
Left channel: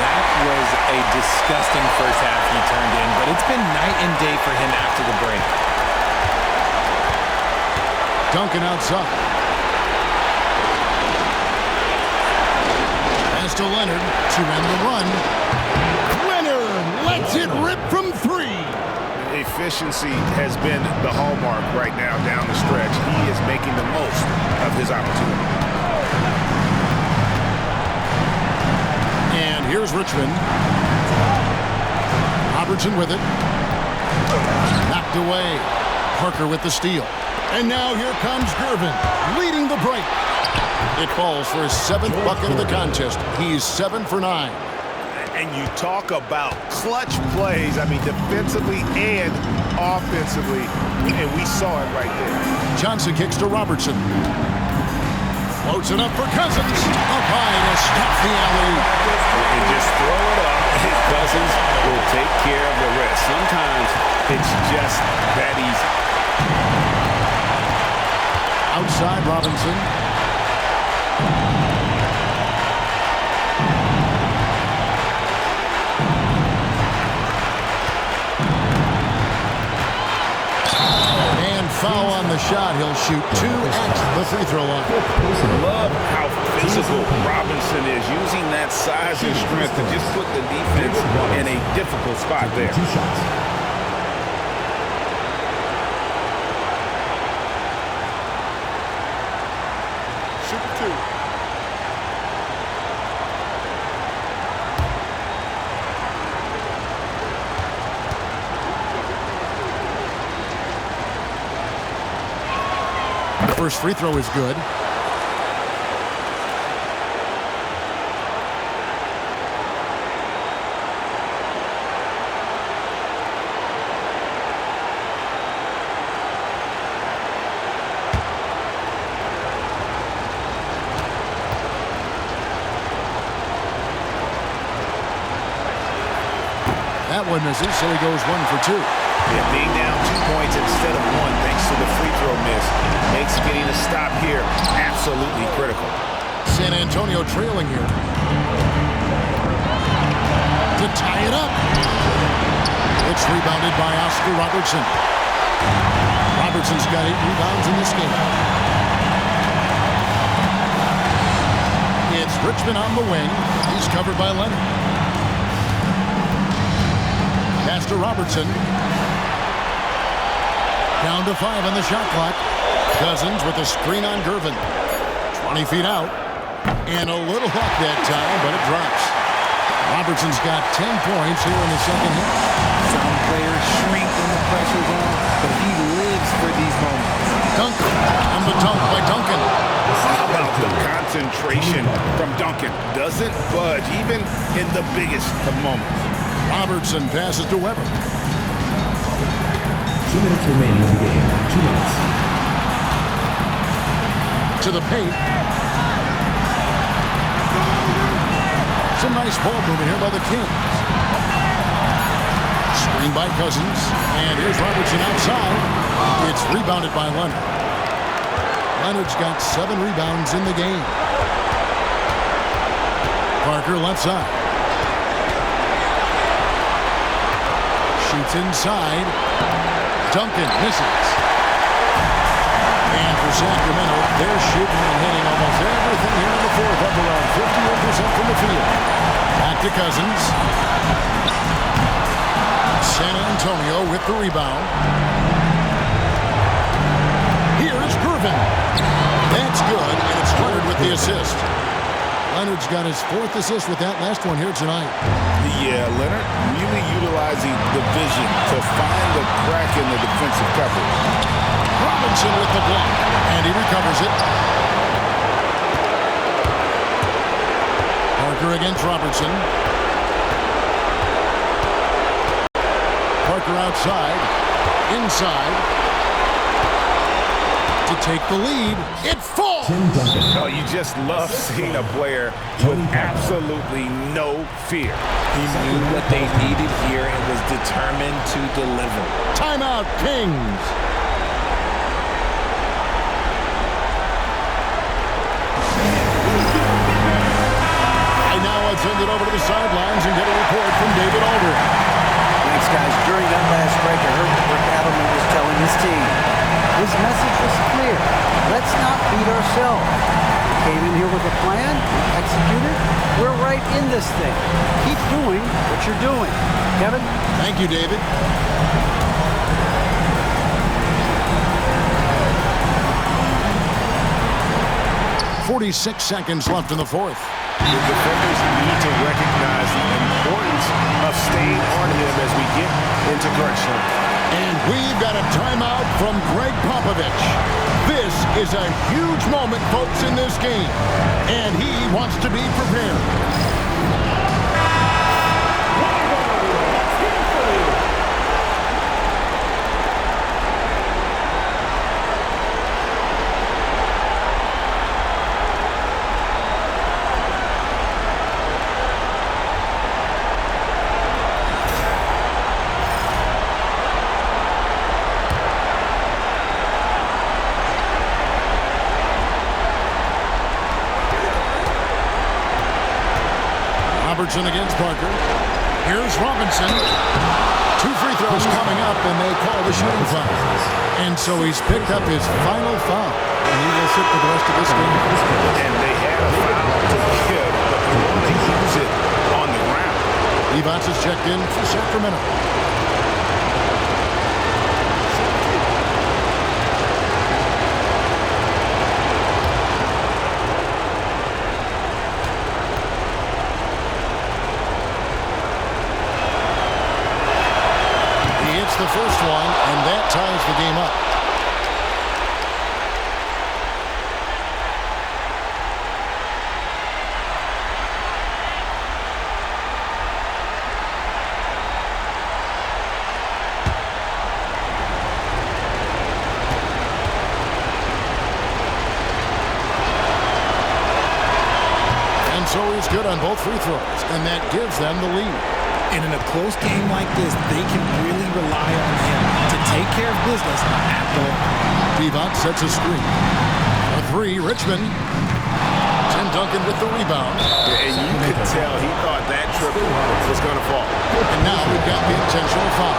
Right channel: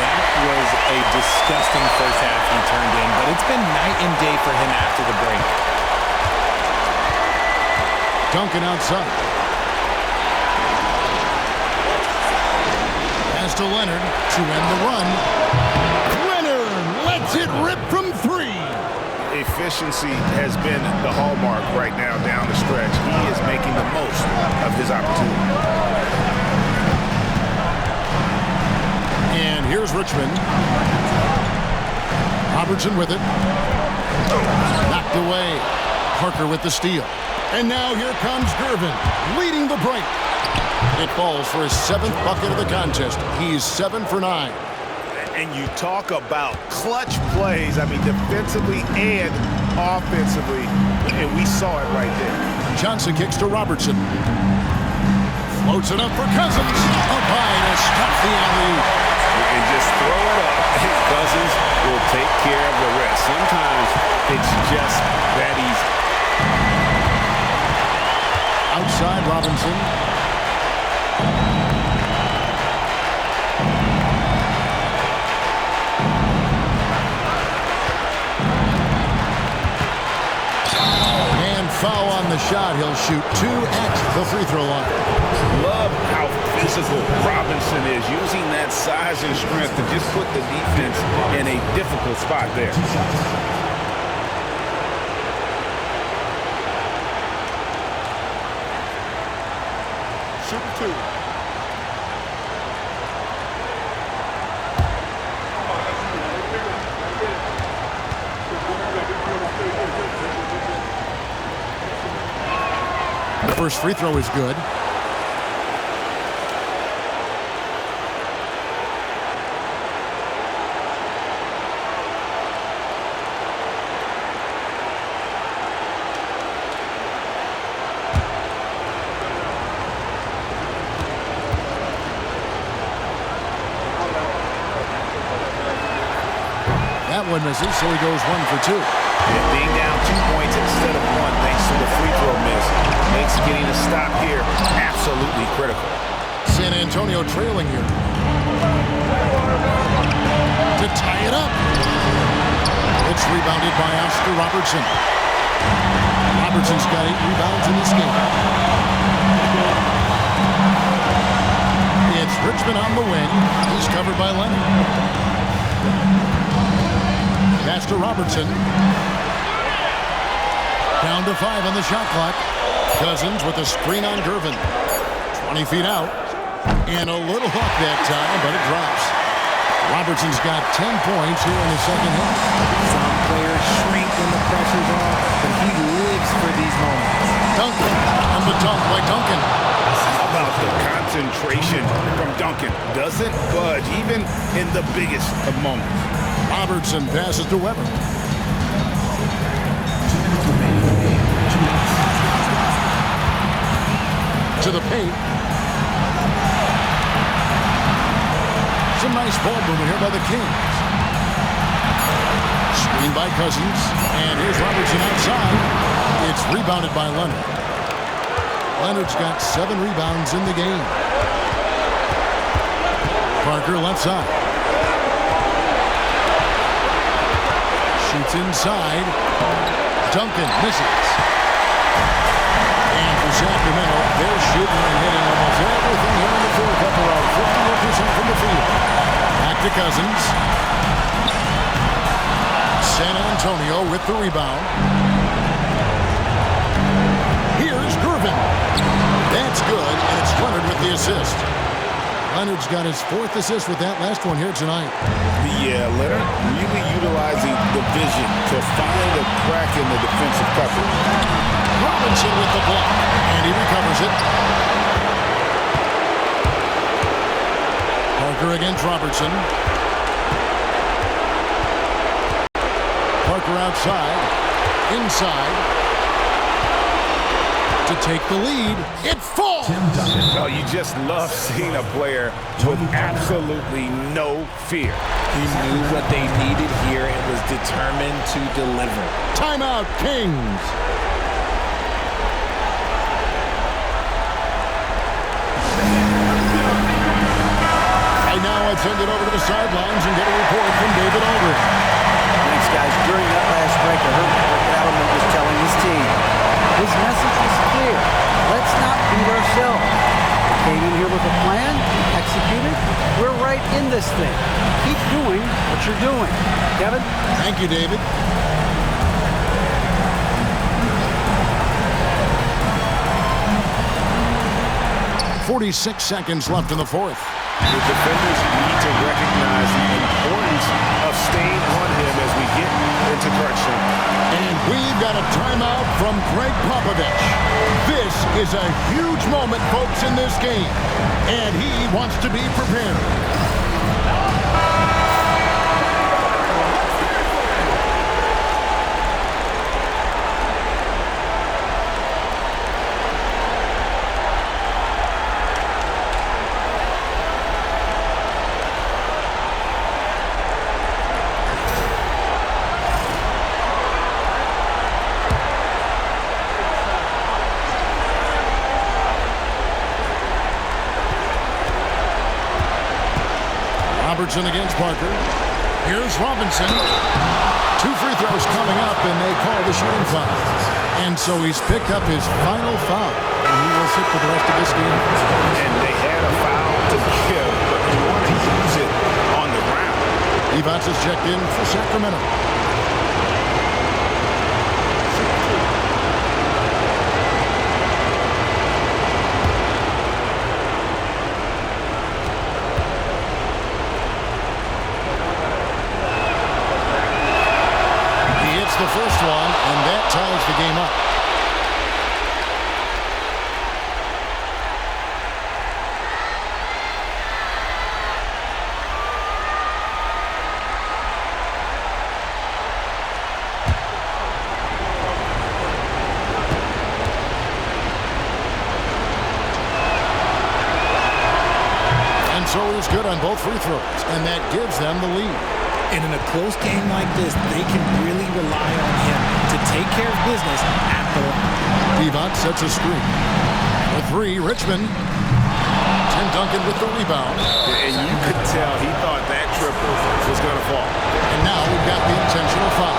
That was a disgusting first half he turned in, but it's been night and day for him after the break. Duncan outside. Pass to Leonard to end the run. Leonard lets it rip from 3. Efficiency has been the hallmark right now down the stretch. He is making the most of his opportunity. And here's Richmond. Robertson with it. Knocked away. Parker with the steal. And now here comes Gervin, leading the break. It falls for his 7th bucket of the contest. He's 7 for 9. And you talk about clutch plays, I mean, defensively and offensively, and we saw it right there. Johnson kicks to Robertson. Floats it up for Cousins. Up high to stop the alley-oop. And just throw it up, and Cousins will take care of the rest. Sometimes it's just that easy. Outside Robinson. Foul on the shot. He'll shoot 2 at the free throw line. Love how physical Robinson is, using that size and strength to just put the defense in a difficult spot there. 2 shots. Shoot 2. First free throw is good. That one misses, so he goes 1 for 2. Yeah, being down 2 points instead of 1 thanks to the free throw miss makes getting a stop here absolutely critical. San Antonio trailing here. To tie it up. It's rebounded by Oscar Robertson. Robertson's got 8 rebounds in this game. It's Richmond on the wing. He's covered by Leonard. Pass to Robertson. Down to 5 on the shot clock. Cousins with a screen on Gervin. 20 feet out. And a little luck that time, but it drops. Robertson's got 10 points here in the second half. Some players shrink when the pressure's on, but he lives for these moments. Duncan, and the dunk by Duncan. How about the concentration from Duncan? Doesn't budge, even in the biggest of moments. Robertson passes to Weber. 2 minutes remaining in the game. 2 minutes. To the paint. Some nice ball movement here by the Kings. Screen by Cousins. And here's Robertson outside. It's rebounded by Leonard. Leonard's got 7 rebounds in the game. Parker left side. Shoots inside. Duncan misses. And for Sacramento, they're shooting and hitting almost everything here in the fourth, up around 58% from the field. Back to Cousins. San Antonio with the rebound. Here's Gervin. That's good, and it's Leonard with the assist. Leonard's got his 4th assist with that last one here tonight. Yeah, Leonard really utilizing the vision to find the crack in the defensive coverage. Robinson with the block, and he recovers it. Parker against Robertson. Parker outside, inside, to take the lead. It falls! Oh, you just love seeing a player with absolutely no fear. He knew what they needed here and was determined to deliver. Timeout, Kings. Right now, I'll send it over to the sidelines and get a report from David Aldridge. Thanks, guys. During that last break, I heard what Rick Adelman was telling his team. His message was clear. Let's not beat ourselves. We came in here with a plan. We executed. We're right in this thing. Keep doing what you're doing. Kevin? Thank you, David. .46 seconds left in the fourth. The defenders need to recognize the importance of staying on him as we get into crunch time. And we've got a timeout from Greg Popovich. This is a huge moment, folks, in this game. And he wants to be prepared. Robertson against Parker. Here's Robinson. 2 free throws coming up, and they call the shooting foul. And so he's picked up his final foul, and he will sit for the rest of this game. And they had a foul to give, but you want to use it on the ground. Evans is checked in for Sacramento. The first one, and that ties the game up. And so he's good on both free throws, and that gives them the lead. And in a close game like this, they can really rely on him to take care of business at the line. Pivot sets a screen. For 3, Richmond. Tim Duncan with the rebound. And you could tell he thought that triple was going to fall. And now we've got the intentional foul.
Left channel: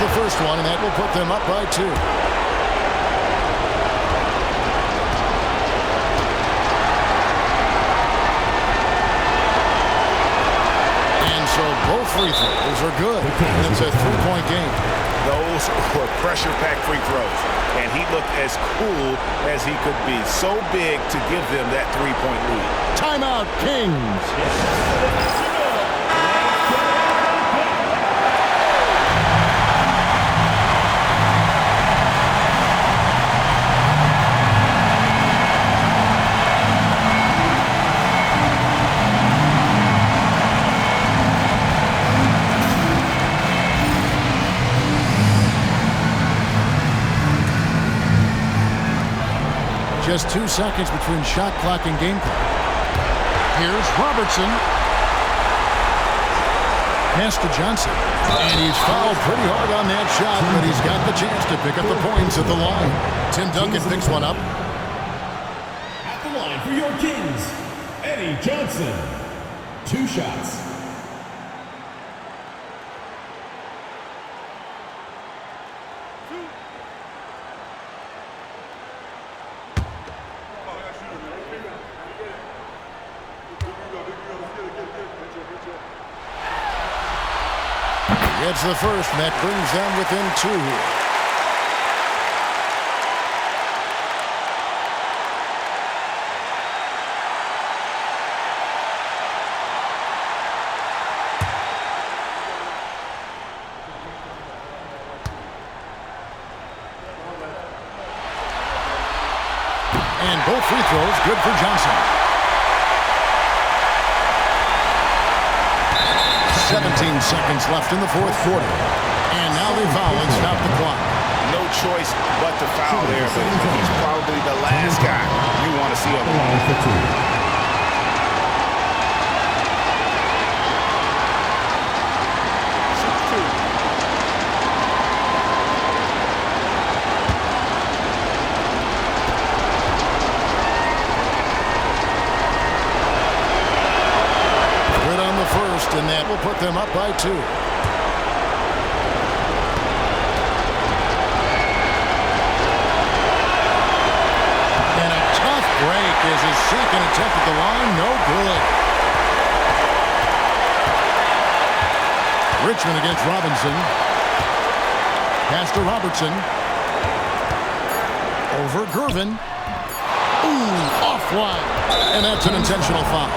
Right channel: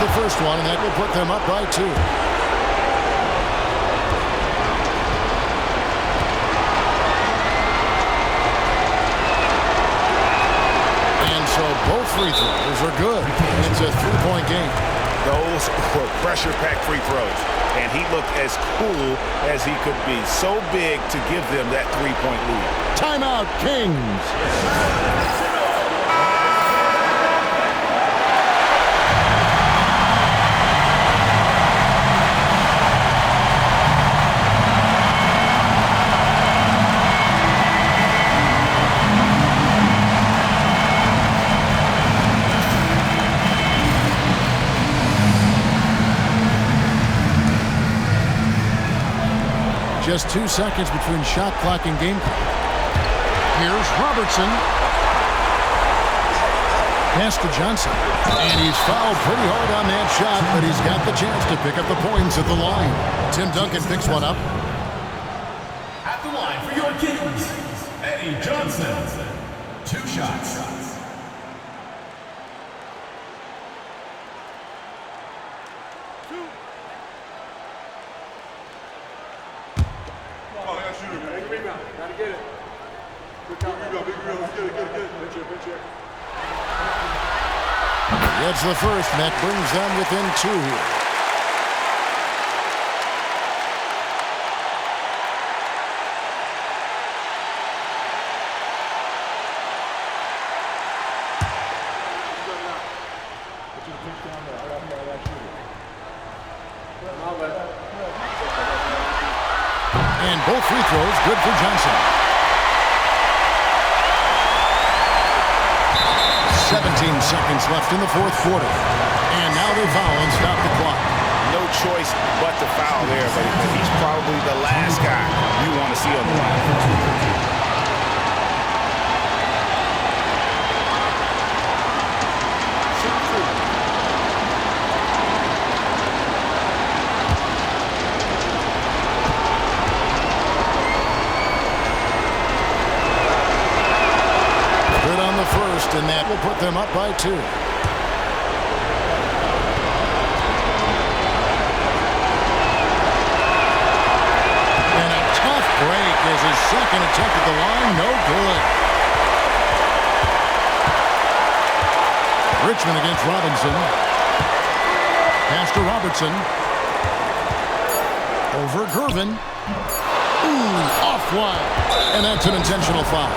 the first one, and that will put them up by 2. And so both free throws are good, and it's a 3-point game. Those were pressure-packed free throws, and he looked as cool as he could be. So big to give them that 3-point lead. Timeout, Kings. Just 2 seconds between shot clock and game clock. Here's Robertson. Pass to Johnson. And he's fouled pretty hard on that shot, but he's got the chance to pick up the points at the line. Tim Duncan picks one up. At the line for your Kings, Eddie Johnson. 2 shots. He gets the first, and that brings them within 2 here. And both free throws good for Johnson. 17 seconds left in the fourth quarter. And now they foul and stop the clock. No choice but to foul there, but he's probably the last guy you want to see on the line. Shoot 2. Good on the first, and that will put them up by 2. And a tough break is his second attempt at the line. No good. Richmond against Robinson. Pass to Robertson. Over Gervin. Ooh, offline. And that's an intentional foul.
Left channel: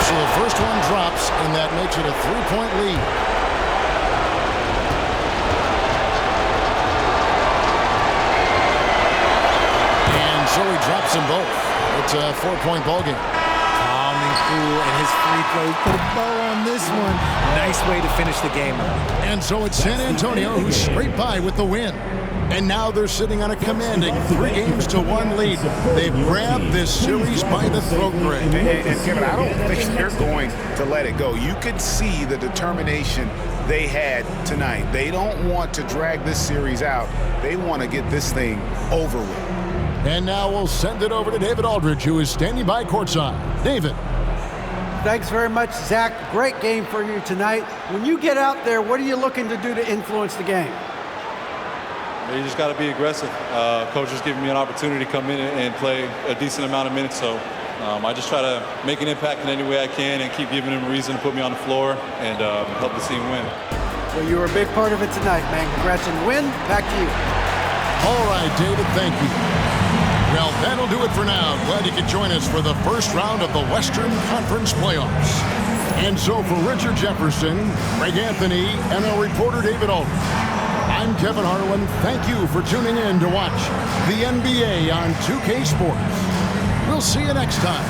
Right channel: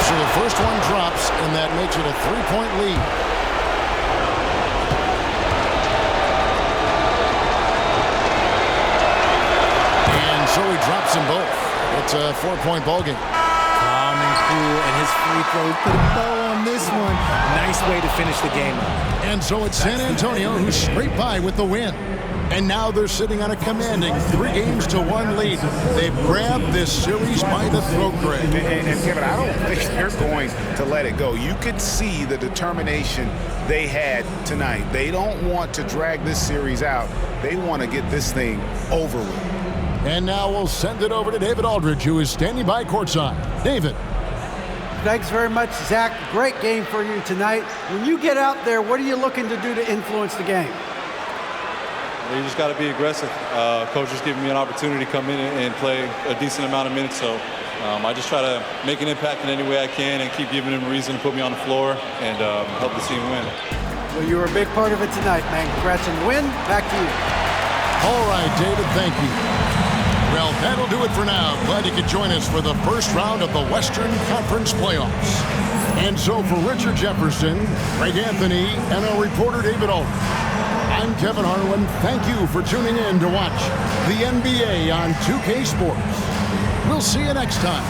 So the first one drops, and that makes it a 3-point lead. And so he drops them both. It's a 4-point ball game. Calm and cool, and his free throws put a bow on this one. Nice way to finish the game up. And so it's San Antonio who scraped by with the win. And now they're sitting on a commanding 3-1 lead. They've grabbed this series by the throat, Greg. And Kevin, I don't think they're going to let it go. You could see the determination they had tonight. They don't want to drag this series out. They want to get this thing over with. And now we'll send it over to David Aldridge, who is standing by courtside. David. Thanks very much, Zach. Great game for you tonight. When you get out there, what are you looking to do to influence the game? You just got to be aggressive. Coach is giving me an opportunity to come in and play a decent amount of minutes, so I just try to make an impact in any way I can and keep giving him a reason to put me on the floor and help the team win. Well, you were a big part of it tonight, man. Congrats on the win. Back to you. All right, David, thank you. Well, that'll do it for now. Glad you could join us for the first round of the Western Conference playoffs. And so for Richard Jefferson, Greg Anthony, and our reporter David Aldridge, I'm Kevin Harlan. Thank you for tuning in to watch the NBA on 2K Sports. We'll see you next time.